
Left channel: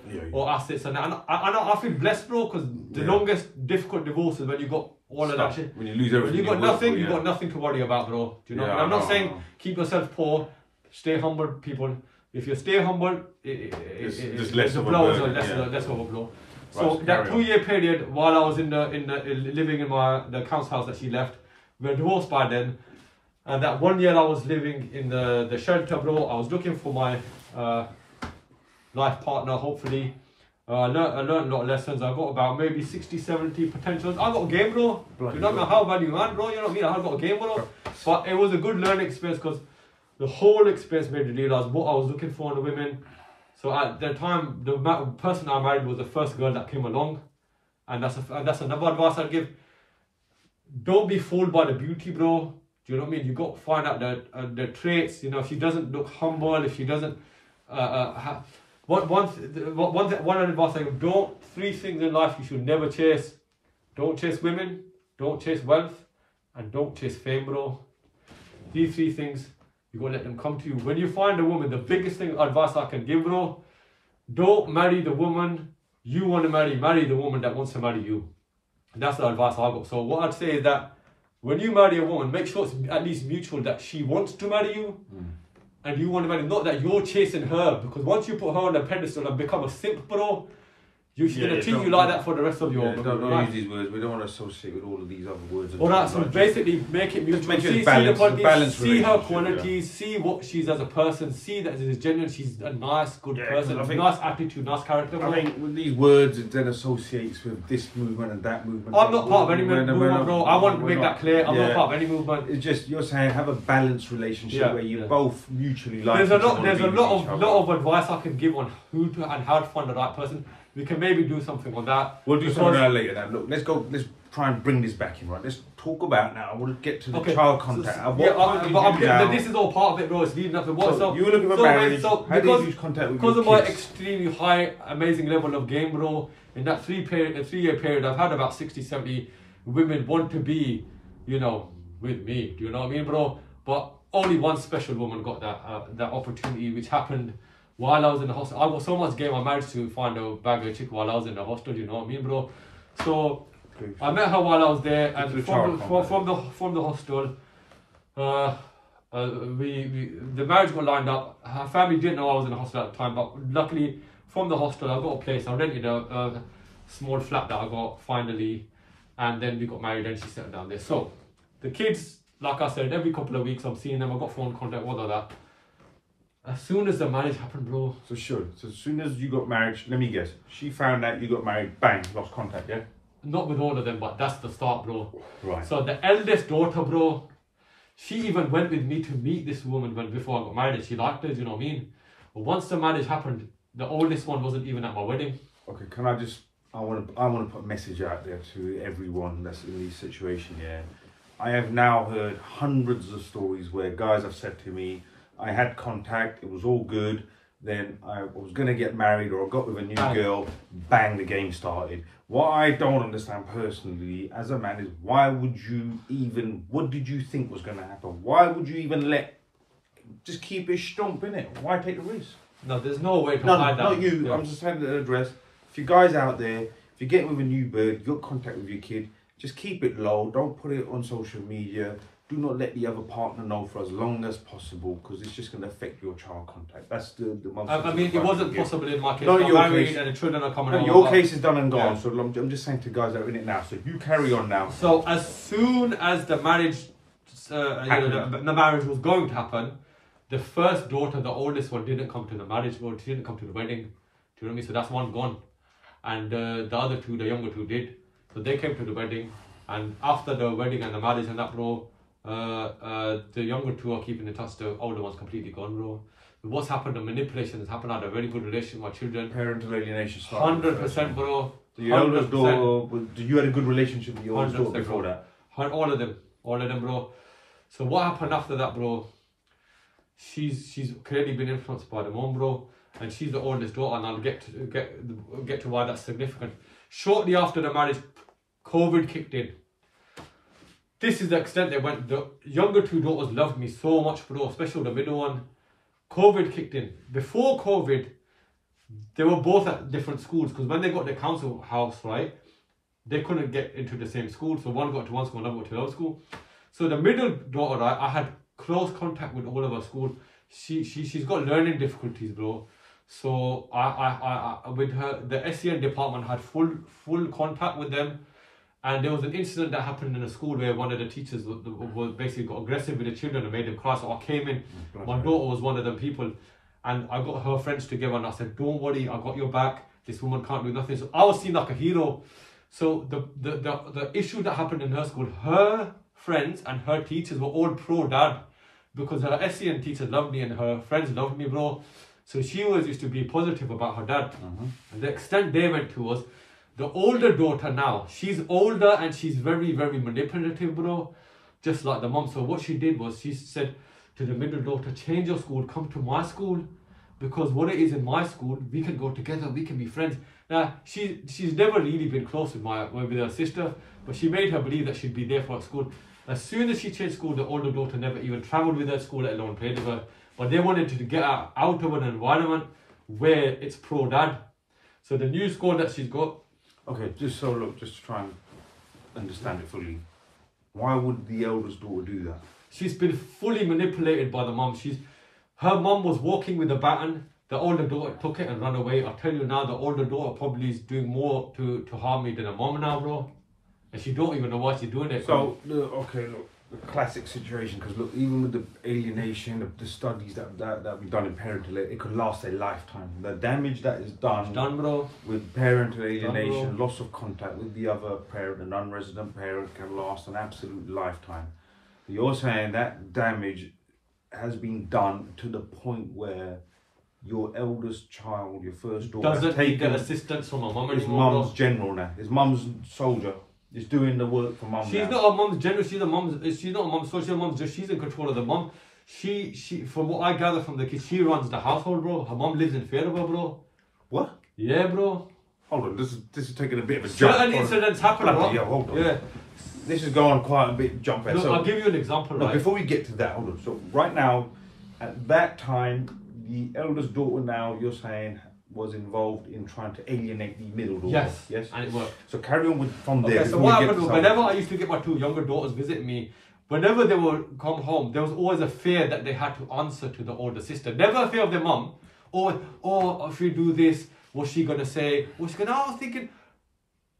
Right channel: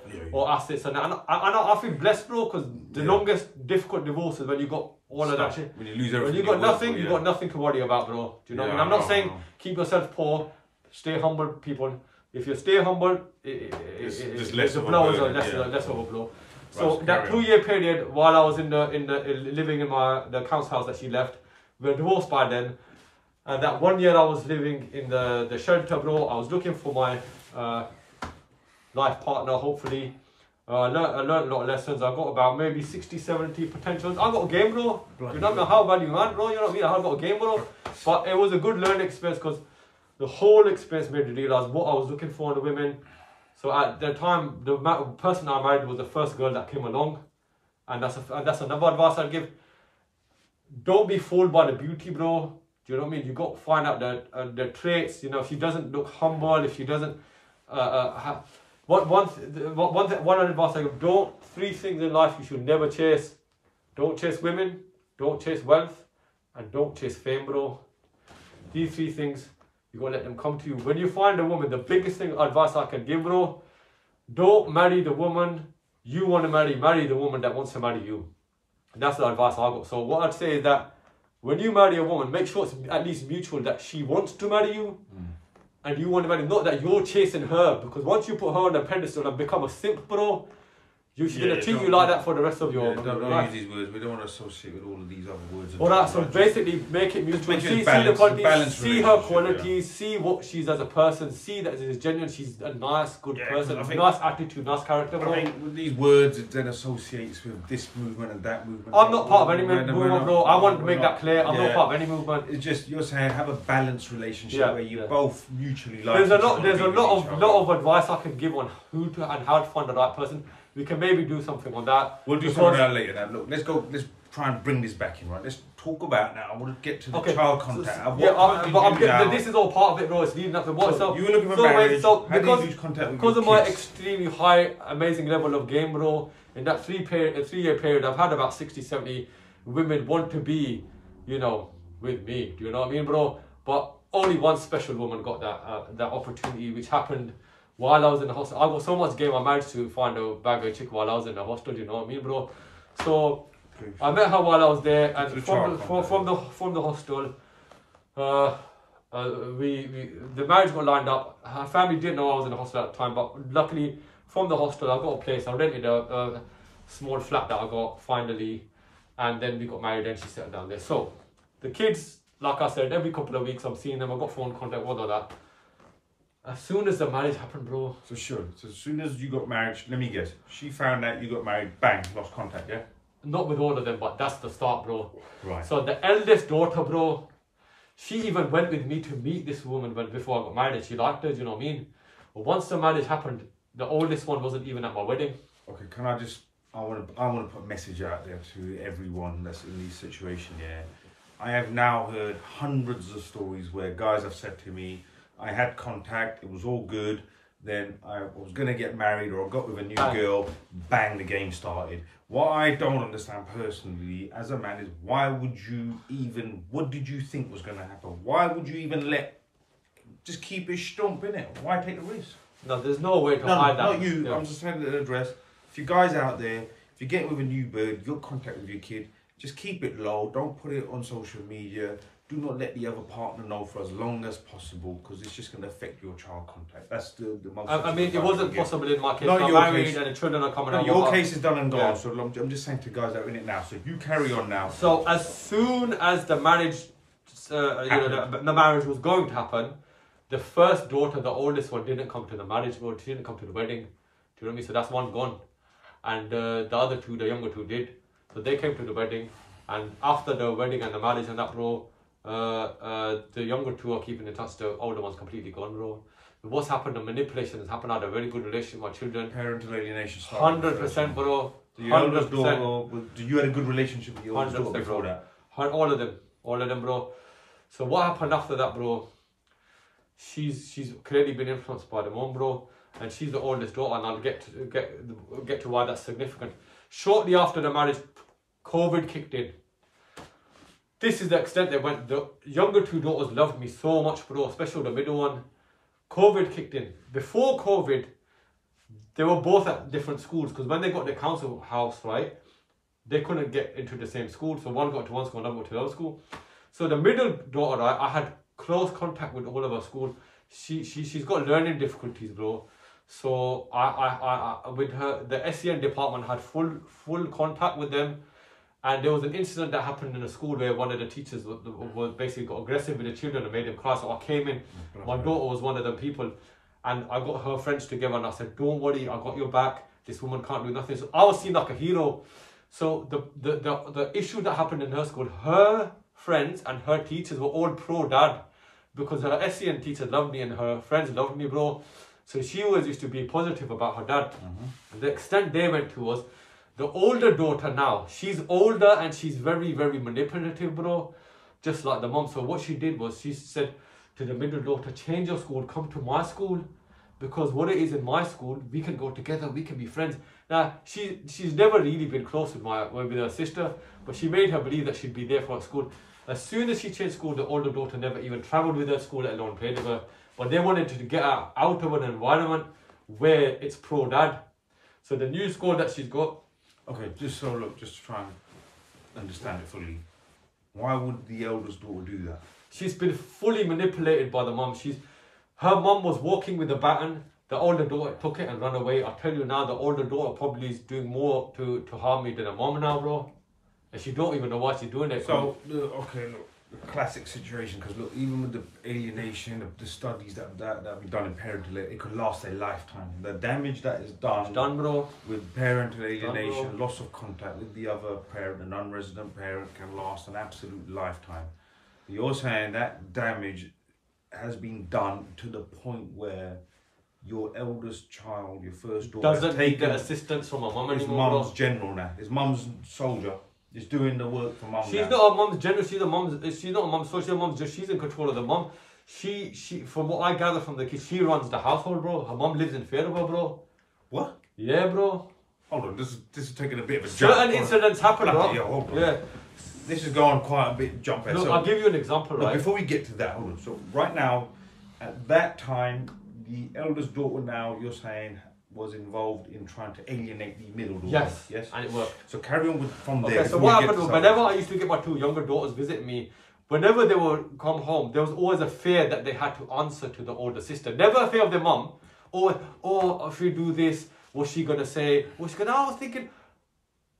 assets. And I feel blessed, bro, because the longest difficult divorce is when you got all of that shit. When you lose everything. When you got nothing, you got nothing to worry about, bro. Do you know what I mean? I'm not saying keep yourself poor, stay humble, people. If you stay humble, it's less of a blow. blow. Less of a blow. So that 2-year period, while I was living in the council house that she left, we were divorced by then. And that 1 year I was living in the shelter, bro. I was looking for my life partner, hopefully. I learned a lot of lessons. I got about maybe 60, 70 potentials. I got a game, bro. You don't know how bad you man, bro. You know what I mean? I got a game, bro. But it was a good learning experience because the whole experience made me realize what I was looking for in the women. So at the time, the person I married was the first girl that came along. And that's another advice I'd give. Don't be fooled by the beauty, bro. Do you know what I mean? You got to find out the traits. You know, if she doesn't look humble, if she doesn't have one advice I give: 3 things in life you should never chase. Don't chase women, don't chase wealth, and don't chase fame, bro. These 3 things, you got to let them come to you. When you find a woman, the biggest advice I can give, bro, don't marry the woman you want to marry. Marry the woman that wants to marry you. And that's the advice I got. So what I'd say is that when you marry a woman, make sure it's at least mutual, that she wants to marry you and you want to marry, not that you're chasing her. Because once you put her on a pedestal and become a simp, bro, she's going to treat you like that for the rest of your life. Don't use these words. We don't want to associate with all of these other words. Alright, so basically make it mutual. Make it balance, see her qualities, see what she's as a person, see that she's genuine, she's a nice, good person, nice attitude, nice character. I think with these words, it then associates with this movement and that movement. I'm not part of any movement, bro. I want to make that clear. I'm not part of any movement. It's just, you're saying have a balanced relationship where you both mutually like. There's a lot of advice I can give on who to and how to find the right person. We can maybe do something on that. We'll do something on that later. Now, look, let's try and bring this back in, right? Let's talk about now. I want to get to the child contact. This is all part of it, bro. It's leading up to what. So you were looking for marriage. How did you lose contact with your kids? Because of my extremely high, amazing level of game, bro, in that 3-year period, I've had about 60, 70 women want to be, you know, with me. Do you know what I mean, bro? But only one special woman got that opportunity, which happened while I was in the hostel. I got so much game, I managed to find a bag of chick while I was in the hostel, you know what I mean, bro? So I met her while I was there, and from the hostel, the marriage got lined up. Her family didn't know I was in the hostel at the time, but luckily from the hostel I got a place. I rented a small flat that I got finally, and then we got married and she settled down there. So the kids, like I said, every couple of weeks I'm seeing them. I got phone contact, all of that. As soon as the marriage happened, bro. So as soon as you got married, let me guess, she found out you got married, bang, lost contact, yeah? Not with all of them, but that's the start, bro. Right. So the eldest daughter, bro, she even went with me to meet this woman before I got married. She liked her, you know what I mean? But once the marriage happened, the oldest one wasn't even at my wedding. Okay, can I just, I want to put a message out there to everyone that's in this situation, yeah? I have now heard hundreds of stories where guys have said to me, I had contact, it was all good, then I was going to get married or I got with a new girl, bang, the game started. What I don't understand personally as a man is why would you even, what did you think was going to happen? Why would you even just keep it stump, innit? Why take the risk? No, there's no way to hide that. Not you, yeah. I'm just saying the address. If you guys out there, if you're getting with a new bird, you got contact with your kid, just keep it low, don't put it on social media. Do not let the other partner know for as long as possible because it's just going to affect your child contact. That's the most. I mean, it wasn't possible in my case. Not I'm your married case. And the children are coming no, over. your case is done and gone. Yeah. So I'm just saying to guys that are in it now. So you carry on now. So as soon as the marriage the marriage was going to happen, the first daughter, the oldest one, didn't come to the marriage, bro. She didn't come to the wedding. Do you know what I mean? So that's one gone. And the other two, the younger two, did. So they came to the wedding. And after the wedding and the marriage and that, bro, the younger two are keeping in touch. The older one's completely gone, bro. What's happened, the manipulation has happened. I had a very good relationship with my children. Parental alienation. 100%, bro. So your eldest daughter, you had a good relationship with your oldest daughter before that? All of them, bro. So what happened after that, bro? She's clearly been influenced by the mom, bro, and she's the oldest daughter, and I'll get to why that's significant. Shortly after the marriage, COVID kicked in. This is the extent they went. The younger two daughters loved me so much, bro, especially the middle one. COVID kicked in. Before COVID, they were both at different schools, because when they got their council house, right, they couldn't get into the same school. So one got to one school, another got to another school. So the middle daughter, right, I had close contact with all of her school. She's got learning difficulties, bro. So I with her, the SEN department had full contact with them. And there was an incident that happened in a school where one of the teachers was basically got aggressive with the children and made them cry. So I came in, my daughter was one of them people, and I got her friends together and I said, don't worry, I got your back. This woman can't do nothing. So I was seen like a hero. So the issue that happened in her school, her friends and her teachers were all pro-dad, because her SEN teacher loved me and her friends loved me, bro. So she always used to be positive about her dad. And the extent they went to was, the older daughter now, she's older and she's very, very manipulative, bro. Just like the mom. So what she did was, she said to the middle daughter, change your school, come to my school. Because what it is in my school, we can go together, we can be friends. Now, she's never really been close with her sister, but she made her believe that she'd be there for her school. As soon as she changed school, the older daughter never even travelled with her to school, let alone played with her. But they wanted to get her out of an environment where it's pro-dad. So the new school that she's got. Okay, just to try and understand it fully. Why would the eldest daughter do that? She's been fully manipulated by the mum. Her mum was walking with a baton. The older daughter took it and ran away. I tell you now, the older daughter probably is doing more to harm me than her mum now, bro. And she don't even know why she's doing it. So, okay, look, the classic situation, because look, even with the alienation, the studies that we've done in parental, it could last a lifetime. The damage that is done, bro, with parental alienation, loss of contact with the other parent, a non-resident parent, can last an absolute lifetime. You're saying that damage has been done to the point where your eldest child, your first daughter, doesn't need the assistance from a mum anymore. His mum's general now. His mum's soldier. Is doing the work for mum. She's not a mum's general. She's not a mum's social. Mum's just, she's in control of the mum. She from what I gather from the kids, she runs the household, bro. Her mum lives in fear of her, bro. What? Yeah, bro. Hold on, this is taking a bit of a jump. Certain incidents happen, bro. Yeah, hold on. Yeah. This is going quite a bit jump. Look, so, I'll give you an example, right? Before we get to that, hold on. So right now, at that time, the eldest daughter now, you're saying, was involved in trying to alienate the middle daughter. Yes, and it worked. So carry on from there. Okay, so what happened was, whenever I used to get my two younger daughters visit me, whenever they would come home, there was always a fear that they had to answer to the older sister. Never a fear of their mum. Or if you do this, what's she going to say? I was thinking,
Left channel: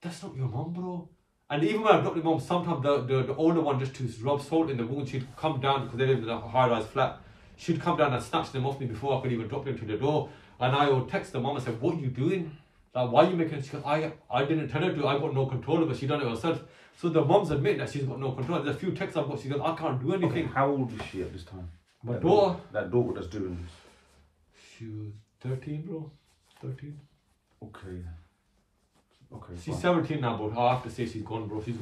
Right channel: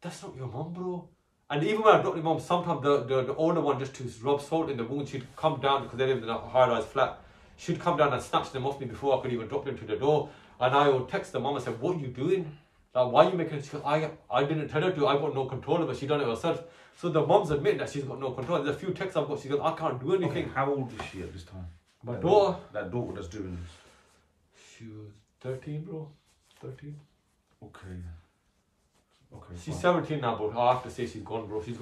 that's not your mum, bro. And even when I dropped the mum, sometimes the older one, just to rub salt in the wound, she'd come down, because they lived in a high-rise flat, she'd come down and snatch them off me before I could even drop them to the door. And I would text the mom and say, what are you doing? Like, why are you making it? She goes, I didn't tell her to. I got no control of it. She done it herself. So the mom's admitting that she's got no control. There's a few texts I've got. She goes, I can't do anything. Okay, how old is she at this time? My daughter. That daughter that's doing this. She was 13, bro. 13. Okay. She's 17 now, but I have to say she's gone, bro. She's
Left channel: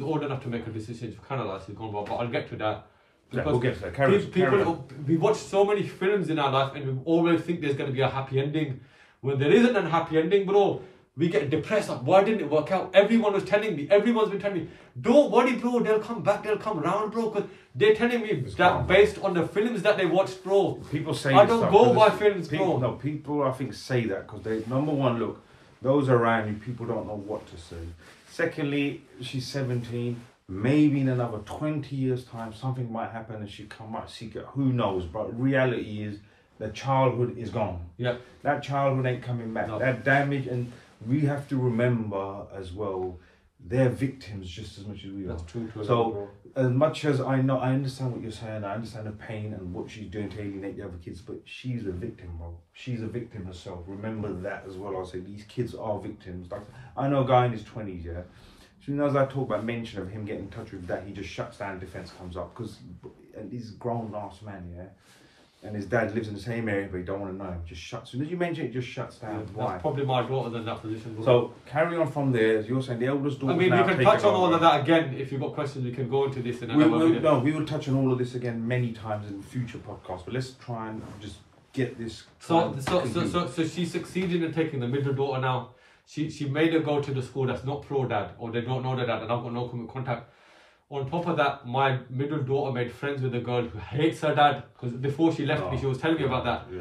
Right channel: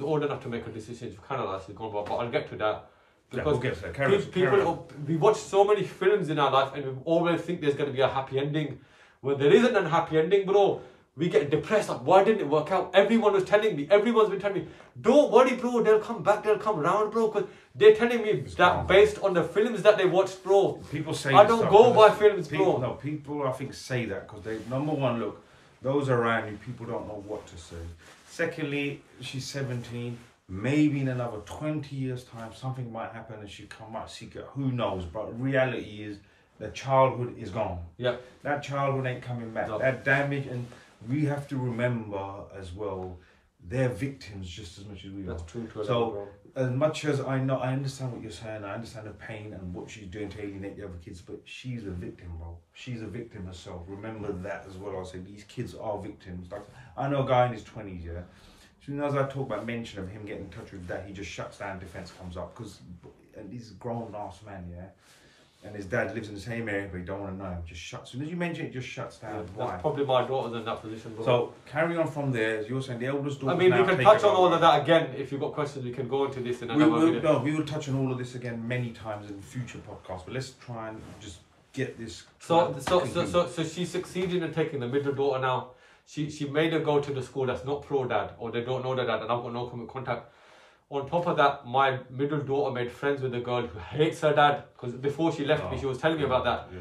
old enough to make a decision. She's kind of like she's gone, bro. But I'll get to that. Because we'll get to that. We watch so many films in our life and we always think there's going to be a happy ending. When there isn't a happy ending, bro, we get depressed. Like, why didn't it work out? Everyone's been telling me, don't worry, bro, they'll come back, they'll come around, bro. Because they're telling me that based on the films that they watched, bro. People say I don't go by films, bro. No, people I think say that because they, number one, look, those around you, people don't know what to say. Secondly, she's 17. Maybe in another 20 years' time, something might happen and she might seek it. Who knows? But reality is, the childhood is gone. Yep. That childhood ain't coming back. No. That damage, and we have to remember as well, they're victims just as much as we are. That's true. So, as much as I understand what you're saying, I understand the pain and what she's doing to alienate the other kids, but she's a victim, bro. She's a victim herself. Remember that as well. I'll say these kids are victims. Like, I know a guy in his 20s, yeah. As soon as I talk about mention of him getting in touch with that, he just shuts down. Defense comes up because he's a grown ass man, yeah. And his dad lives in the same area, but he don't want to know him. Just shuts. As soon as you mention it, just shuts down. Why? That's probably my daughter's in that position. Bro. So carry on from there. As you're saying, the eldest daughter. I mean, we can touch on all of that again. If you've got questions, we can go into this. We will touch on all of this again many times in future podcasts. But let's try and just get this. So she succeeded in taking the middle daughter now. She made her go to the school that's not pro dad, or they don't know the dad, and I've got no contact. On top of that, my middle daughter made friends with a girl who hates her dad, because before she left me, she was telling me about that. Yeah.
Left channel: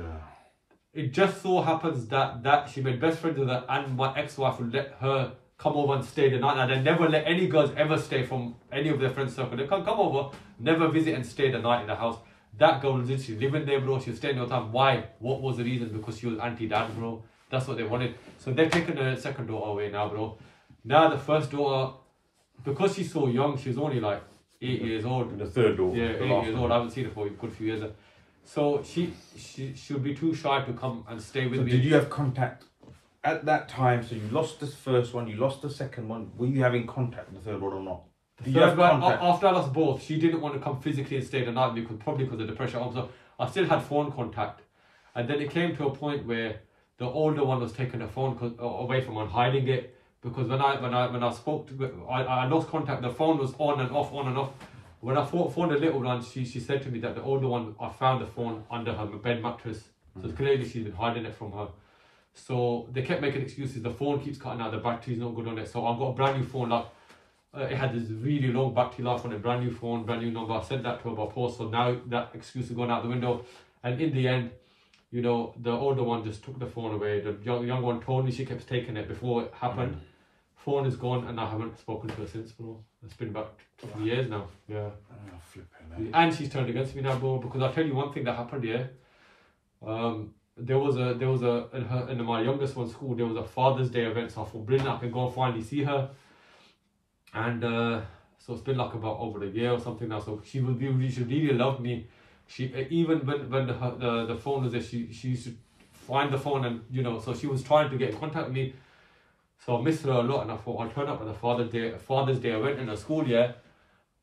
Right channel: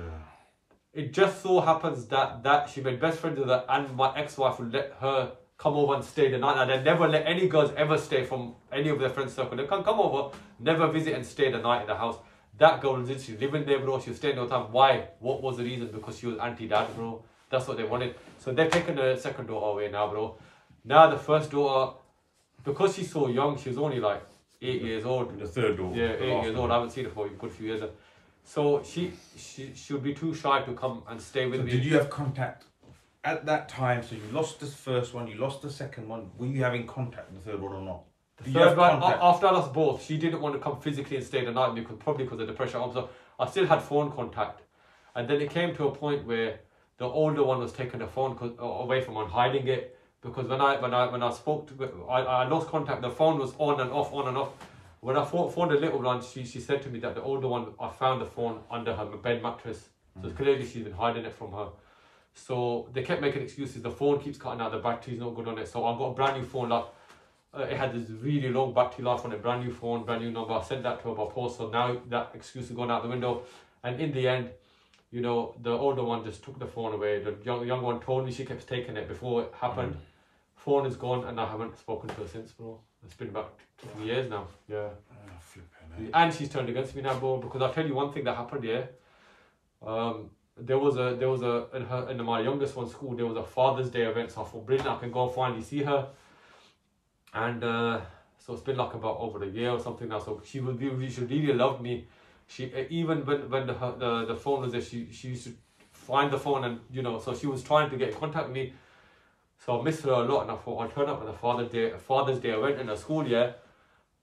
It just so happens that she made best friends with her, and my ex-wife would let her come over and stay the night. And they never let any girls ever stay from any of their friends' circle. They can come over, never visit and stay the night in the house. That girl was literally living there, bro. She was staying all the time. Why? What was the reason? Because she was anti-dad, bro. That's what they wanted. So they're taking the second daughter away now, bro. Now the first daughter, because she's so young, she was only like 8 years old. The third daughter. Yeah, 8 years old. I haven't seen her for a good few years. So she would be too shy to come and stay with me. Did you have contact at that time? So you lost the first one, you lost the second one. Were you having contact with the third one or not? The third one, after I lost both, she didn't want to come physically and stay the night probably because of the pressure. So I still had phone contact. And then it came to a point where the older one was taking the phone away from her and hiding it. Because when I spoke to, I lost contact. The phone was on and off. When I phoned the little one, she said to me that the older one, I found the phone under her bed mattress. So clearly she's been hiding it from her. So they kept making excuses. The phone keeps cutting out. The battery's not good on it. So I got a brand new phone. Like it had this really long battery life on it. Brand new phone, brand new number. I sent that to her by post. So now that excuse is gone out the window. And in the end, you know, the older one just took the phone away. The young one told me she kept taking it before it happened. Phone is gone, and I haven't spoken to her since, bro. It's been about 2 years now. Yeah. Flipping. And she's turned against me now, bro. Because I'll tell you one thing that happened here. There was in my youngest one's school. There was a Father's Day event, so I thought, brilliant, I can go and finally see her. And so it's been like about over a year or something now. So she really loved me. She even when the phone was there, she used to find the phone, and you know, so she was trying to get in contact with me. So I missed her a lot, and I thought I'll turn up at the Father's Day. I went in the school, yeah.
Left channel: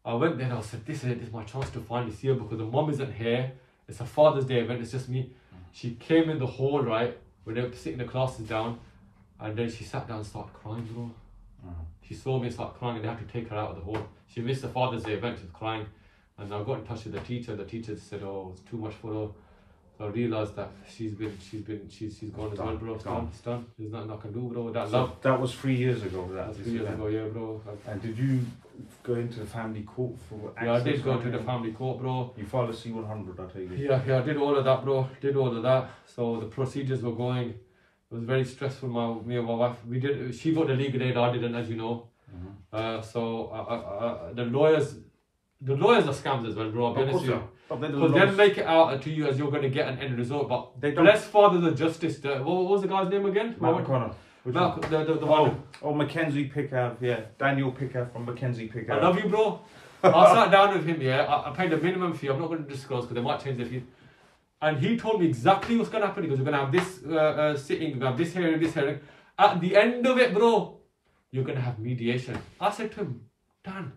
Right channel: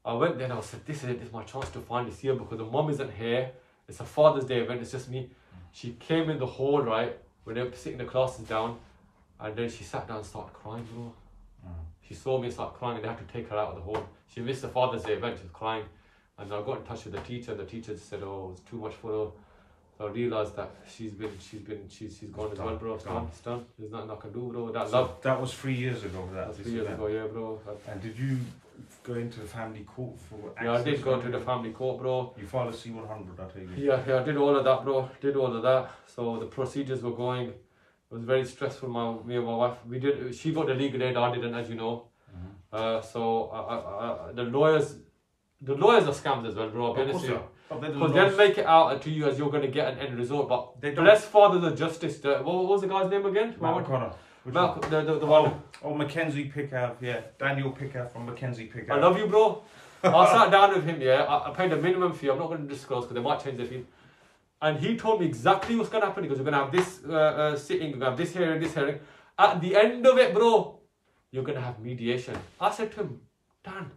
I went there and I said, this is my chance to finally see her, because the mom isn't here. It's a Father's Day event, it's just me. She came in the hall, right, when they were sitting the classes down, and then she sat down and started crying, bro. She saw me start crying, and they had to take her out of the hall. She missed the Father's Day event, she was crying. And I got in touch with the teacher. The teacher said, oh, it's too much for her. So I realised that she's gone as well, bro. It's done. There's nothing I can do, bro. That was 3 years ago. That's 3 years ago, yeah, bro. And did you go into the family court for access? Yeah, I did go to the family court, bro. You filed a C-100, I take it. Yeah, I did all of that, bro. Did all of that. So the procedures were going. It was very stressful. Me and my wife, she got the legal aid, I didn't, as you know. So the lawyers are scams as well, bro. I'll be honest with you. Because they'll make it out to you as you're going to get an end result. But bless Father the Justice. What was the guy's name again? Matt O'Connor. The one. Oh, Mackenzie Pickup. Yeah, Daniel Pickup from Mackenzie Pickup. I love you, bro. I sat down with him, yeah. I paid a minimum fee. I'm not going to disclose because they might change the fee. And he told me exactly what's going to happen. Because we're going to have this sitting, we're going to have this hearing. At the end of it, bro, you're going to have mediation. I said to him, Dan,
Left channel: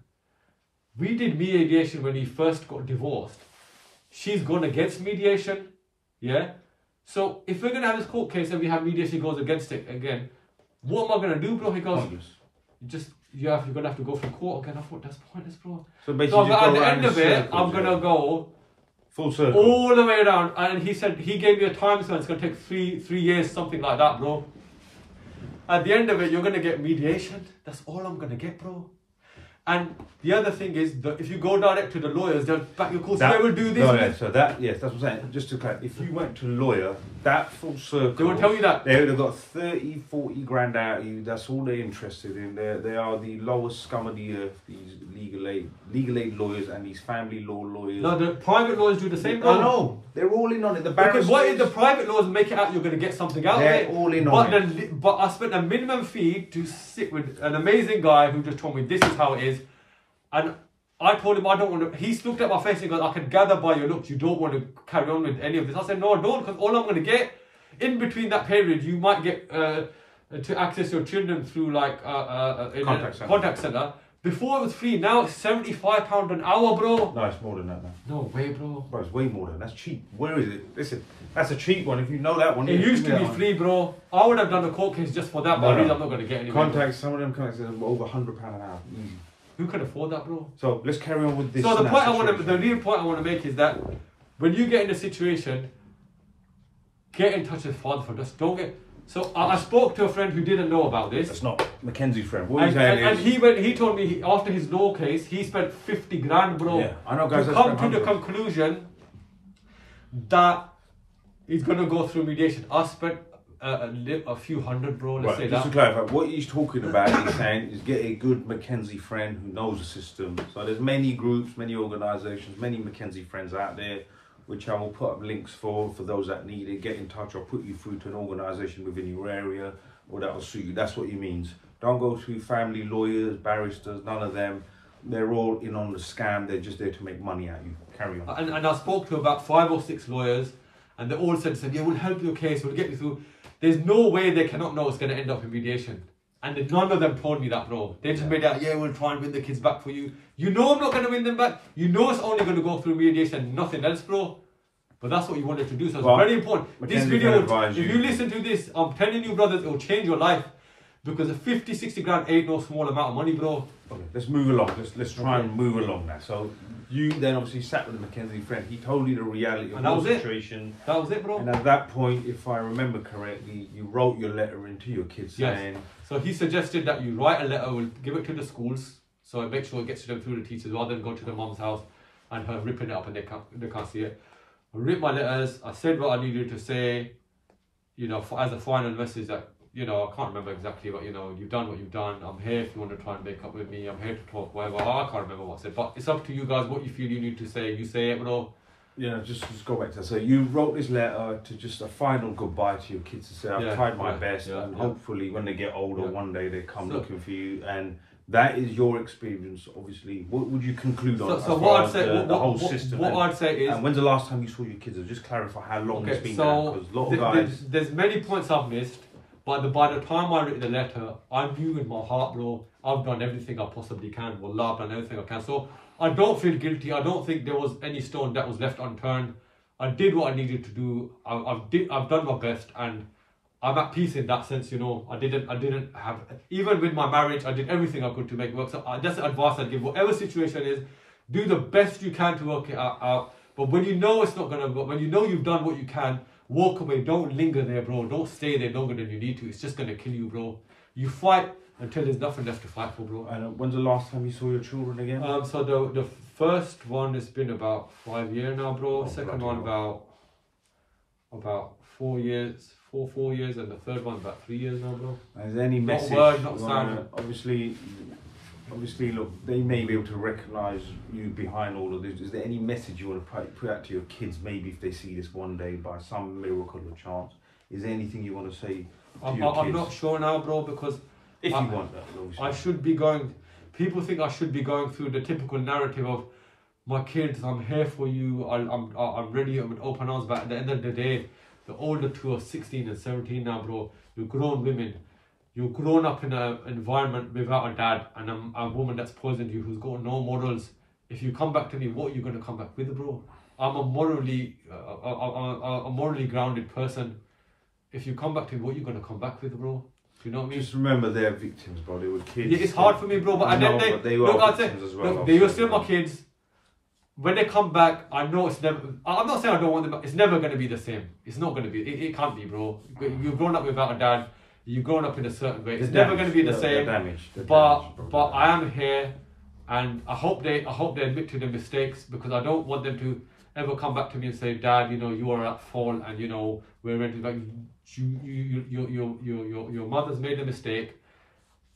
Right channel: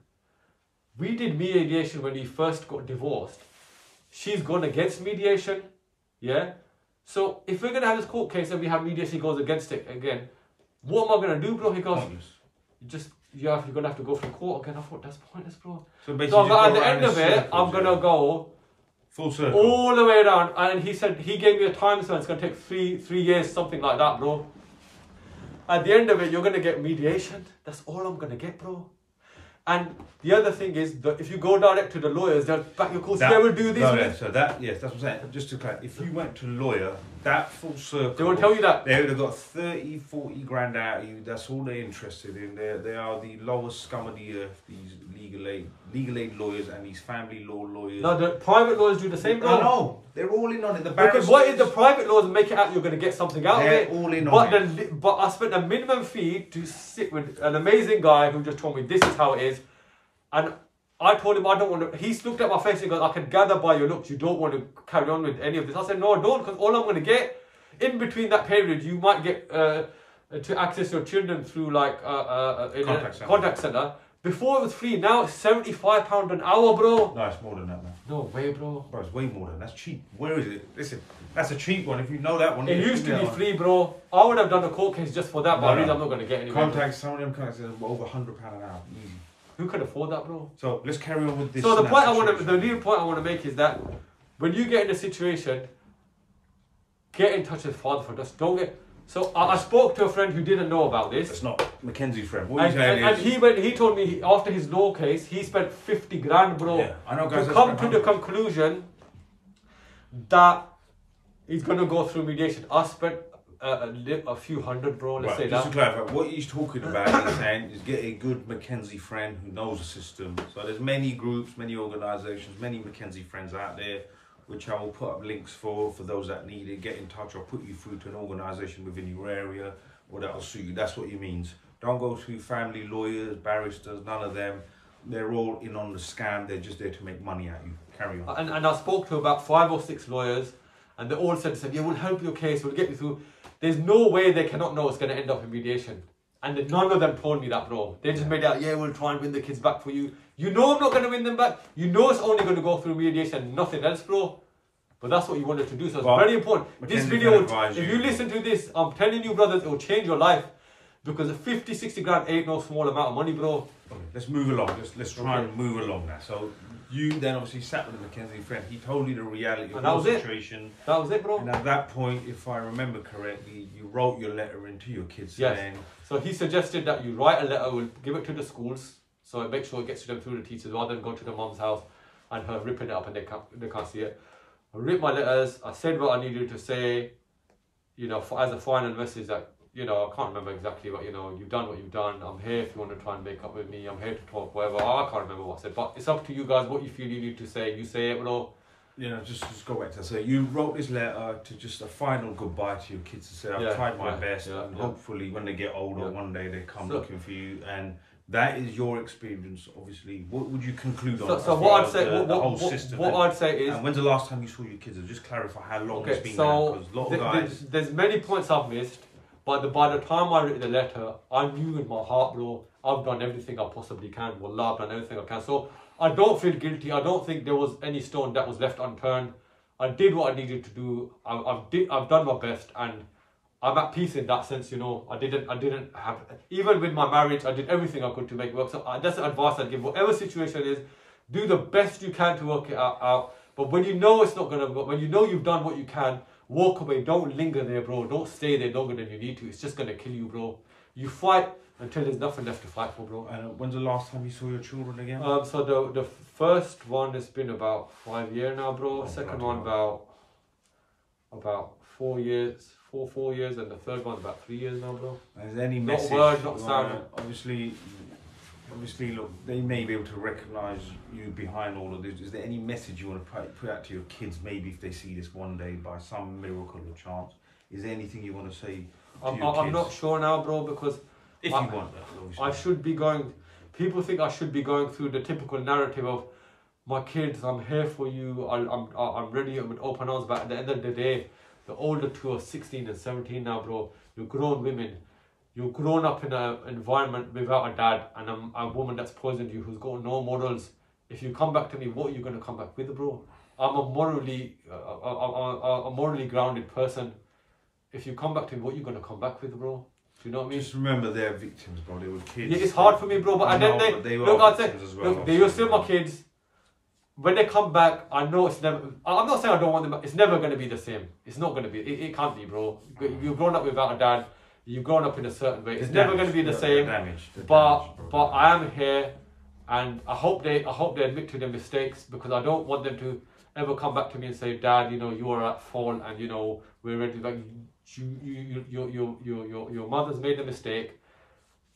we did mediation when he first got divorced. She's gone against mediation, yeah? So if we're going to have this court case and we have mediation goes against it again, what am I going to do, bro? He goes, you're going to have to go through court again. I thought, that's pointless, bro. So basically, at the end of it, I'm going to go full circle, all the way around. And he said, he gave me a time span. It's going to take three years, something like that, bro. At the end of it, you're going to get mediation. That's all I'm going to get, bro. And the other thing is that if you go direct to the lawyers, they'll back your course. They will do this. No, yeah, so that, yes, that's what I'm saying. Just to clarify, if you went to a lawyer, that full circle, they won't tell you that. They would have got 30, 40 grand out of you. That's all they're interested in. They are the lowest scum of the earth, these legal aid lawyers and these family law lawyers. No, the private lawyers do the same. I know. They're all in on it. The because what if the private lawyers make it out you're going to get something out of it? They're all in on it. But I spent a minimum fee to sit with an amazing guy who just told me this is how it is. And I told him I don't want to. He's looked at my face and goes, I can gather by your looks you don't want to carry on with any of this. I said, no, I don't, because all I'm going to get in between that period, you might get to access your children through like contact center. Before it was free, now it's £75 an hour, bro. No, it's more than that, man. No way, bro. Bro, it's way more than that. That's cheap. Where is it? Listen, that's a cheap one. If you know that one, it used to be free, bro. I would have done a court case just for that, but I'm not going to get any. Some of them contacts are over £100 an hour, easy. Who can afford that, bro? So let's carry on with this. So the real point I want to make is that when you get in a situation, get in touch with Father for us. Don't get. So I spoke to a friend who didn't know about this. That's not Mackenzie's friend. What are you saying? And he told me after his law case, he spent 50 grand, bro. Yeah, I know guys. To come to the conclusion that he's gonna go through mediation. I spent a few hundred, bro. Let's say that. Just to clarify, what he's talking about, he's saying, is get a good Mackenzie friend who knows the system. So there's many groups, many organisations, many Mackenzie friends out there, which I will put up links for those that need it. Get in touch. I'll put you through to an organisation within your area, or that will suit you. That's what he means. Don't go through family lawyers, barristers. None of them. They're all in on the scam. They're just there to make money at you. Carry on. And I spoke to about 5 or 6 lawyers, and they all said, yeah, we'll help your case. We'll get you through. There's no way they cannot know it's going to end up in mediation. And none of them told me that, bro. They just made out, yeah, we'll try and win the kids back for you. You know I'm not going to win them back. You know it's only going to go through mediation, nothing else, bro. But that's what you wanted to do, so it's very important. This video, if you listen to this, I'm telling you, brothers, it will change your life. Because 50, 60 grand ain't no small amount of money, bro. Okay, let's move along. Let's try and move along now. So you then obviously sat with the Mackenzie friend. He told you the reality of your situation. That was it, bro. And at that point, if I remember correctly, you wrote your letter into your kids saying... So he suggested that you write a letter, we'll give it to the schools, so make sure it gets to them through the teachers, rather than go to the mom's house and her ripping it up and they can't see it. I wrote my letters, I said what I needed to say, you know, as a final message that, you know, I can't remember exactly, but, you know, you've done what you've done. I'm here if you want to try and make up with me. I'm here to talk, whatever. I can't remember what I said, but it's up to you guys. What you feel you need to say, you say it, bro. You know, just go back to that. So you wrote this letter to just a final goodbye to your kids to say, I've tried my best, and hopefully when they get older, one day they come looking for you. And that is your experience, obviously. What would you conclude on so what I'd say, the whole system? What I'd say is... And when's the last time you saw your kids? Just clarify how long it's been now, because a lot of guys... There's many points I've missed. But by the time I wrote the letter, I knew in my heart, bro, I've done everything I possibly can. Wallah, I've done everything I can. So I don't feel guilty. I don't think there was any stone that was left unturned. I did what I needed to do. I've done my best, and I'm at peace in that sense. You know, I didn't have, even with my marriage, I did everything I could to make it work. So that's the advice I'd give. Whatever situation is, do the best you can to work it out. But when you know it's not gonna work, when you know you've done what you can, walk away. Don't linger there, bro. Don't stay there longer than you need to. It's just gonna kill you, bro. You fight until there's nothing left to fight for, bro. And when's the last time you saw your children again? So the first one has been about 5 years now, bro. Second one about 4 years, 4 years, and the third one about 3 years now, bro. And is there any message? Not word, not sound. Obviously, look, they may be able to recognise you behind all of this. Is there any message you want to put out to your kids, maybe if they see this one day by some miracle or chance? Is there anything you want to say to your kids? I'm not sure now, bro, because... If you want that, obviously. I should be going... People think I should be going through the typical narrative of, my kids, I'm here for you, I'm ready, I'm with open arms, but at the end of the day, the older two are 16 and 17 now, bro. You're grown women. You've grown up in an environment without a dad and a woman that's poisoned you, who's got no morals. If you come back to me, what are you going to come back with, bro? I'm a morally grounded person. If you come back to me, what are you going to come back with, bro? Do you know what I mean? Just remember they're victims, bro. They were kids. Yeah, it's hard for me, bro. But they were victims as well. Look, they were still my kids. When they come back, I know it's never... I'm not saying I don't want them back. It's never going to be the same. It's not going to be. It can't be, bro. You've grown up without a dad. You've grown up in a certain way. It's never going to be the same. But I am here, And I hope they admit to their mistakes, because I don't want them to ever come back to me and say, Dad, you know, you are at fault, and you know, we're ready. Like, your mother's made a mistake.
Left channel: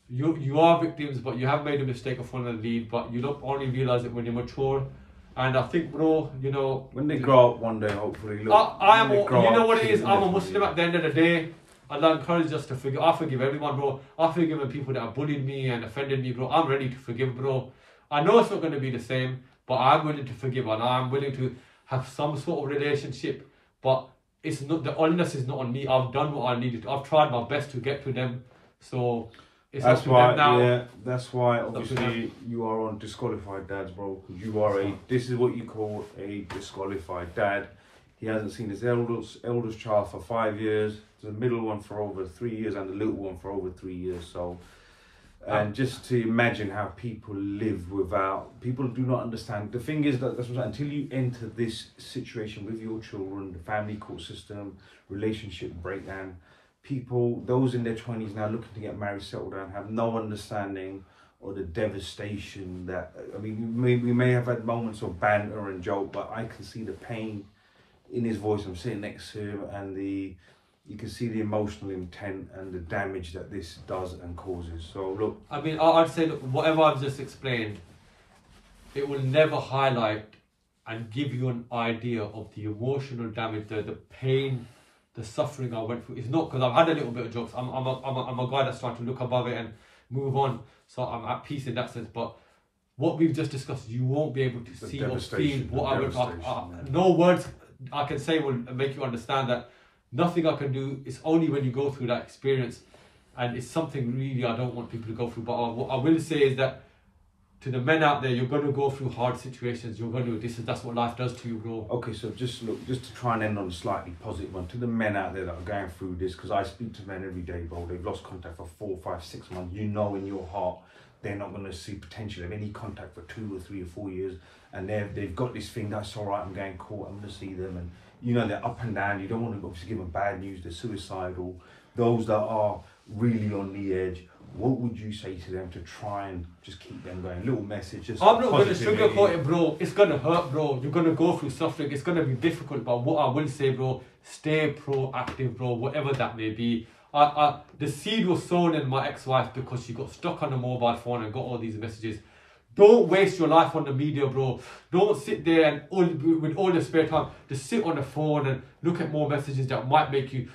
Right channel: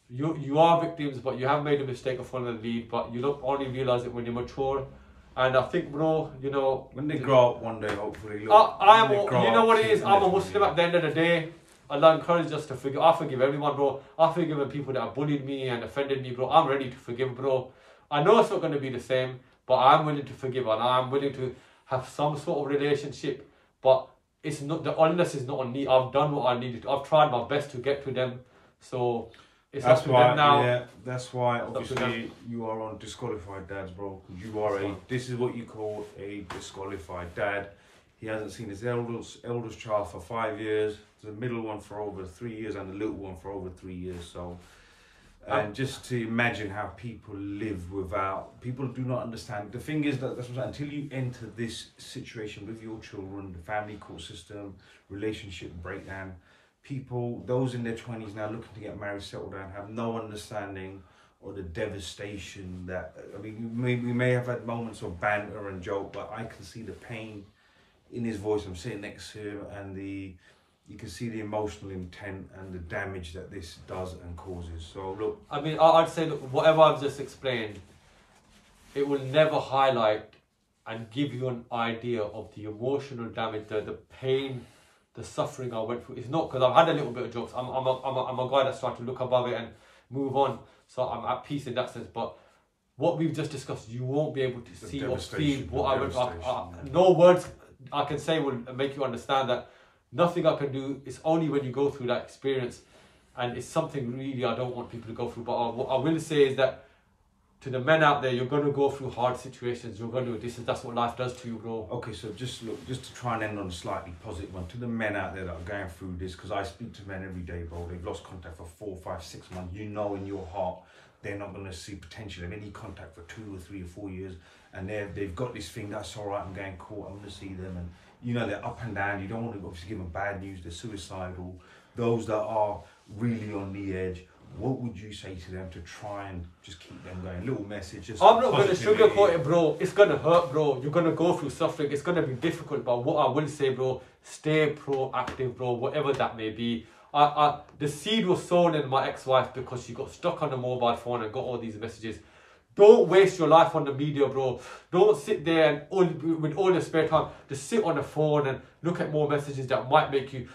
You are victims, but you have made a mistake of following the lead, but you don't only realise it when you're mature. And I think, bro, you know, when they grow up one day, hopefully, look, you know what it is, I'm a Muslim at the end of the day. Allah encourages us to forgive. I forgive everyone, bro. I've forgiven people that have bullied me and offended me, bro. I'm ready to forgive, bro. I know it's not going to be the same, but I'm willing to forgive, and I'm willing to have some sort of relationship. But it's not, the onus is not on me. I've done what I needed to. I've tried my best to get to them. So it's that's up to why, them now. yeah, that's why obviously you are on disqualified dads, bro. Because you are this is what you call a disqualified dad. He hasn't seen his eldest child for 5 years, the middle one for over 3 years, and the little one for over 3 years. So, and just to imagine how people live without, people do not understand. The thing is that until you enter this situation with your children, the family court system, relationship breakdown, people, those in their 20s now looking to get married, settle down, have no understanding or the devastation that, I mean, we may have had moments of banter and joke, but I can see the pain in his voice. I'm sitting next to him, and you can see the emotional intent and the damage that this does and causes. So look, I mean, I'd say, look, whatever I've just explained, it will never highlight and give you an idea of the emotional damage, the pain, the suffering I went through. It's not because I've had a little bit of jokes. I'm a guy that's trying to look above it and move on. So I'm at peace in that sense. But what we've just discussed, you won't be able to see or feel what I went through. No words I can say will make you understand that. Nothing I can do. It's only when you go through that experience, and it's something really I don't want people to go through. But what I will say is that to the men out there, you're going to go through hard situations. You're going to that's what life does to you, bro. Okay, so just to try and end on a slightly positive one, to the men out there that are going through this, because I speak to men every day, bro. They've lost contact for 4, 5, 6 months. You know in your heart they're not going to see potential of any contact for 2 or 3 or 4 years, and they've got this thing that's all right. I'm going court. I'm going to see them, and you know they're up and down. You don't want to obviously give them bad news. They're suicidal. Those that are really on the edge, what would you say to them to try and just keep them going? Little message. Just I'm not going to sugarcoat it, bro. It's going to hurt, bro. You're going to go through suffering. It's going to be difficult. But what I will say, bro, stay proactive, bro, whatever that may be. The seed was sown in my ex-wife because she got stuck on a mobile phone and got all these messages. Don't waste your life on the media, bro. Don't sit there and with all your spare time, just sit on the phone and look at more messages that might make you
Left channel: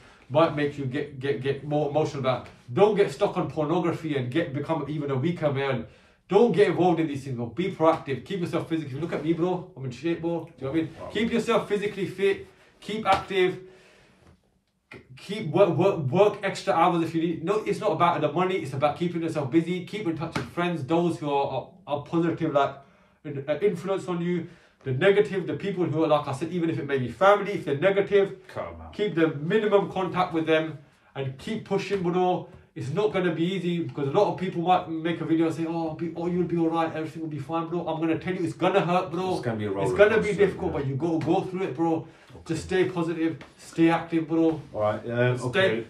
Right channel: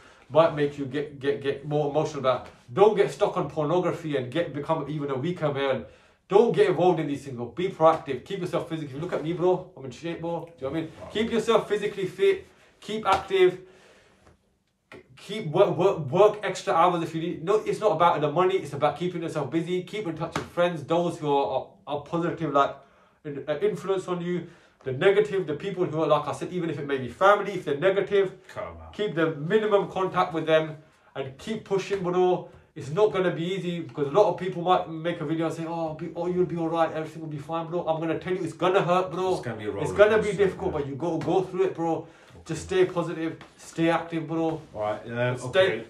get more emotional about. Don't get stuck on pornography and become even a weaker man. Don't get involved in these things, bro. Be proactive. Keep yourself physically. Look at me, bro. I'm in shape, bro. Do you know what I mean? Wow. Keep yourself physically fit. Keep active. Keep work extra hours if you need. No, it's not about the money. It's about keeping yourself busy. Keep in touch with friends, those who are positive, like influence on you. The negative, the people who are, like I said, even if it may be family, if they're negative, keep the minimum contact with them and keep pushing, bro. It's not going to be easy, because a lot of people might make a video and say, oh, you'll be all right, everything will be fine, bro. I'm going to tell you, it's going to hurt, bro. It's going to be a roller It's going to be difficult, yeah. But you got to go through it, bro. Okay. Just stay positive, stay active, bro. All right,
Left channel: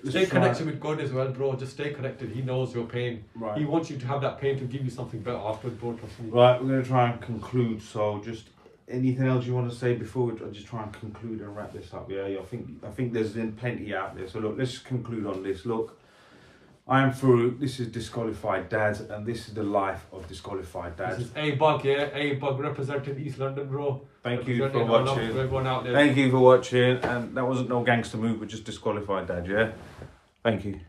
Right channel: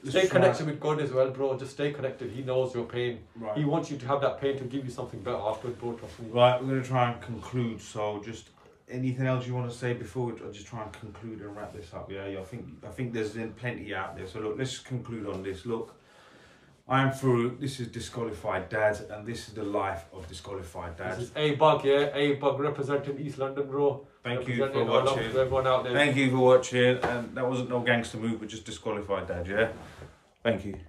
stay connected with God as well, bro. Just stay connected. He knows your pain. Right. He wants you to have that pain to give you something better afterwards, bro. Trust me. Right, we're going to try and conclude. So just anything else you want to say before we just try and conclude and wrap this up? Yeah, I think there's been plenty out there. So look, let's conclude on this. Look, I am through. This is Disqualified Dads, and this is the life of Disqualified Dads. This is ABUG, yeah? ABUG representing East London, bro. Thank you for watching. Everyone out there. Thank you for watching. And that wasn't no gangster move, but just Disqualified Dad, yeah? Thank you.